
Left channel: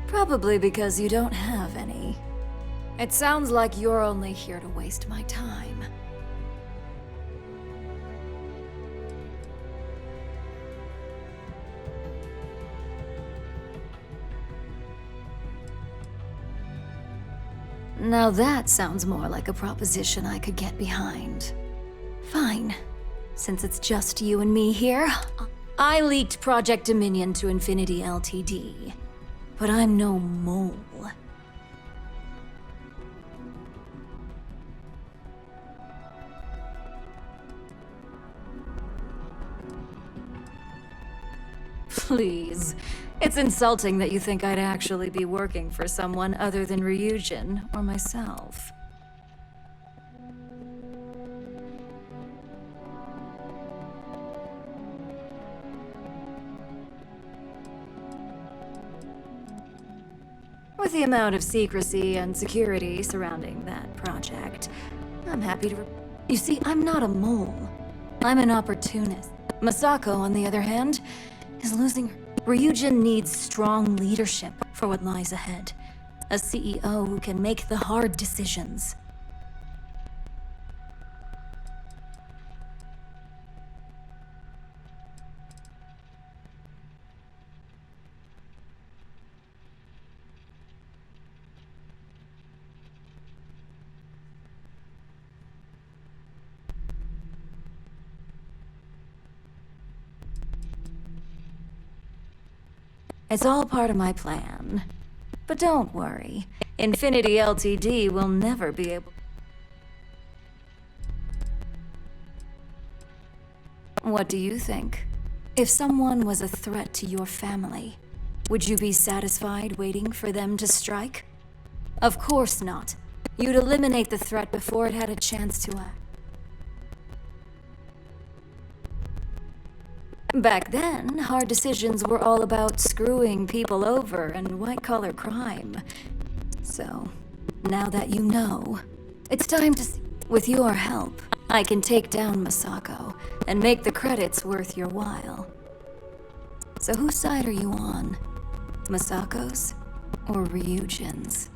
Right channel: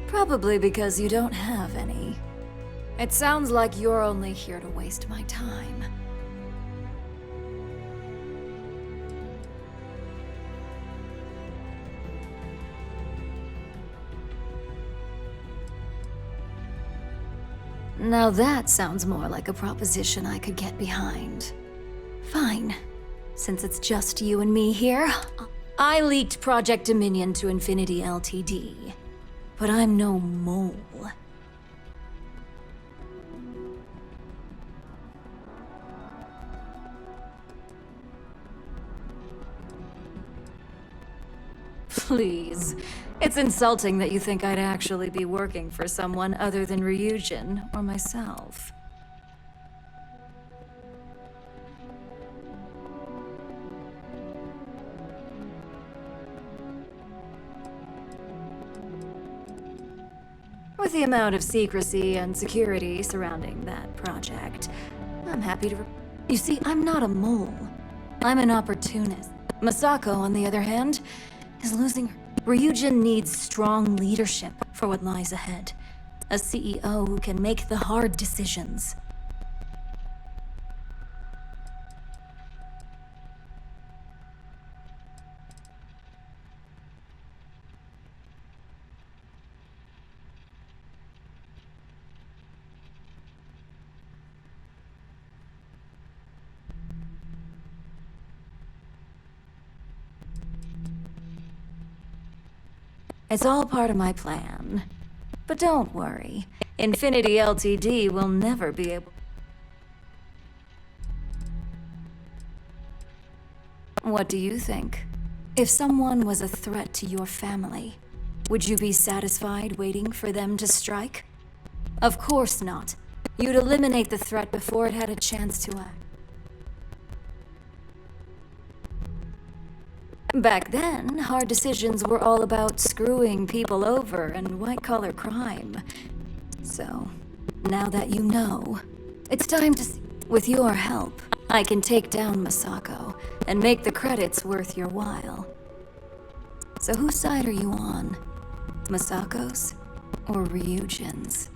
Probably because you don't have any. It sounds like you're only here to waste my time. Now that sounds more like a proposition I could get behind. Fine. Since it's just you and me here, I leaked Project Dominion to Infinity Ltd. But I'm no mole. Please. It's insulting that you think I'd actually be working for someone other than Ryujin or myself. With the amount of secrecy and security surrounding that project, I'm happy to... You see, I'm not a mole. I'm an opportunist. Masako, on the other hand, is losing her. Ryujin needs strong leadership for what lies ahead. A CEO who can make the hard decisions. It's all part of my plan. But don't worry, Infinity Ltd. will never be able... What do you think? If someone was a threat to your family, would you be satisfied waiting for them to strike? Of course not. You'd eliminate the threat before it had a chance to act. Back then, hard decisions were all about screwing people over and white-collar crime. So, now that you know, it's time to... With your help, I can take down Masako and make the credits worth your while. So whose side are you on? Masako's or Ryujin's?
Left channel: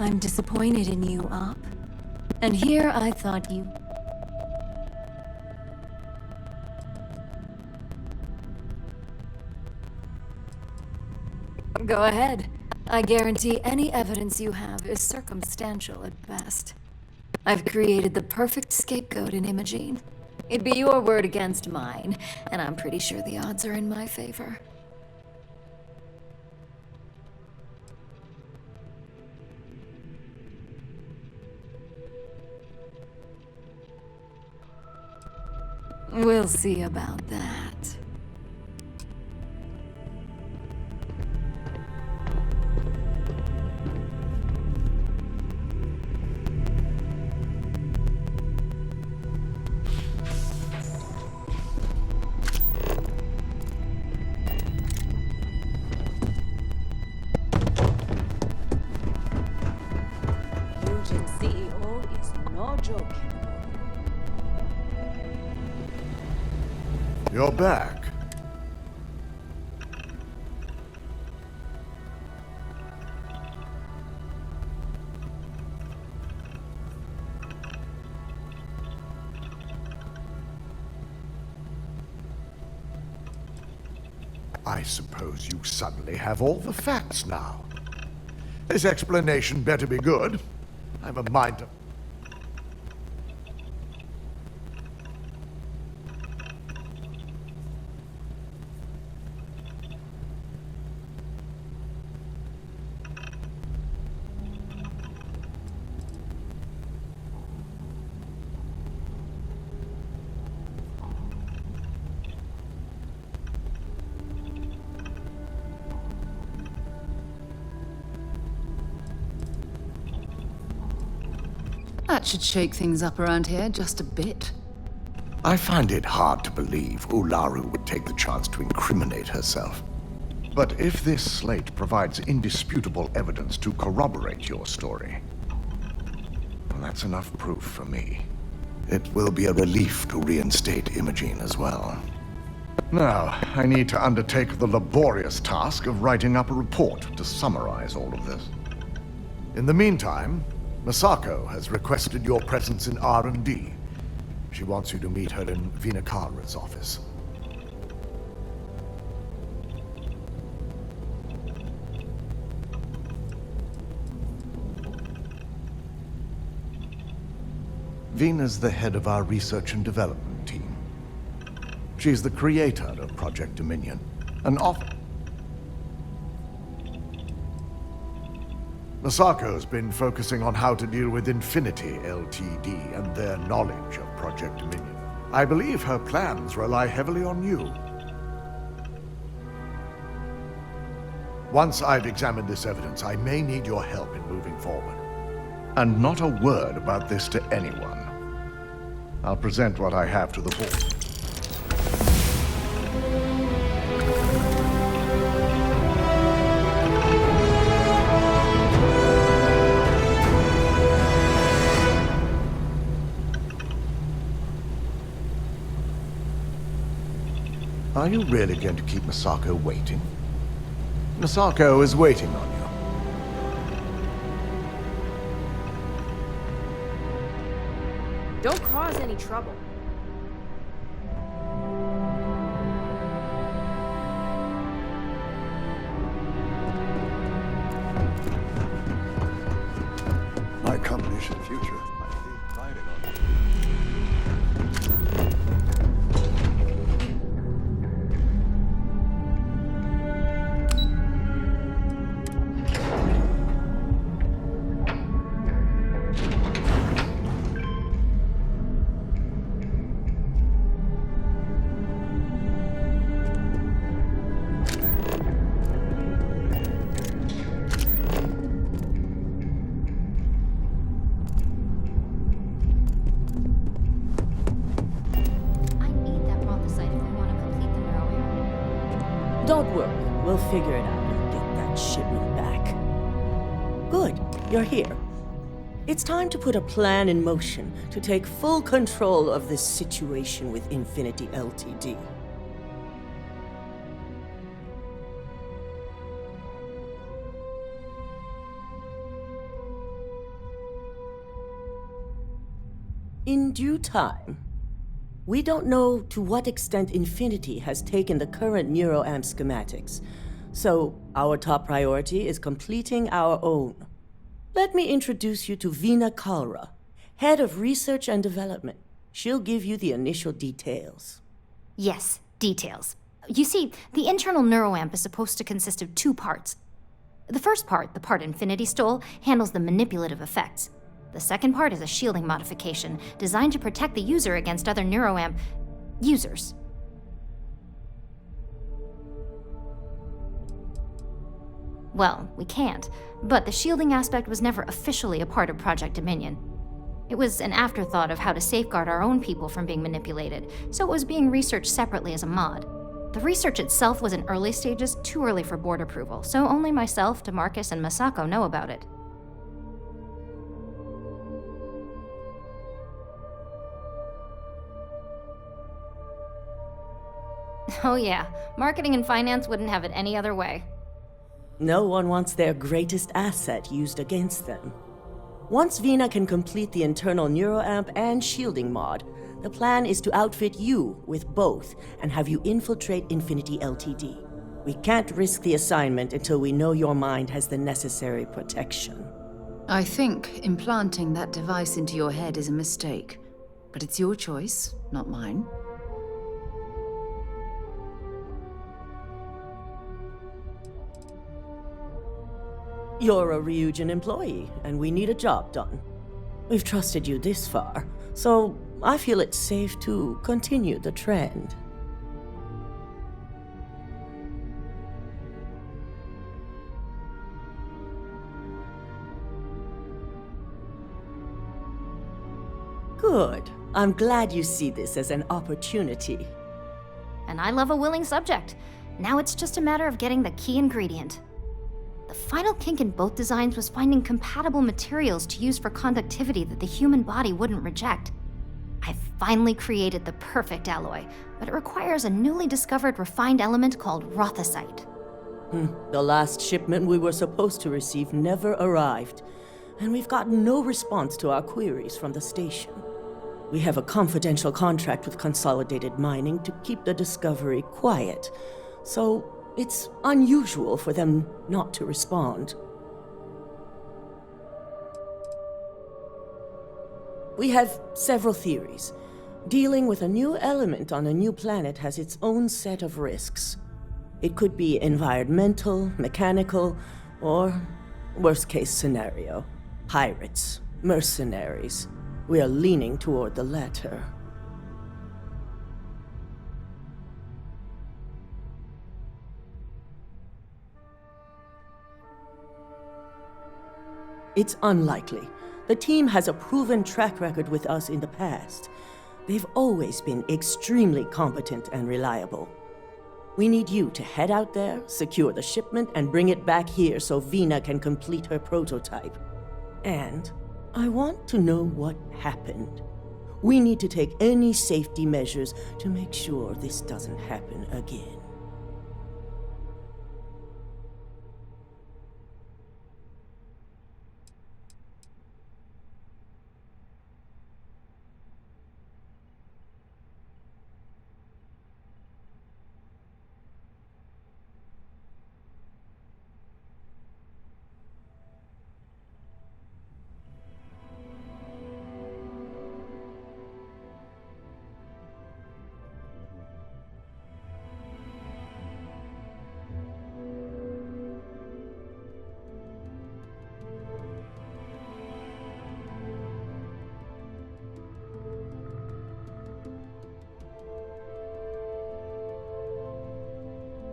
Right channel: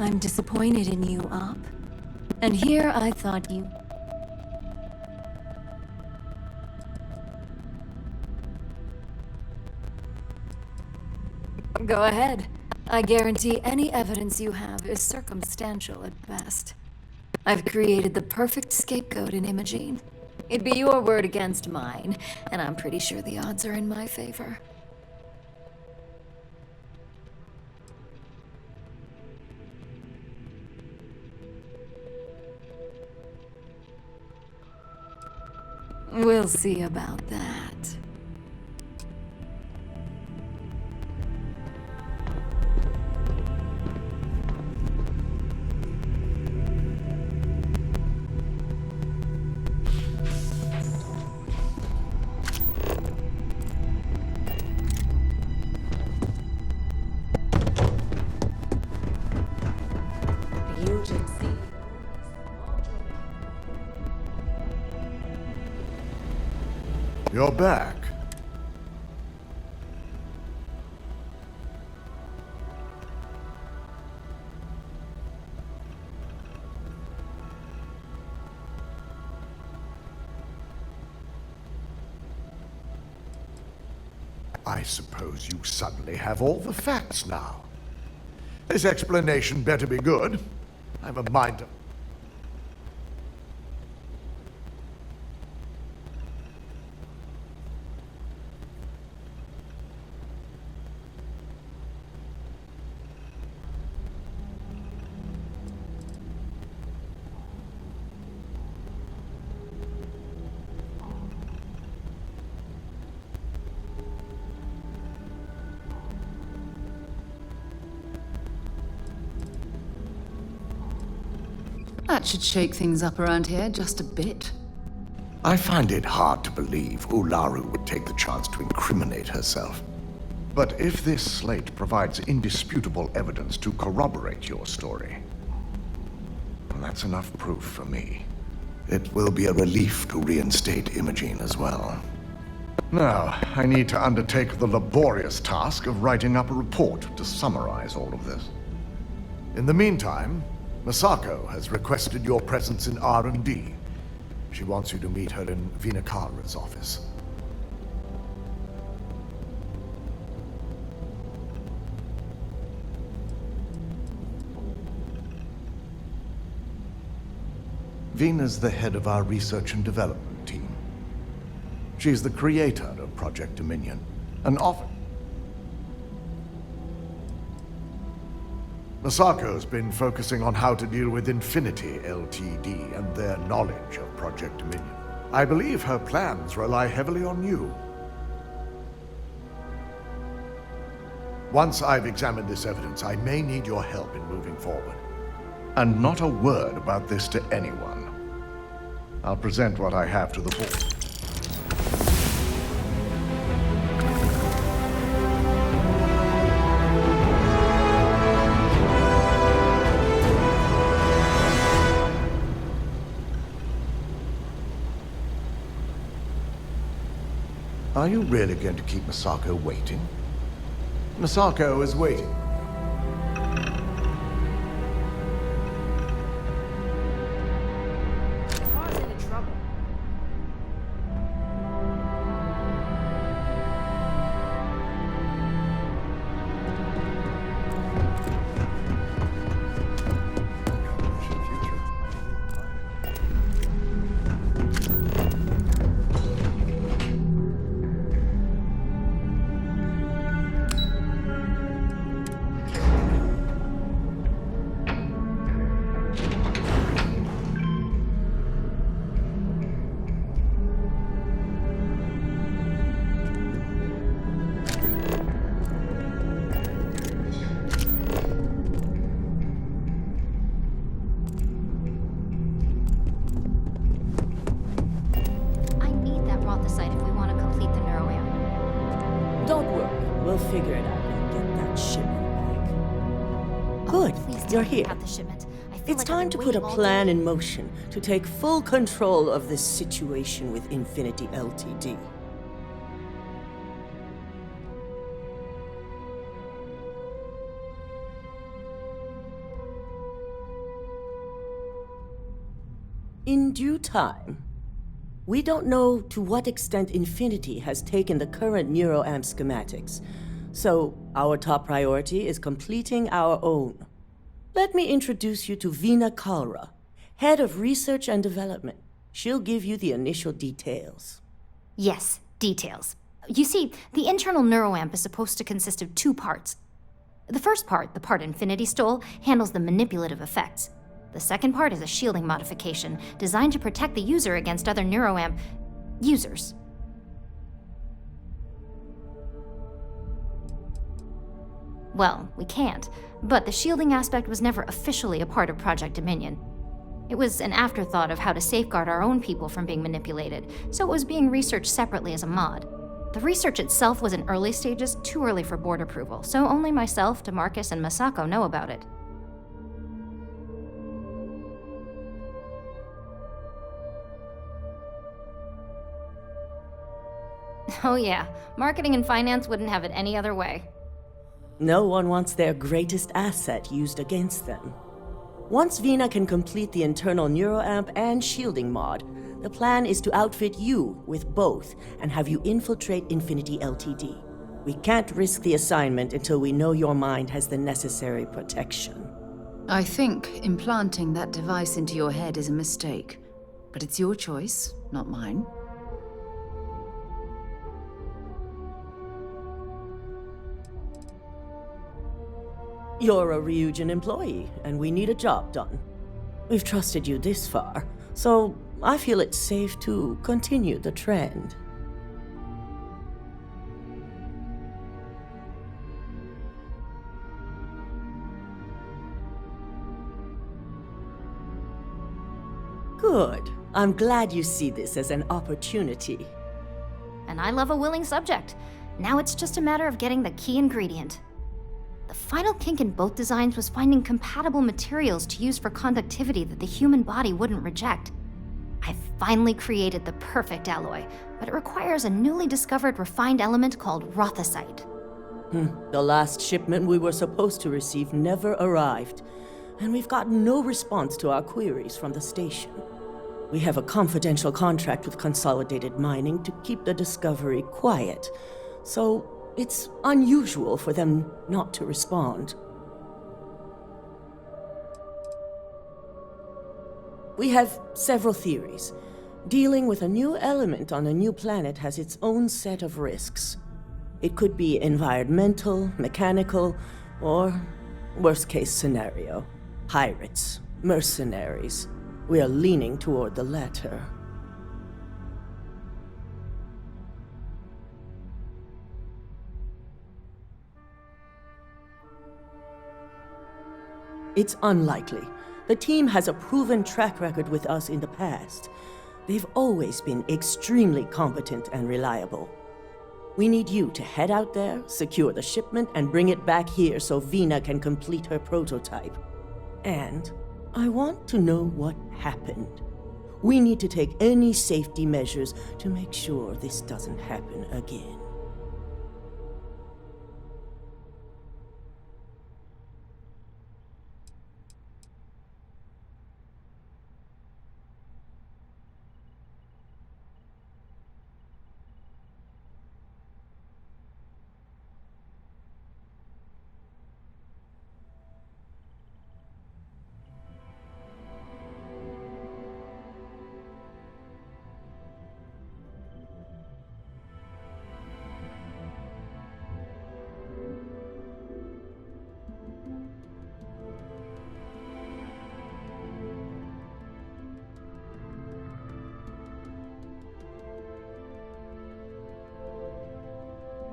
I'm disappointed in you, Op. And here I thought you... Go ahead. I guarantee any evidence you have is circumstantial at best. I've created the perfect scapegoat in Imogene. It'd be your word against mine, and I'm pretty sure the odds are in my favor. We'll see about that. Ryujin CEO is no joke. You're back. I suppose you suddenly have all the facts now. This explanation better be good. I have a mind to... That should shake things up around here just a bit. I find it hard to believe Ularu would take the chance to incriminate herself. But if this slate provides indisputable evidence to corroborate your story, well, that's enough proof for me. It will be a relief to reinstate Imogene as well. Now, I need to undertake the laborious task of writing up a report to summarize all of this. In the meantime, Masako has requested your presence in R&D. She wants you to meet her in Vinakara's office. Vina's the head of our research and development team. She's the creator of Project Dominion, an Masako's been focusing on how to deal with Infinity Ltd. And their knowledge of Project Dominion. I believe her plans rely heavily on you. Once I've examined this evidence, I may need your help in moving forward. And not a word about this to anyone. I'll present what I have to the board. Are you really going to keep Masako waiting? Masako is waiting on you. Don't cause any trouble. My company's future might be riding on it. Don't worry, we'll figure it out and get that shipment back. Good, you're here. It's time to put a plan in motion to take full control of this situation with Infinity Ltd. In due time. We don't know to what extent Infinity has taken the current neuroamp schematics, so our top priority is completing our own. Let me introduce you to Vinakara, Head of Research and Development. She'll give you the initial details. Yes, details. You see, the internal neuroamp is supposed to consist of two parts. The first part, the part Infinity stole, handles the manipulative effects. The second part is a shielding modification designed to protect the user against other neuroamp users. Well, we can't, but the shielding aspect was never officially a part of Project Dominion. It was an afterthought of how to safeguard our own people from being manipulated, so it was being researched separately as a mod. The research itself was in early stages, too early for board approval, so only myself, DeMarcus, and Masako know about it. Oh yeah, marketing and finance wouldn't have it any other way. No one wants their greatest asset used against them. Once Vina can complete the internal neuroamp and shielding mod, the plan is to outfit you with both and have you infiltrate Infinity Ltd. We can't risk the assignment until we know your mind has the necessary protection. I think implanting that device into your head is a mistake, but it's your choice, not mine. You're a Ryujin employee, and we need a job done. We've trusted you this far, so I feel it's safe to continue the trend. Good. I'm glad you see this as an opportunity. And I love a willing subject. Now it's just a matter of getting the key ingredient. The final kink in both designs was finding compatible materials to use for conductivity that the human body wouldn't reject. I finally created the perfect alloy, but it requires a newly discovered refined element called rothosite. The last shipment we were supposed to receive never arrived, and we've gotten no response to our queries from the station. We have a confidential contract with Consolidated Mining to keep the discovery quiet, so it's unusual for them not to respond. We have several theories. Dealing with a new element on a new planet has its own set of risks. It could be environmental, mechanical, or worst case scenario, pirates, mercenaries. We are leaning toward the latter. It's unlikely. The team has a proven track record with us in the past. They've always been extremely competent and reliable. We need you to head out there, secure the shipment, and bring it back here so Vina can complete her prototype. And I want to know what happened. We need to take any safety measures to make sure this doesn't happen again.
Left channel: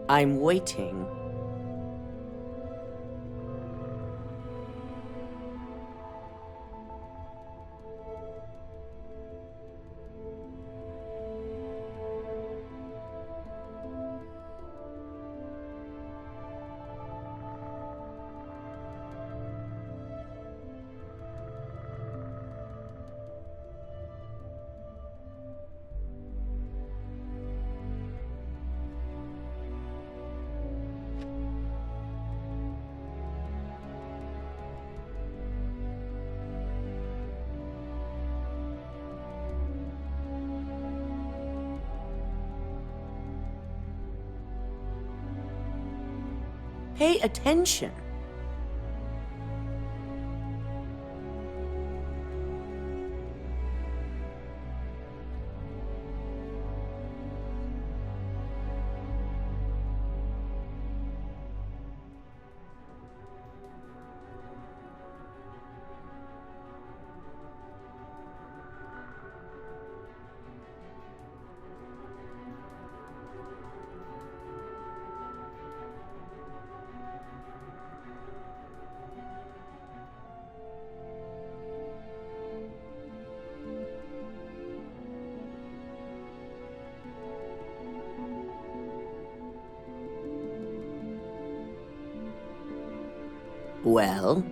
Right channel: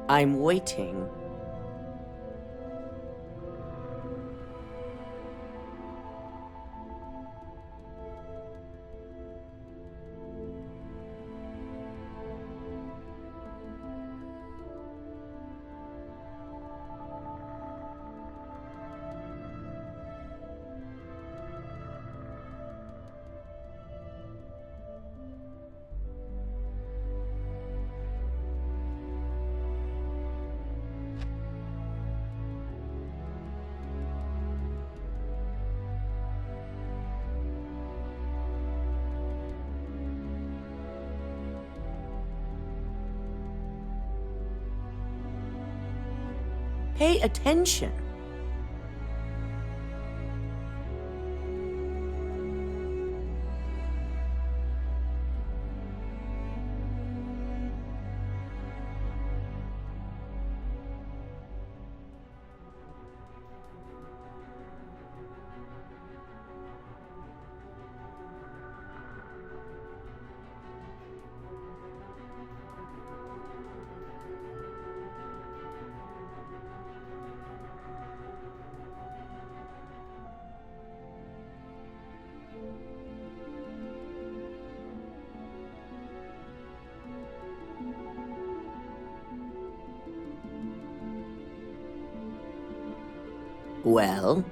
I'm waiting. Pay attention. Well?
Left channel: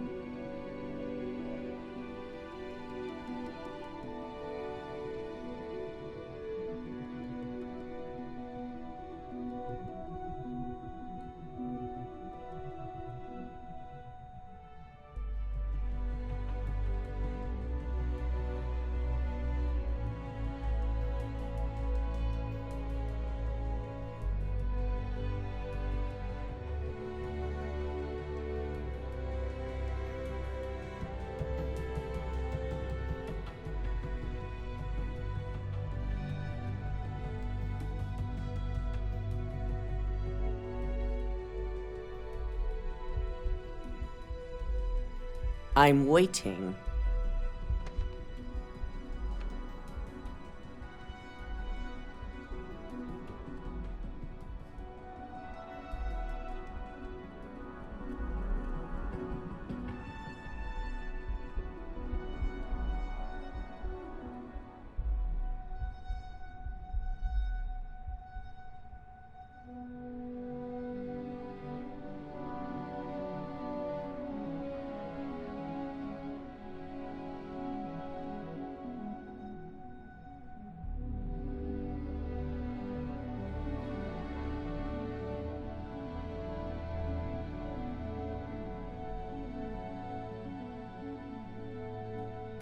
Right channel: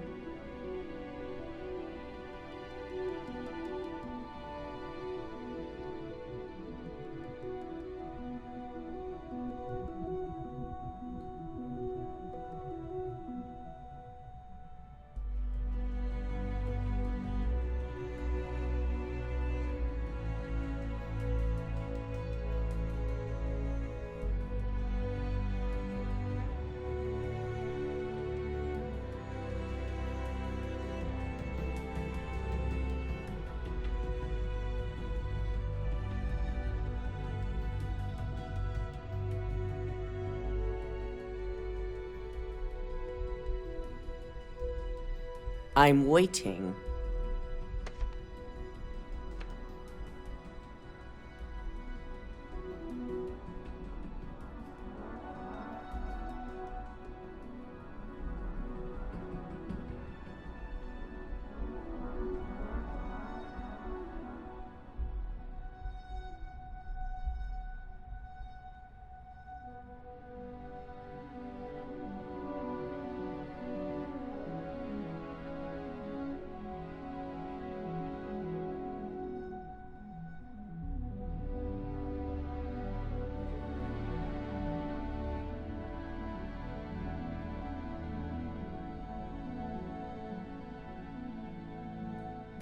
I'm waiting.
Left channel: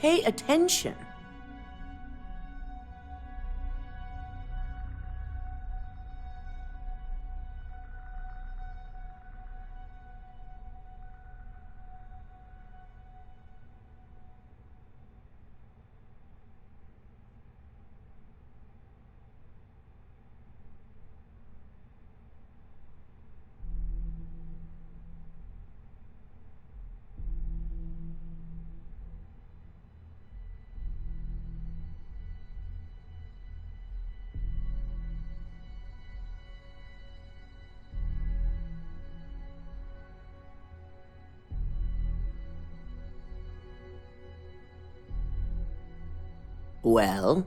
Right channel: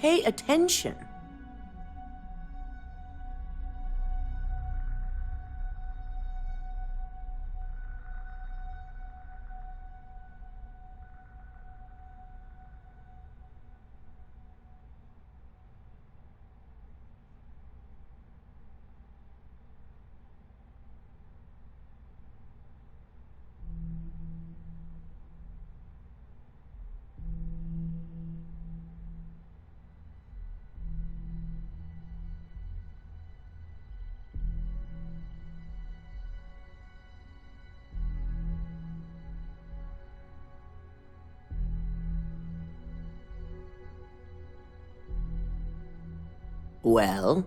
Pay attention. Well?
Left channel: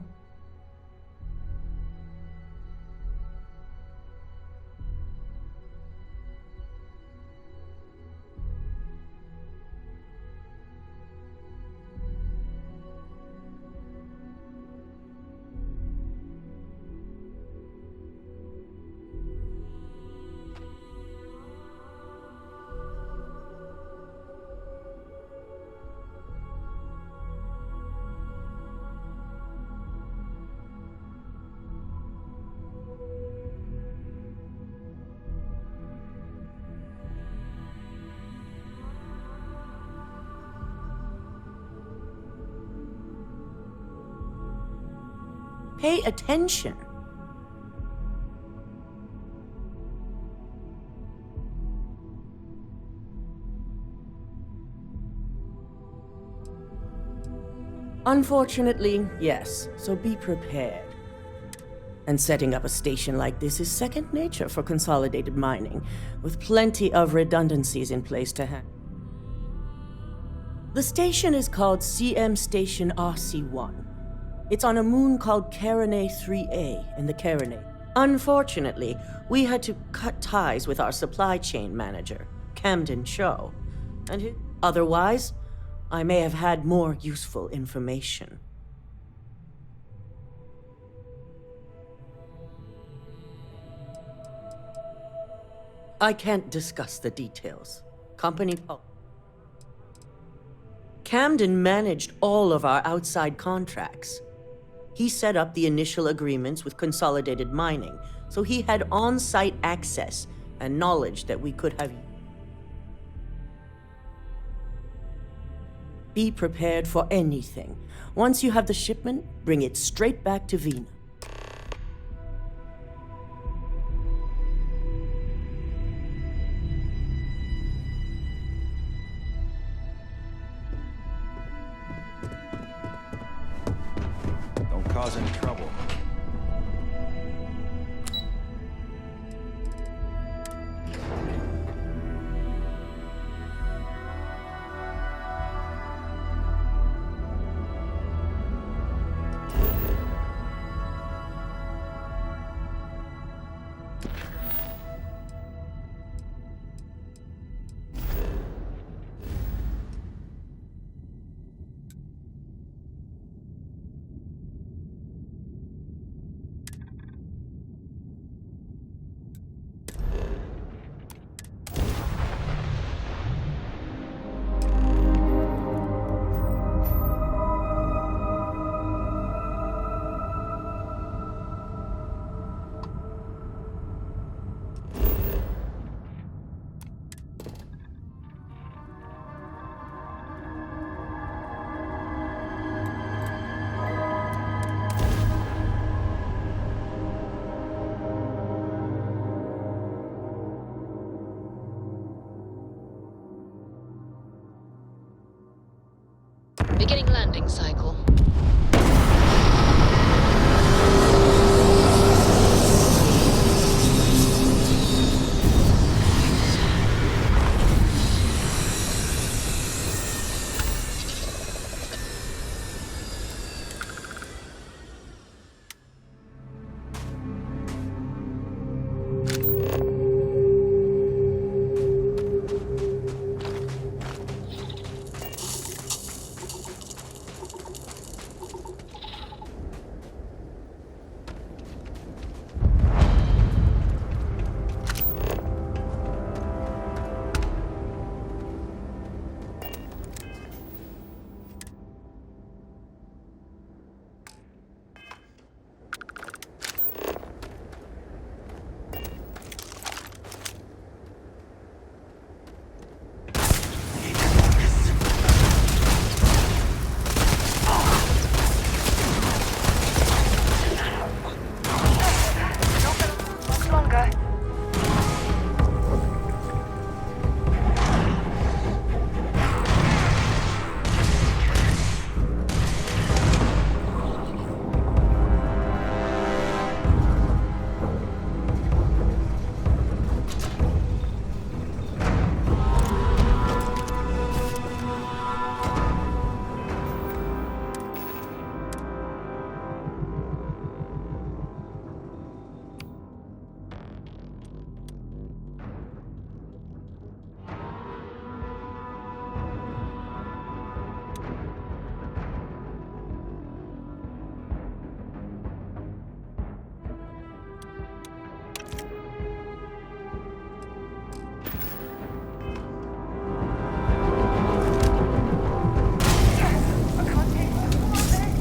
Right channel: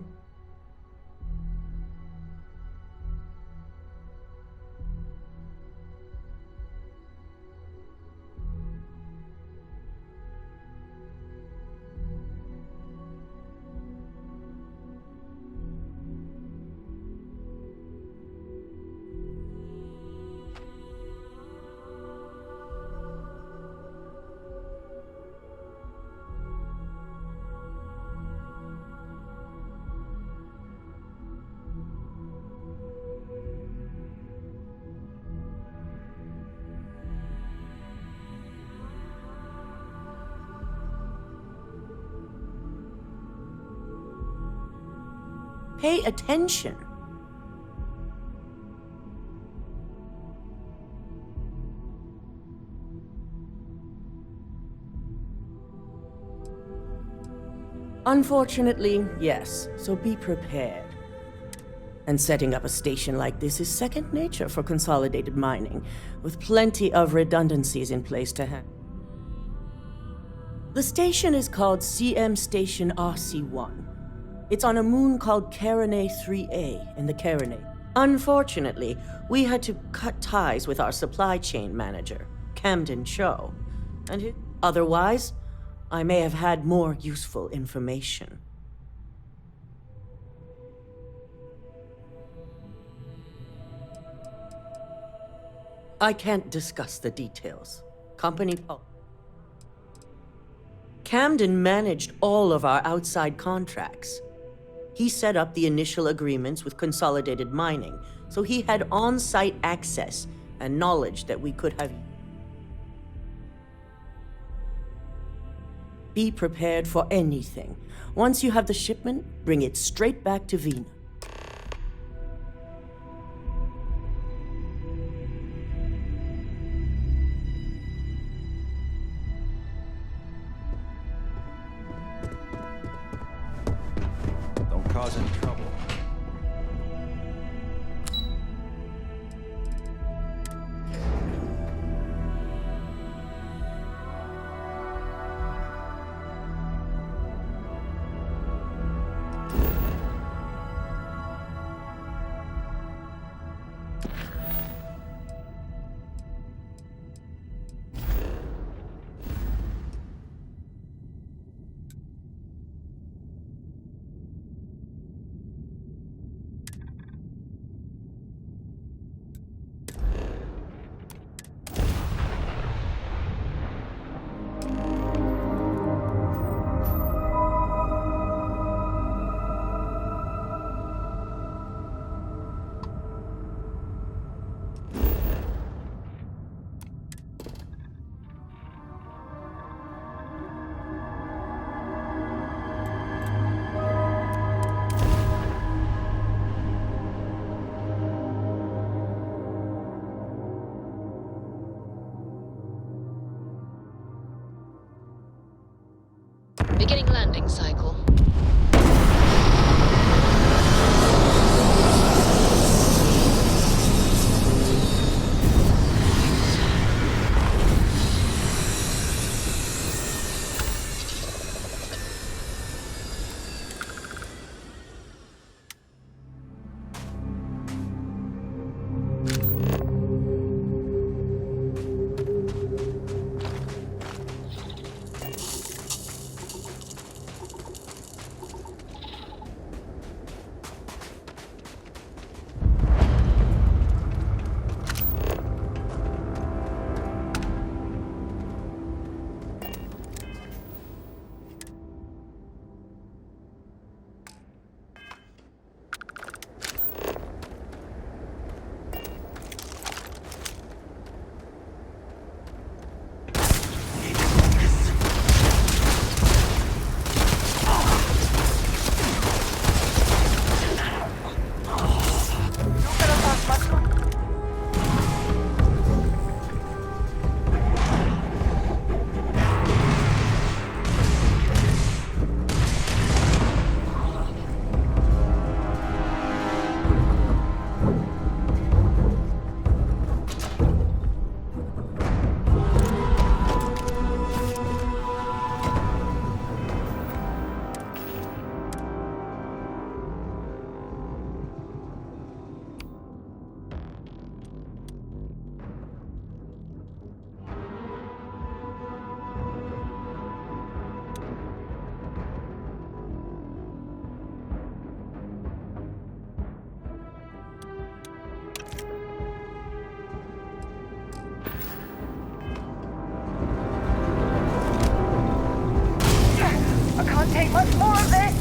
Pay attention. Unfortunately, yes, so be prepared. And setting up a station like this is second nature for consolidated mining, with plenty of redundancies in place to handle. The station is called CM Station RC1. It's on a moon called Carinae 3A in the Carinae. Unfortunately, we had to cut ties with our supply chain manager, Camden Cho, and otherwise, I may have had more useful information. I can't discuss the details. Company policy. Camden managed all of our outside contracts. He set up the initial agreements with Consolidated Mining, so he had on-site access and knowledge that we could have. Be prepared for anything. Once you have the shipment, bring it straight back to Vina. Don't cause any trouble. Beginning landing cycle. Want more of this?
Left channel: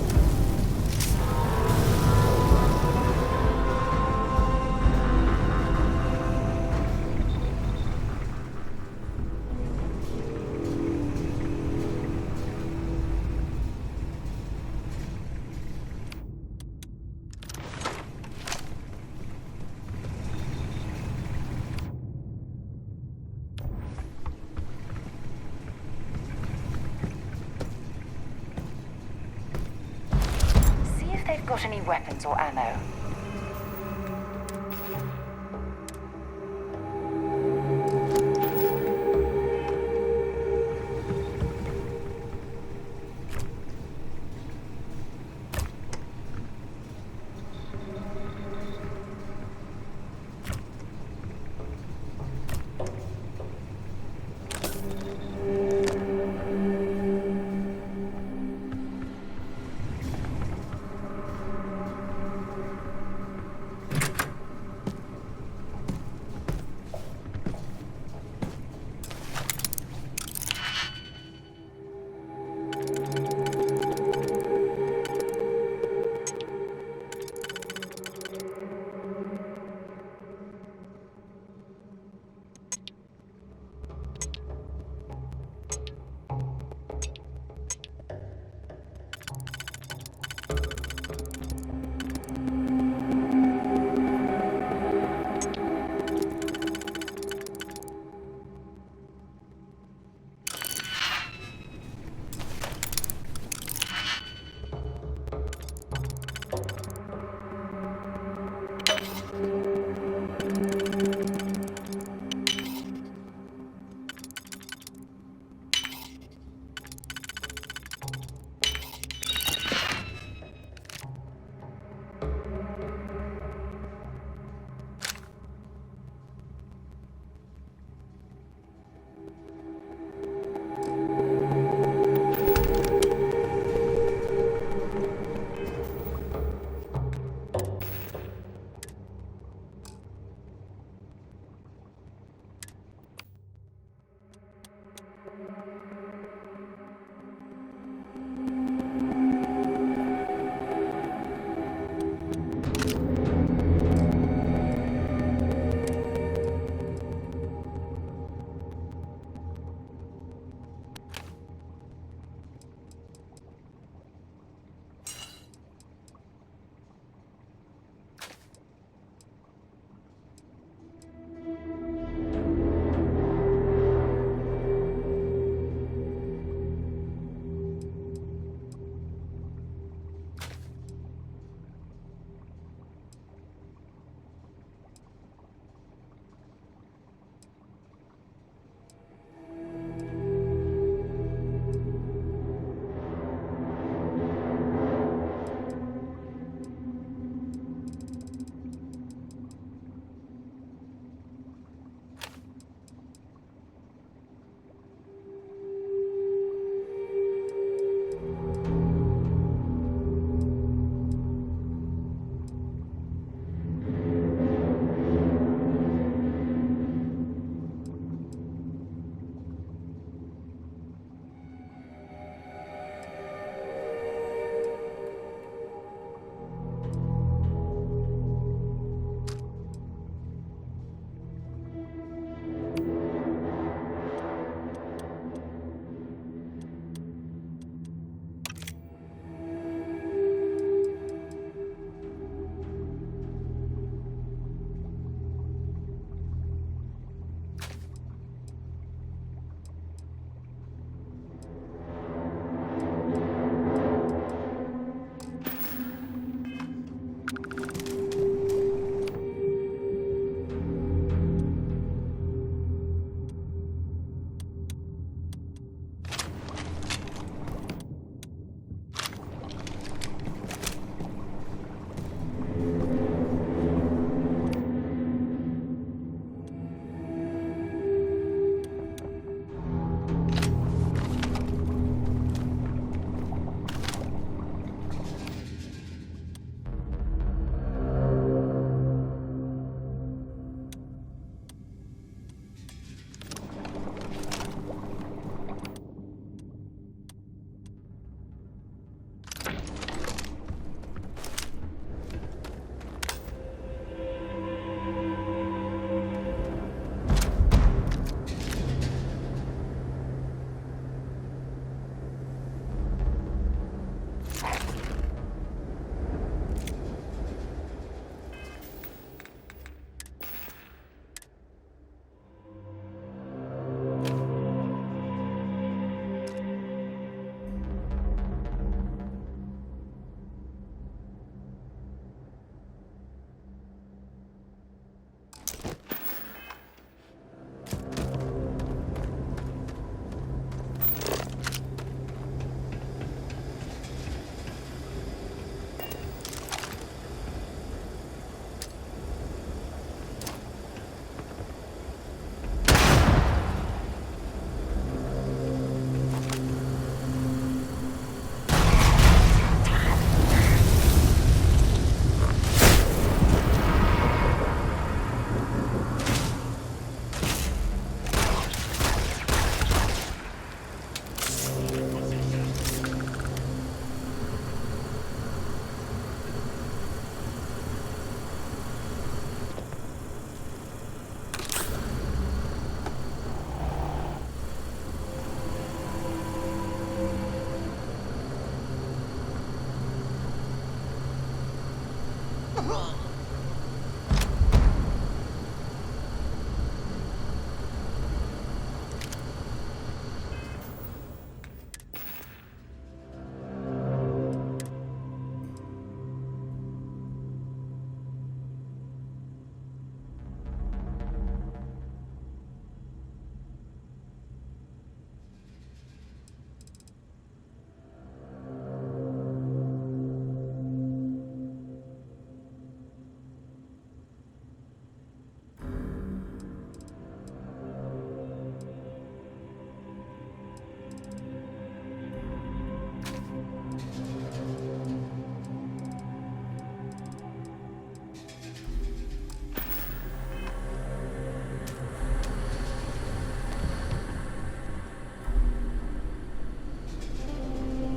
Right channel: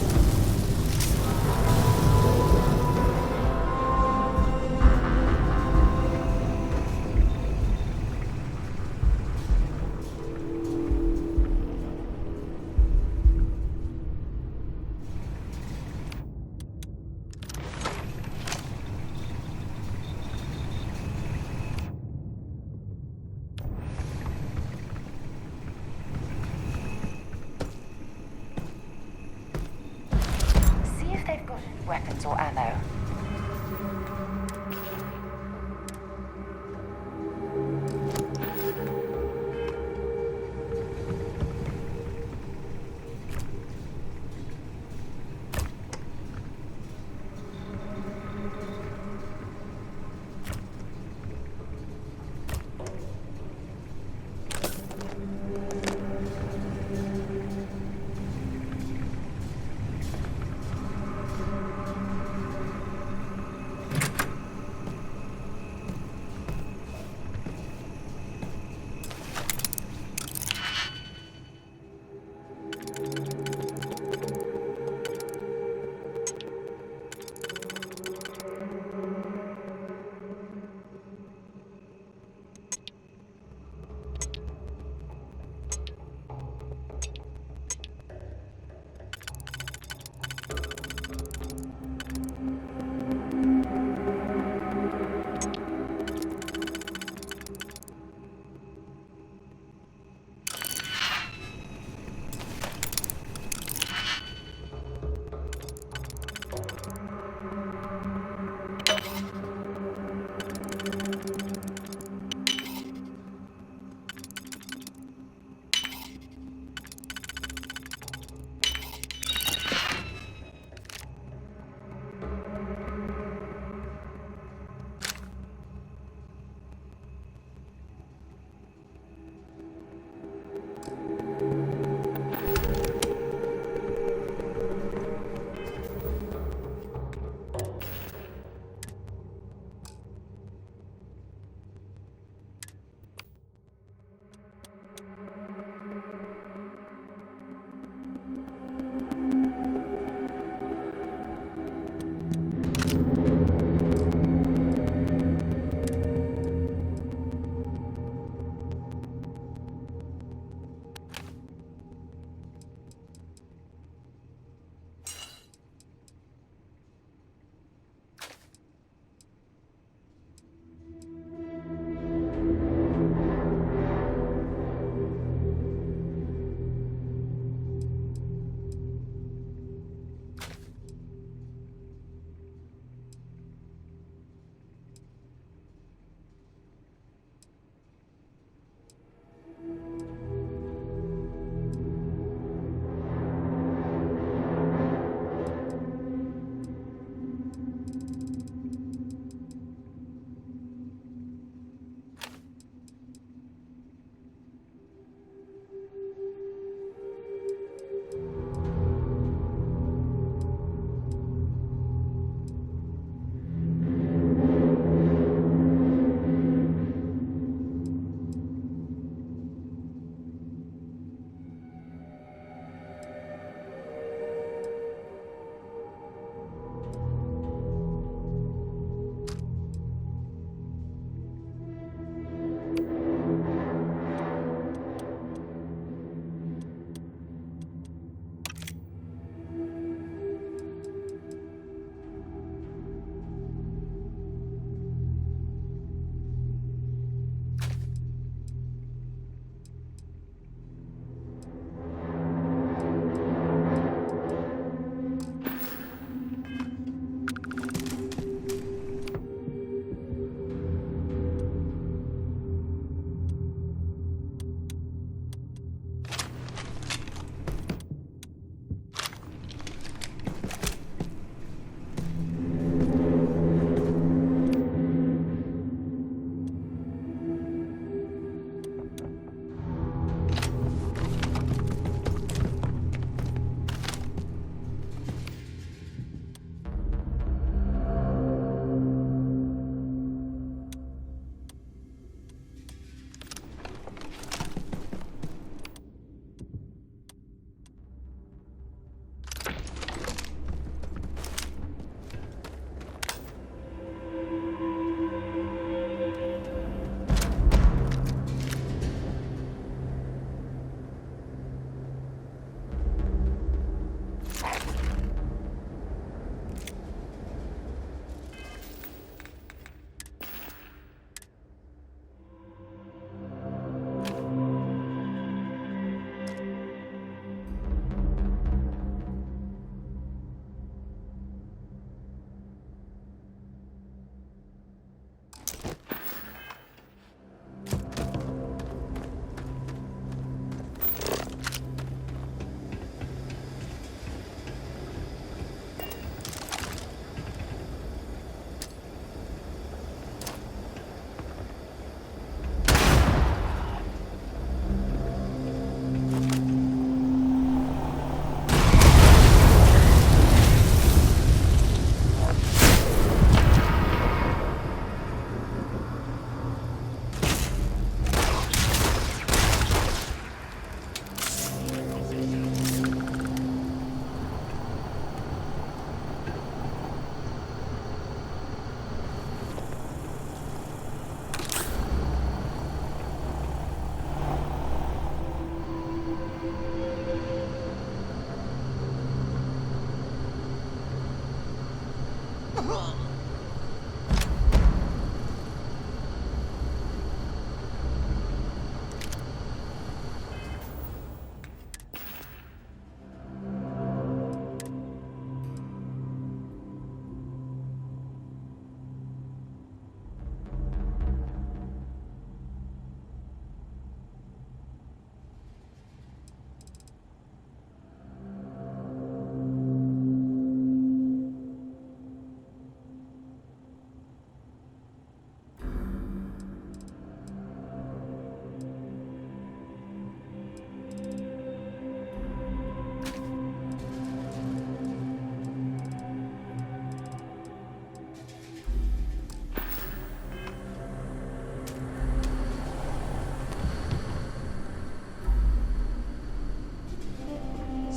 They've got any weapons or ammo.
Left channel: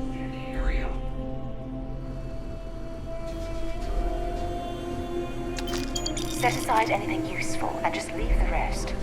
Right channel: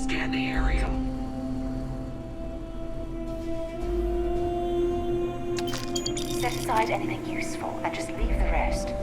Scan the area. Set aside anything useful and just leave the rest.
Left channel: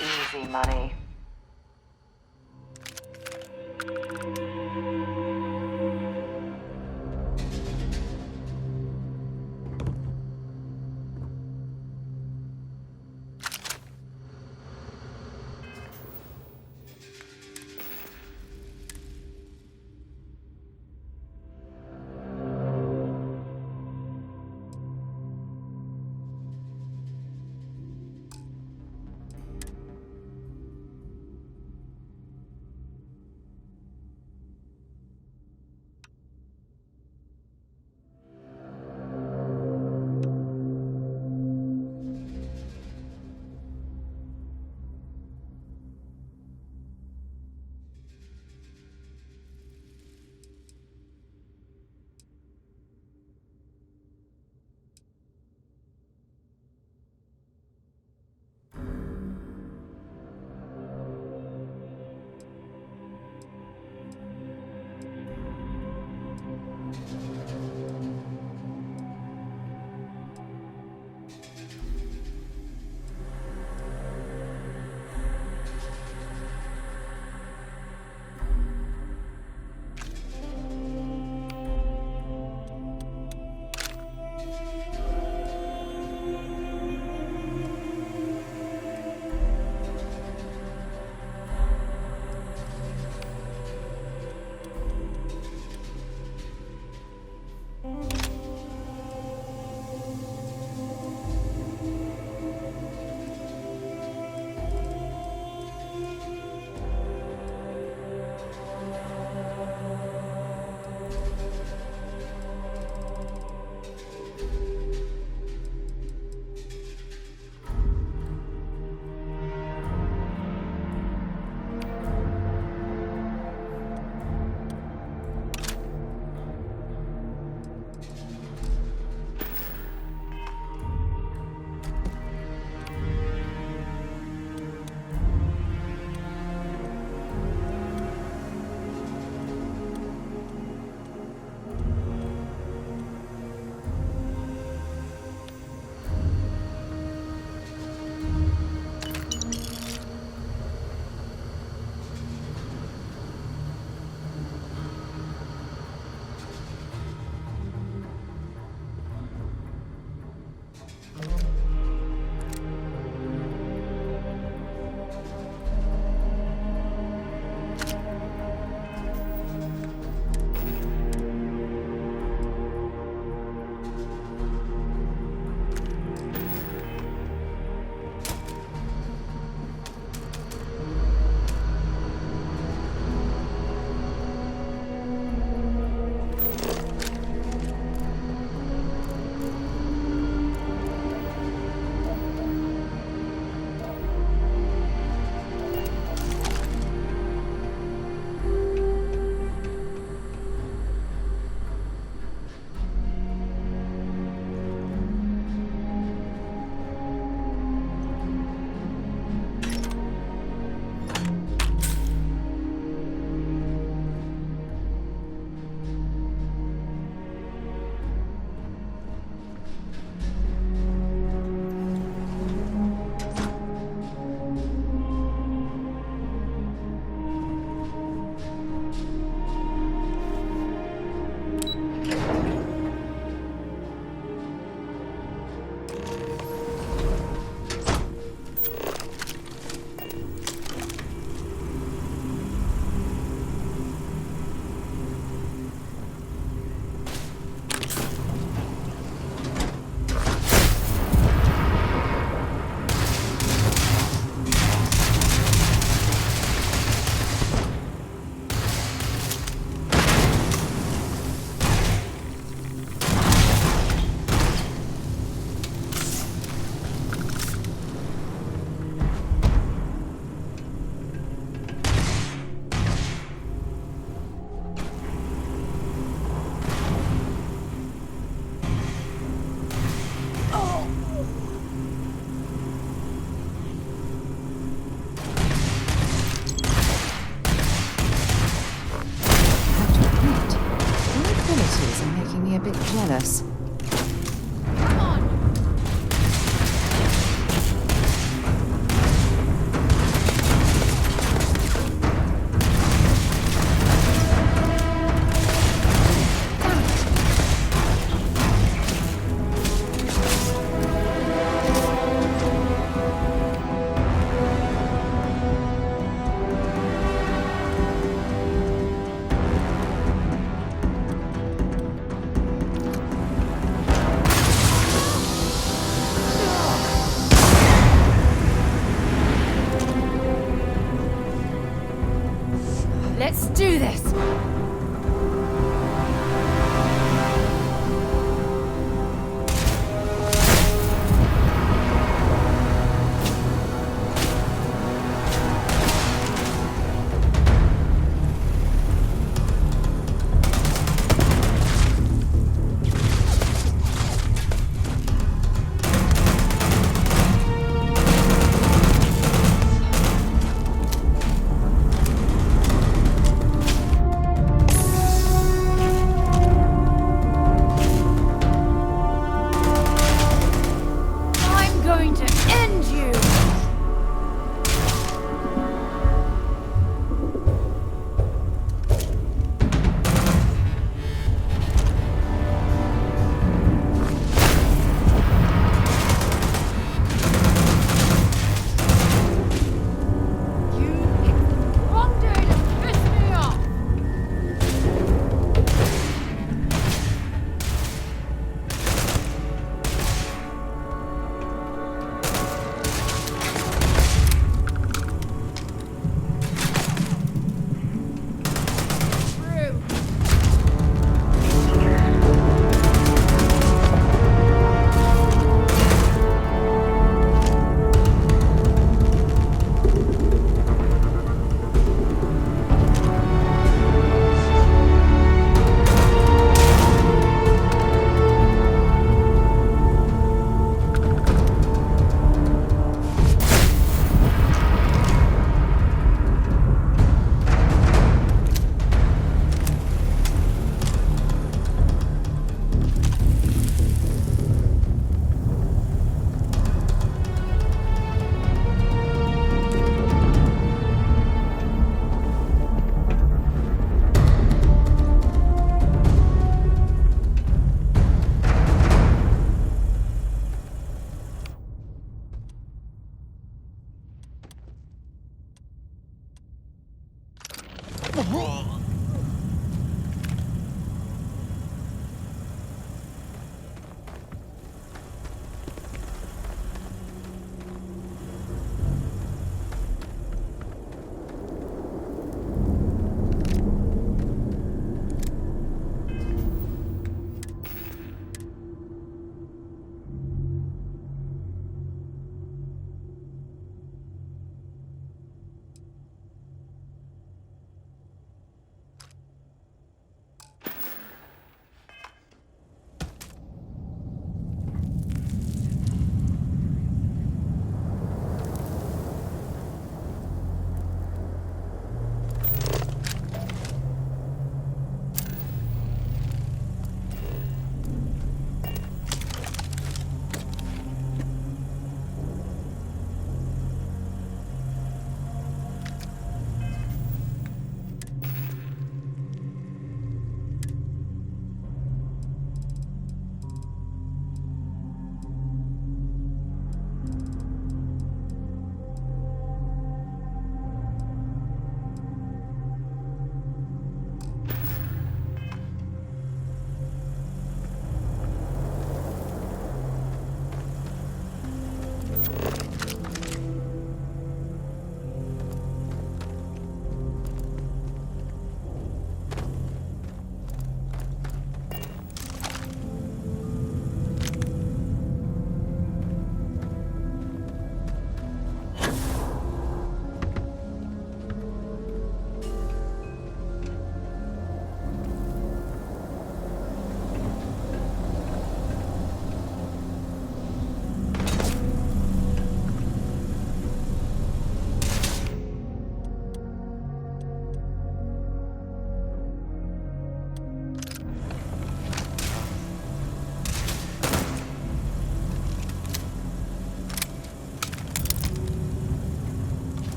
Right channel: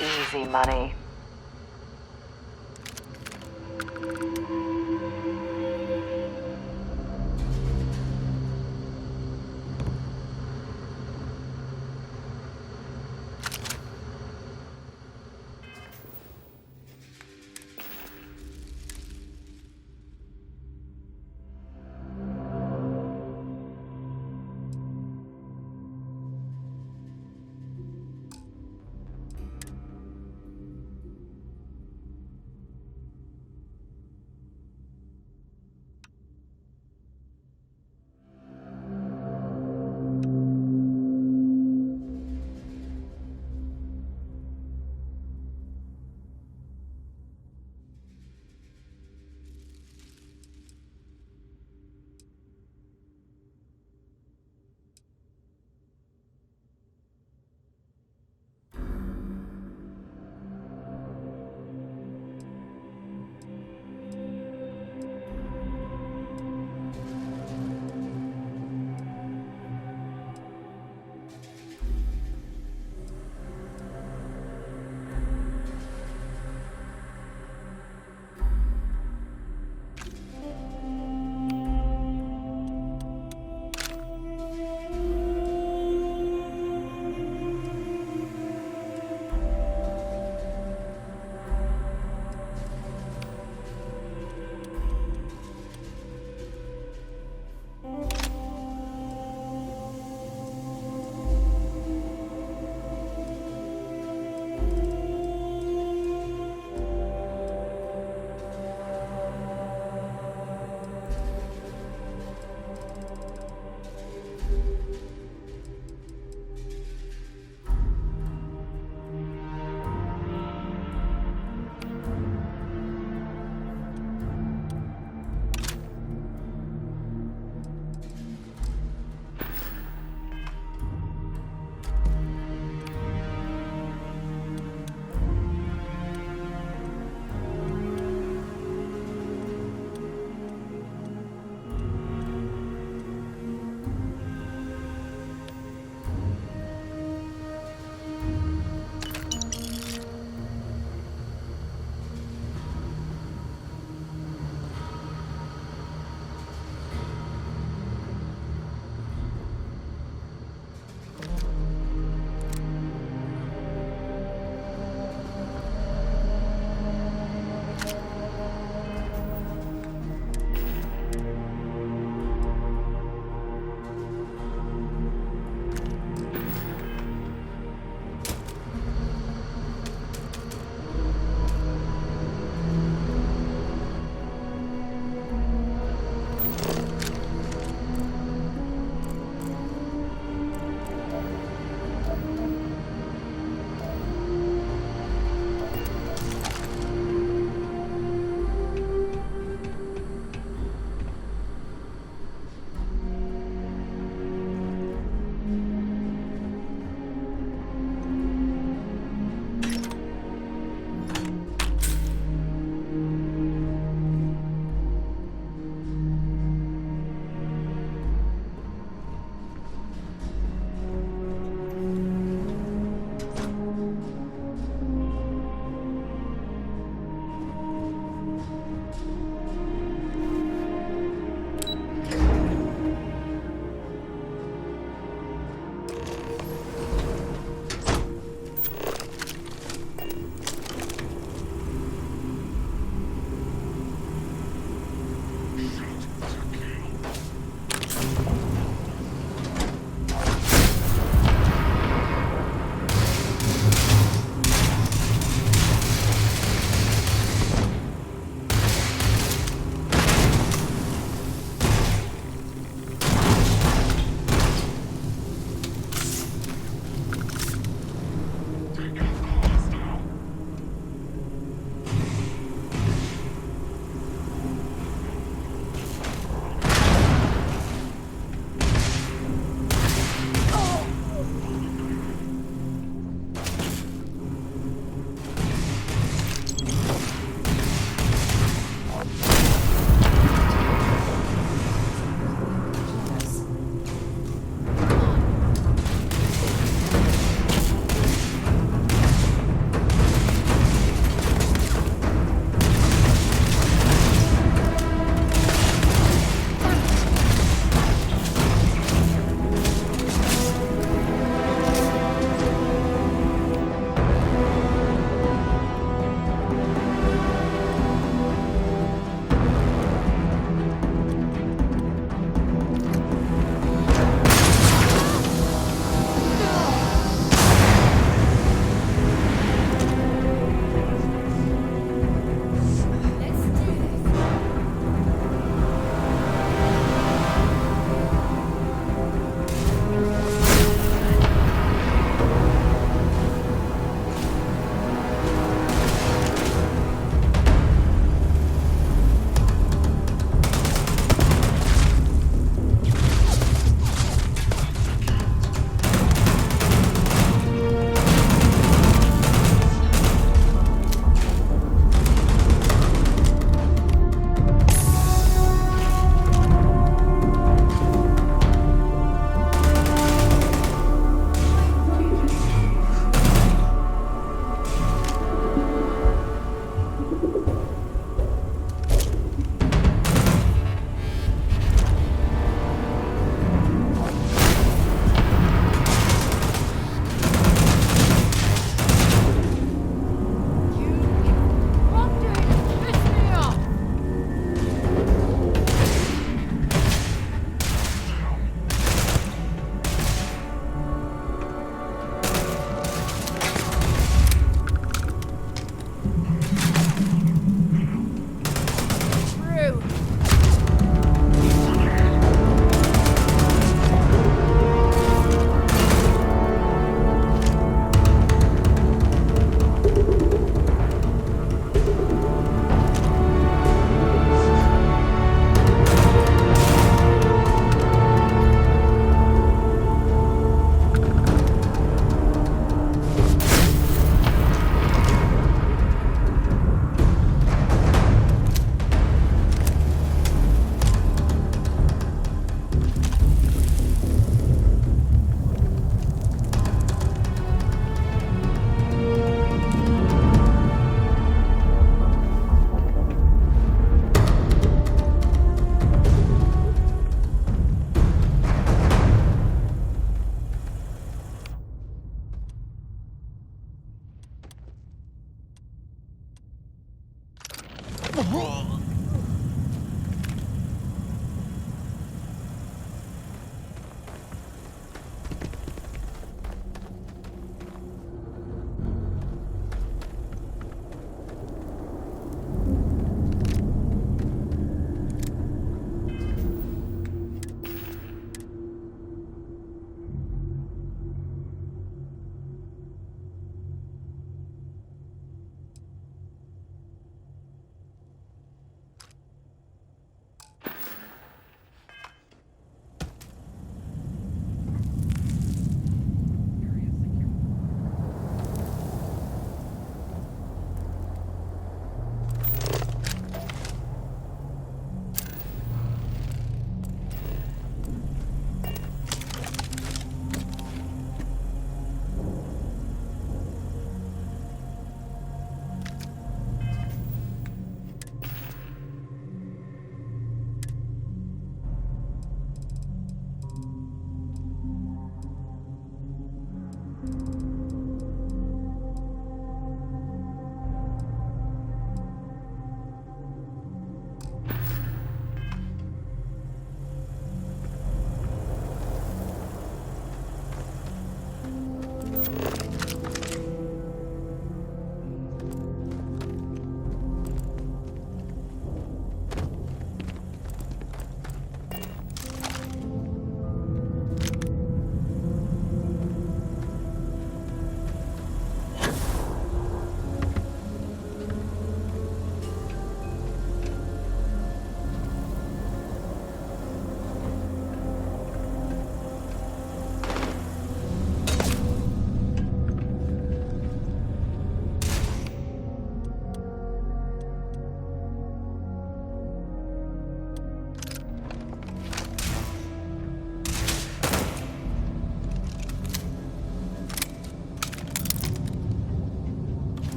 Easy money.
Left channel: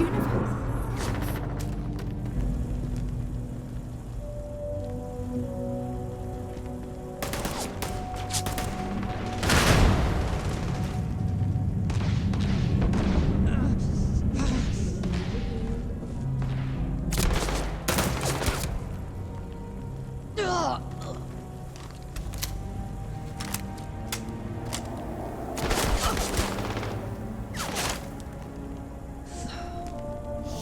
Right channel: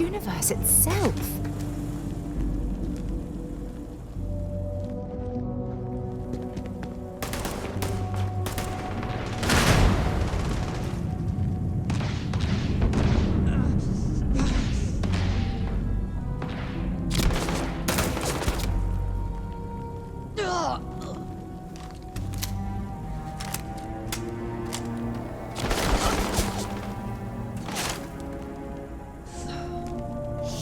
universe itself.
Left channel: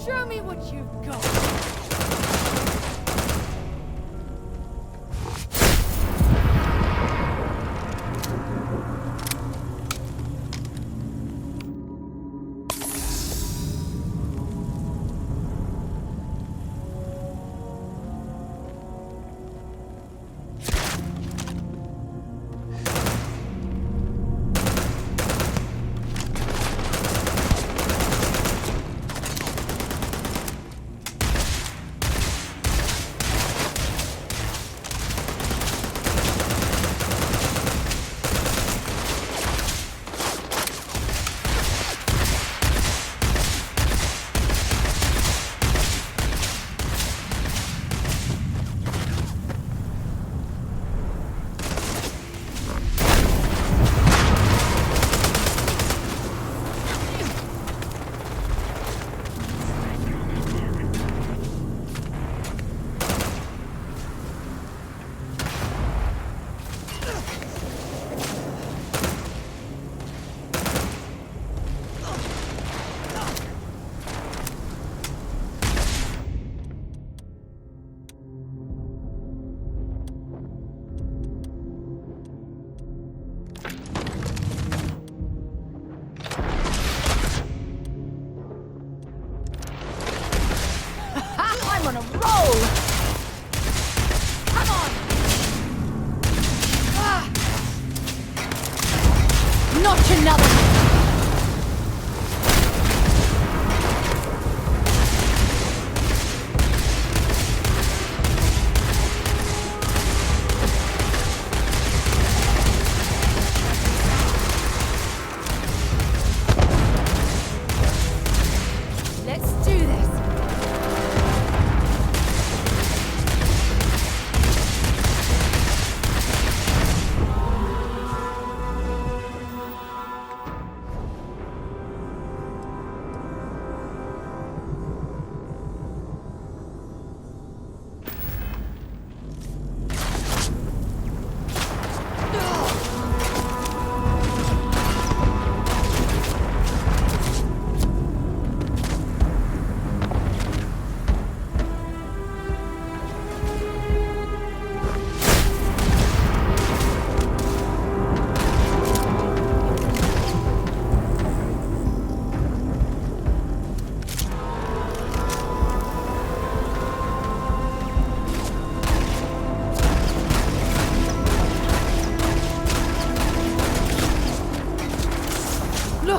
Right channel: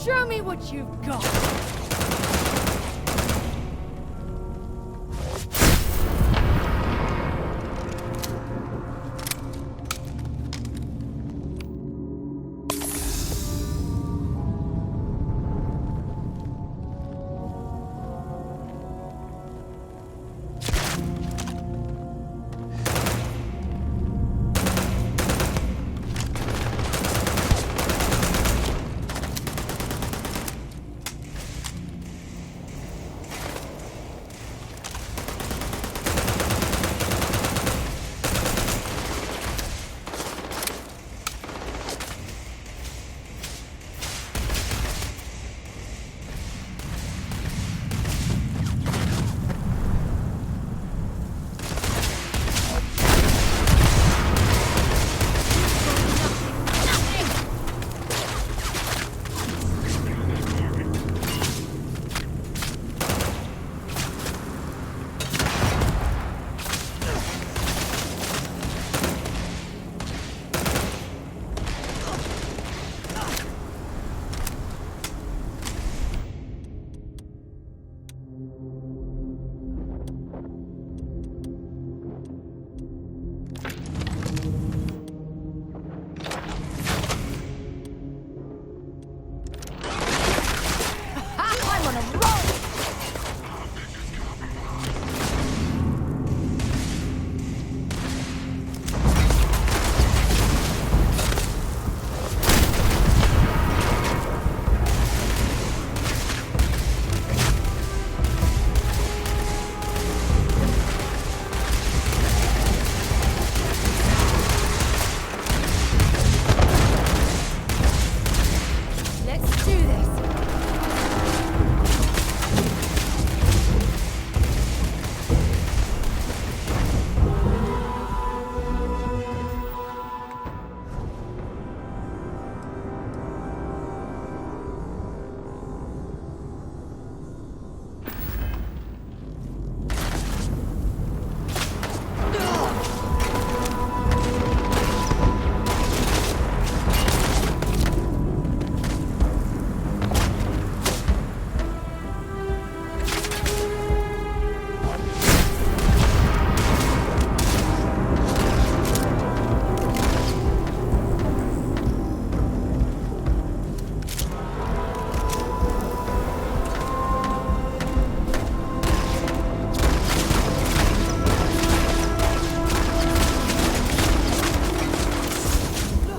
Show me what you've got.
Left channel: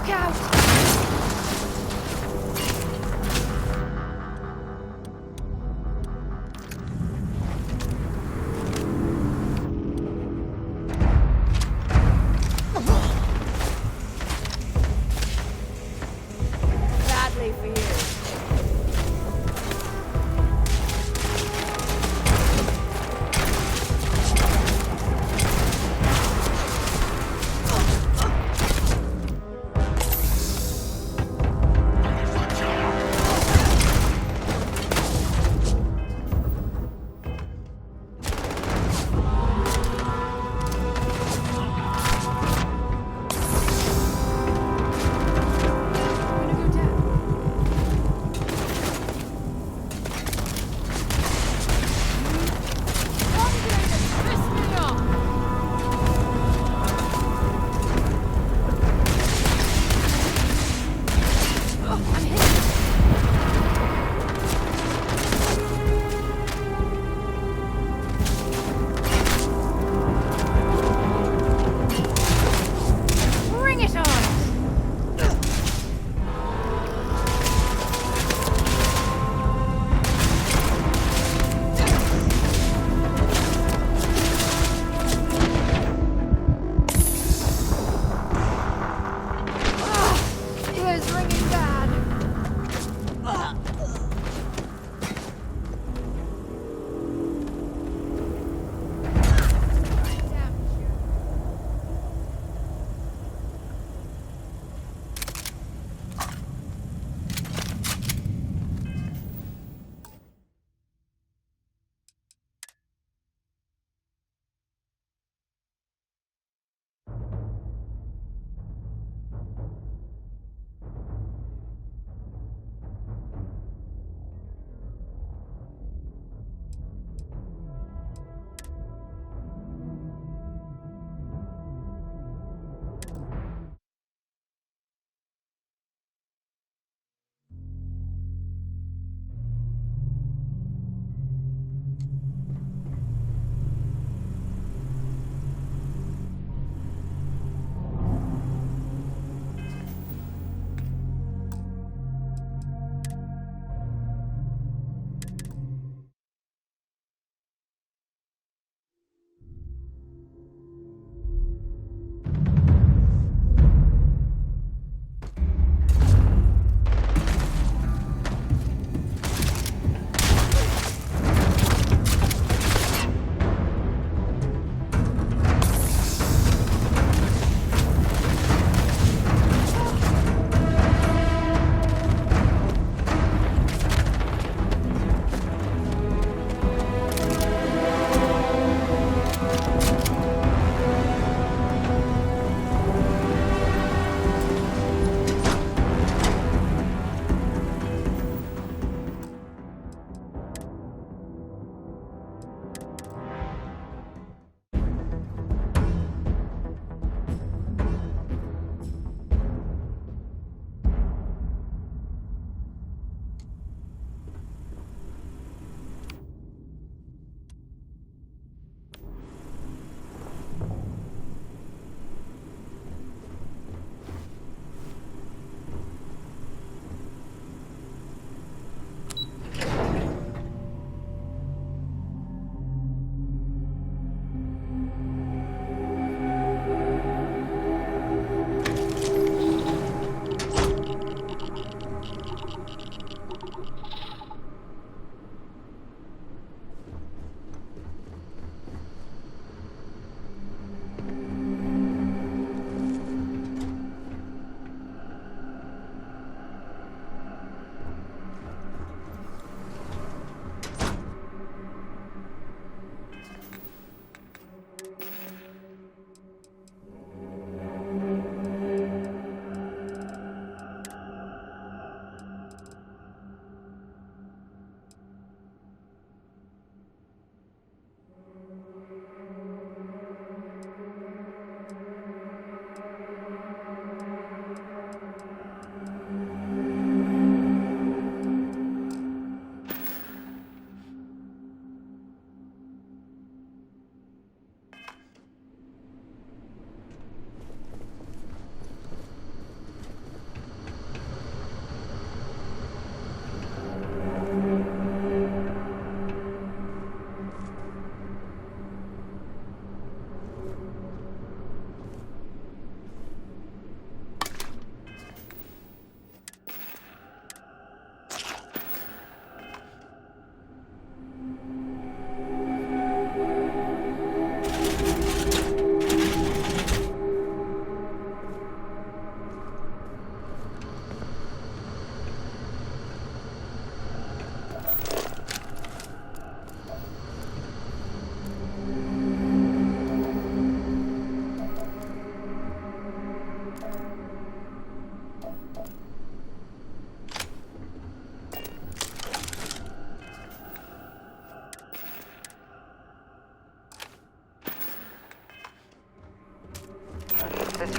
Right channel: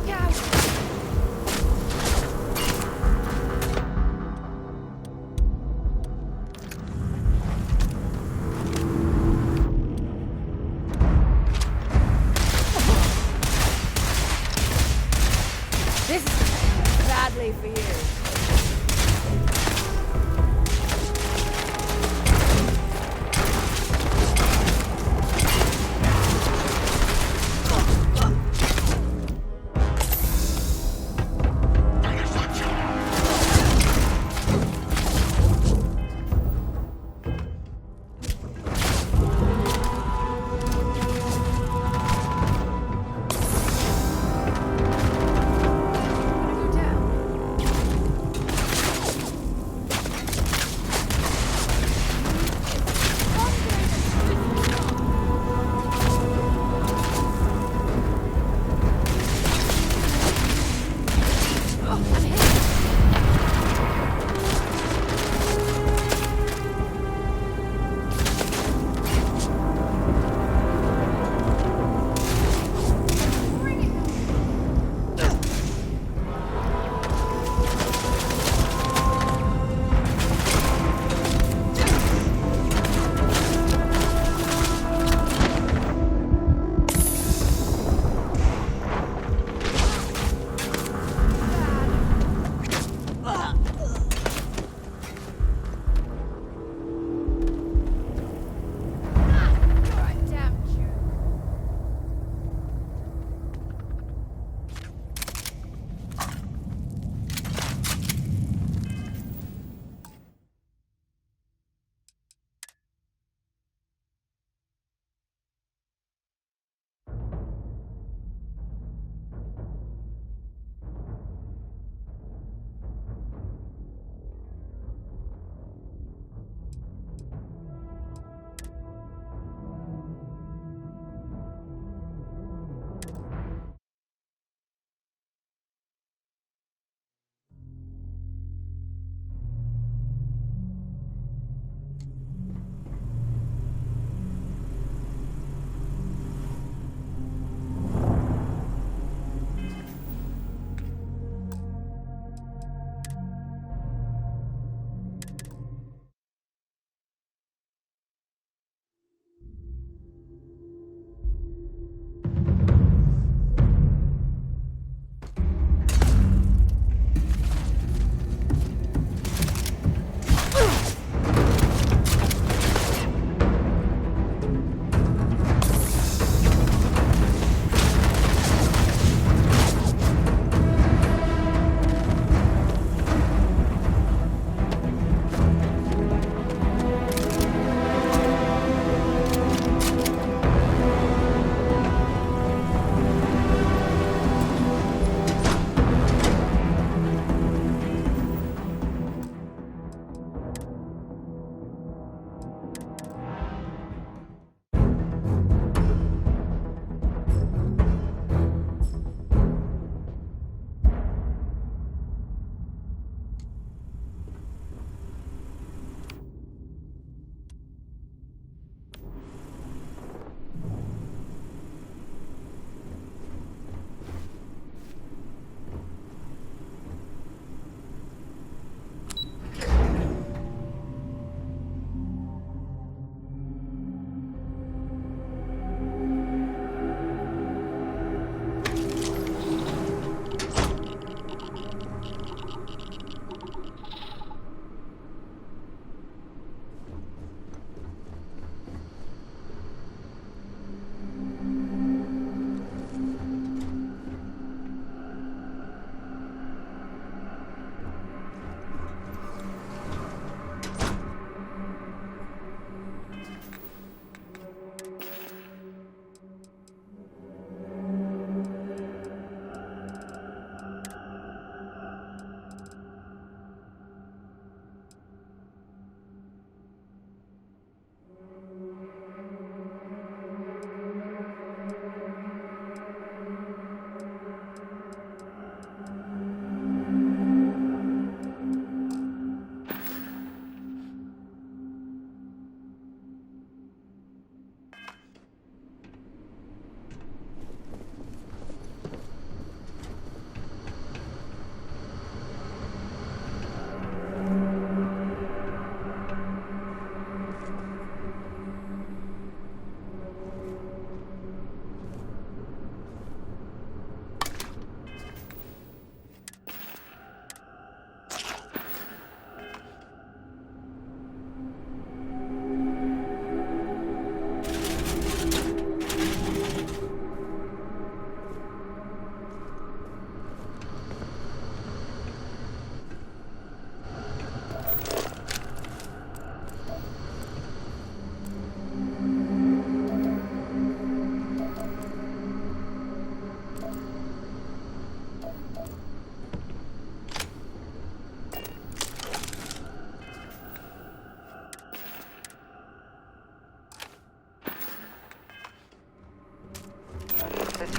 Look out! This is badly for you.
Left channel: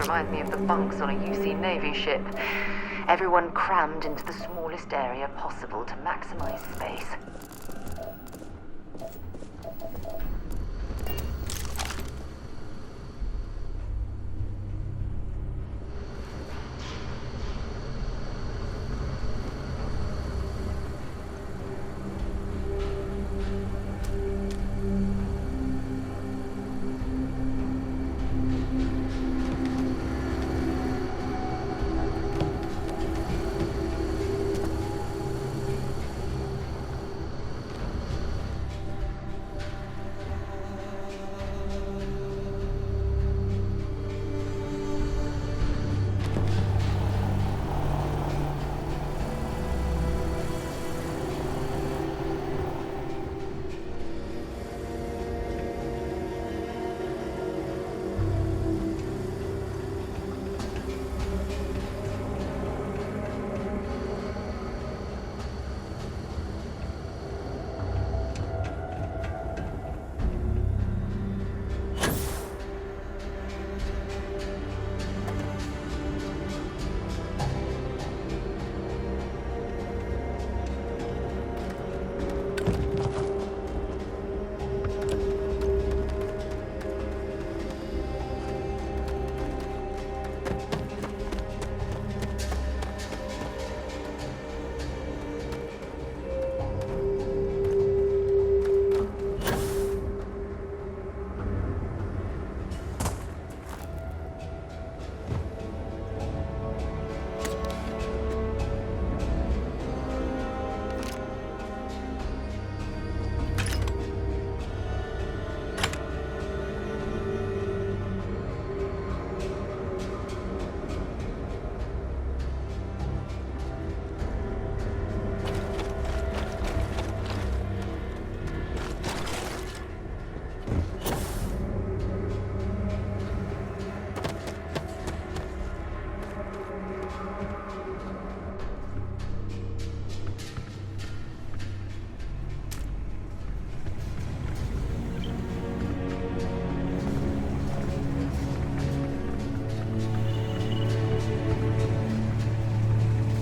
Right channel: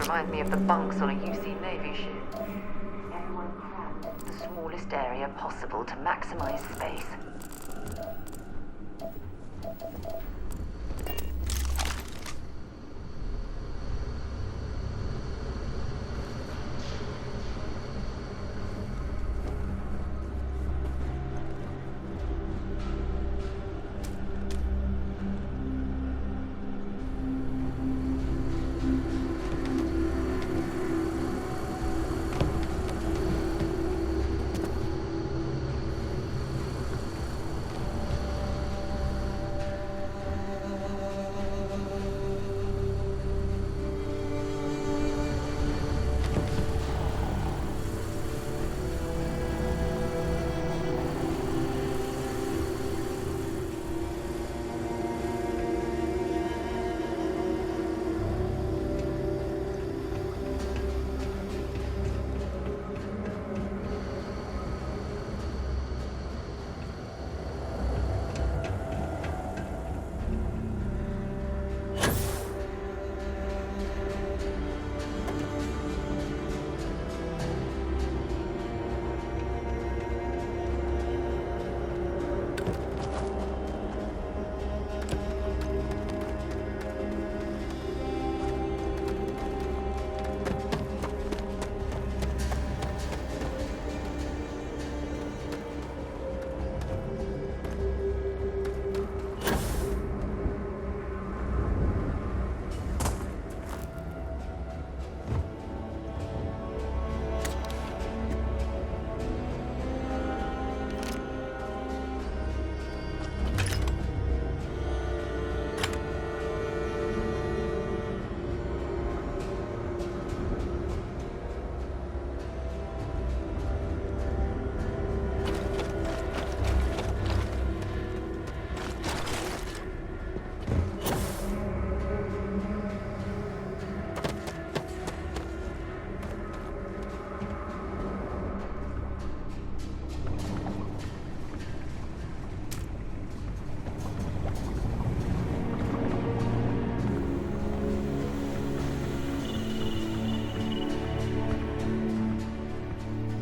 reminds me of the bunks on a UC Navy ship. Everyone crammed into the smallest area possible to maximize space.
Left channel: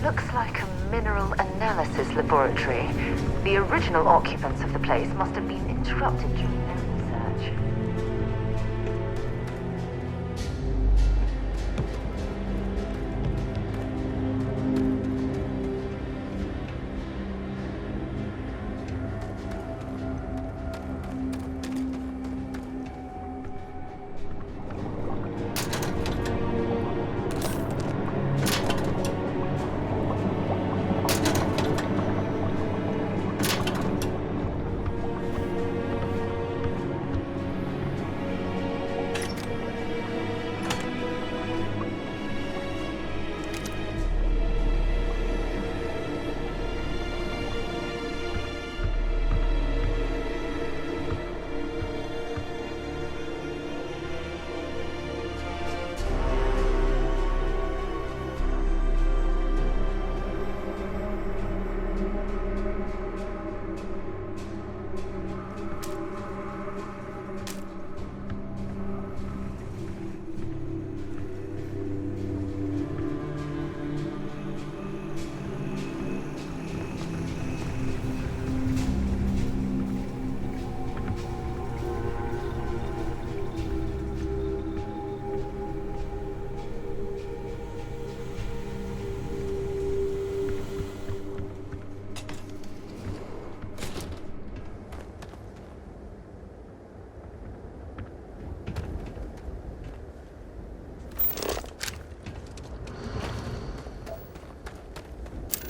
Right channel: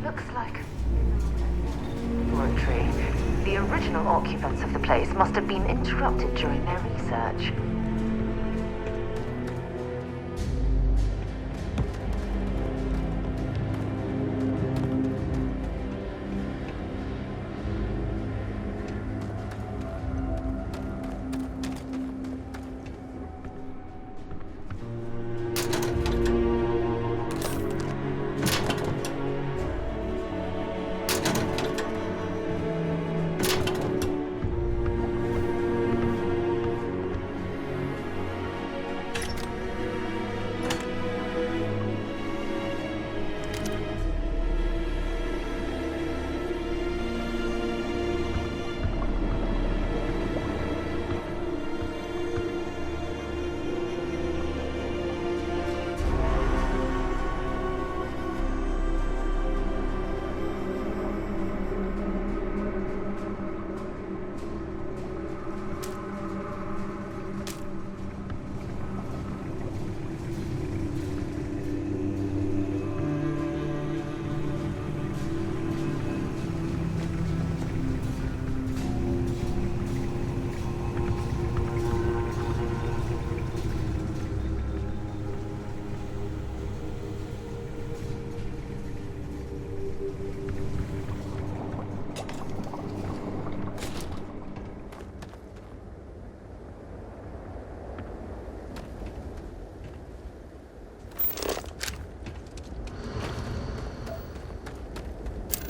Looks like a mineral analysis laboratory. The original occupants of the place must have been interrupted during their research.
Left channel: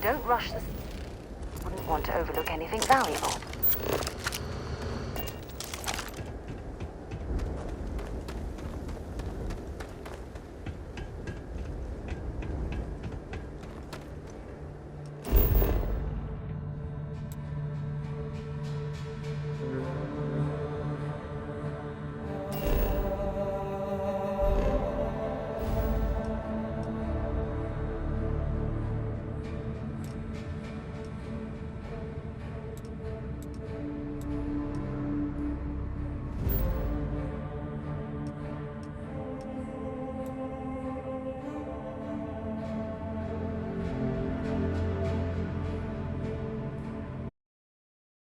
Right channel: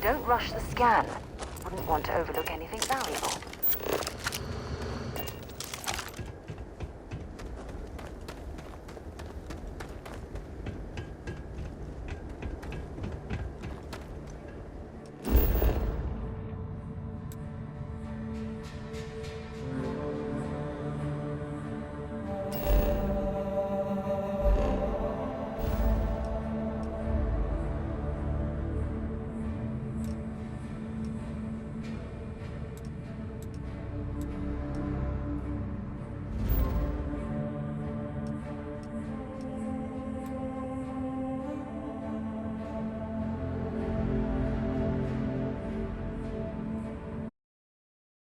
Don't rush the scan. Wouldn't want to overlook anything valuable.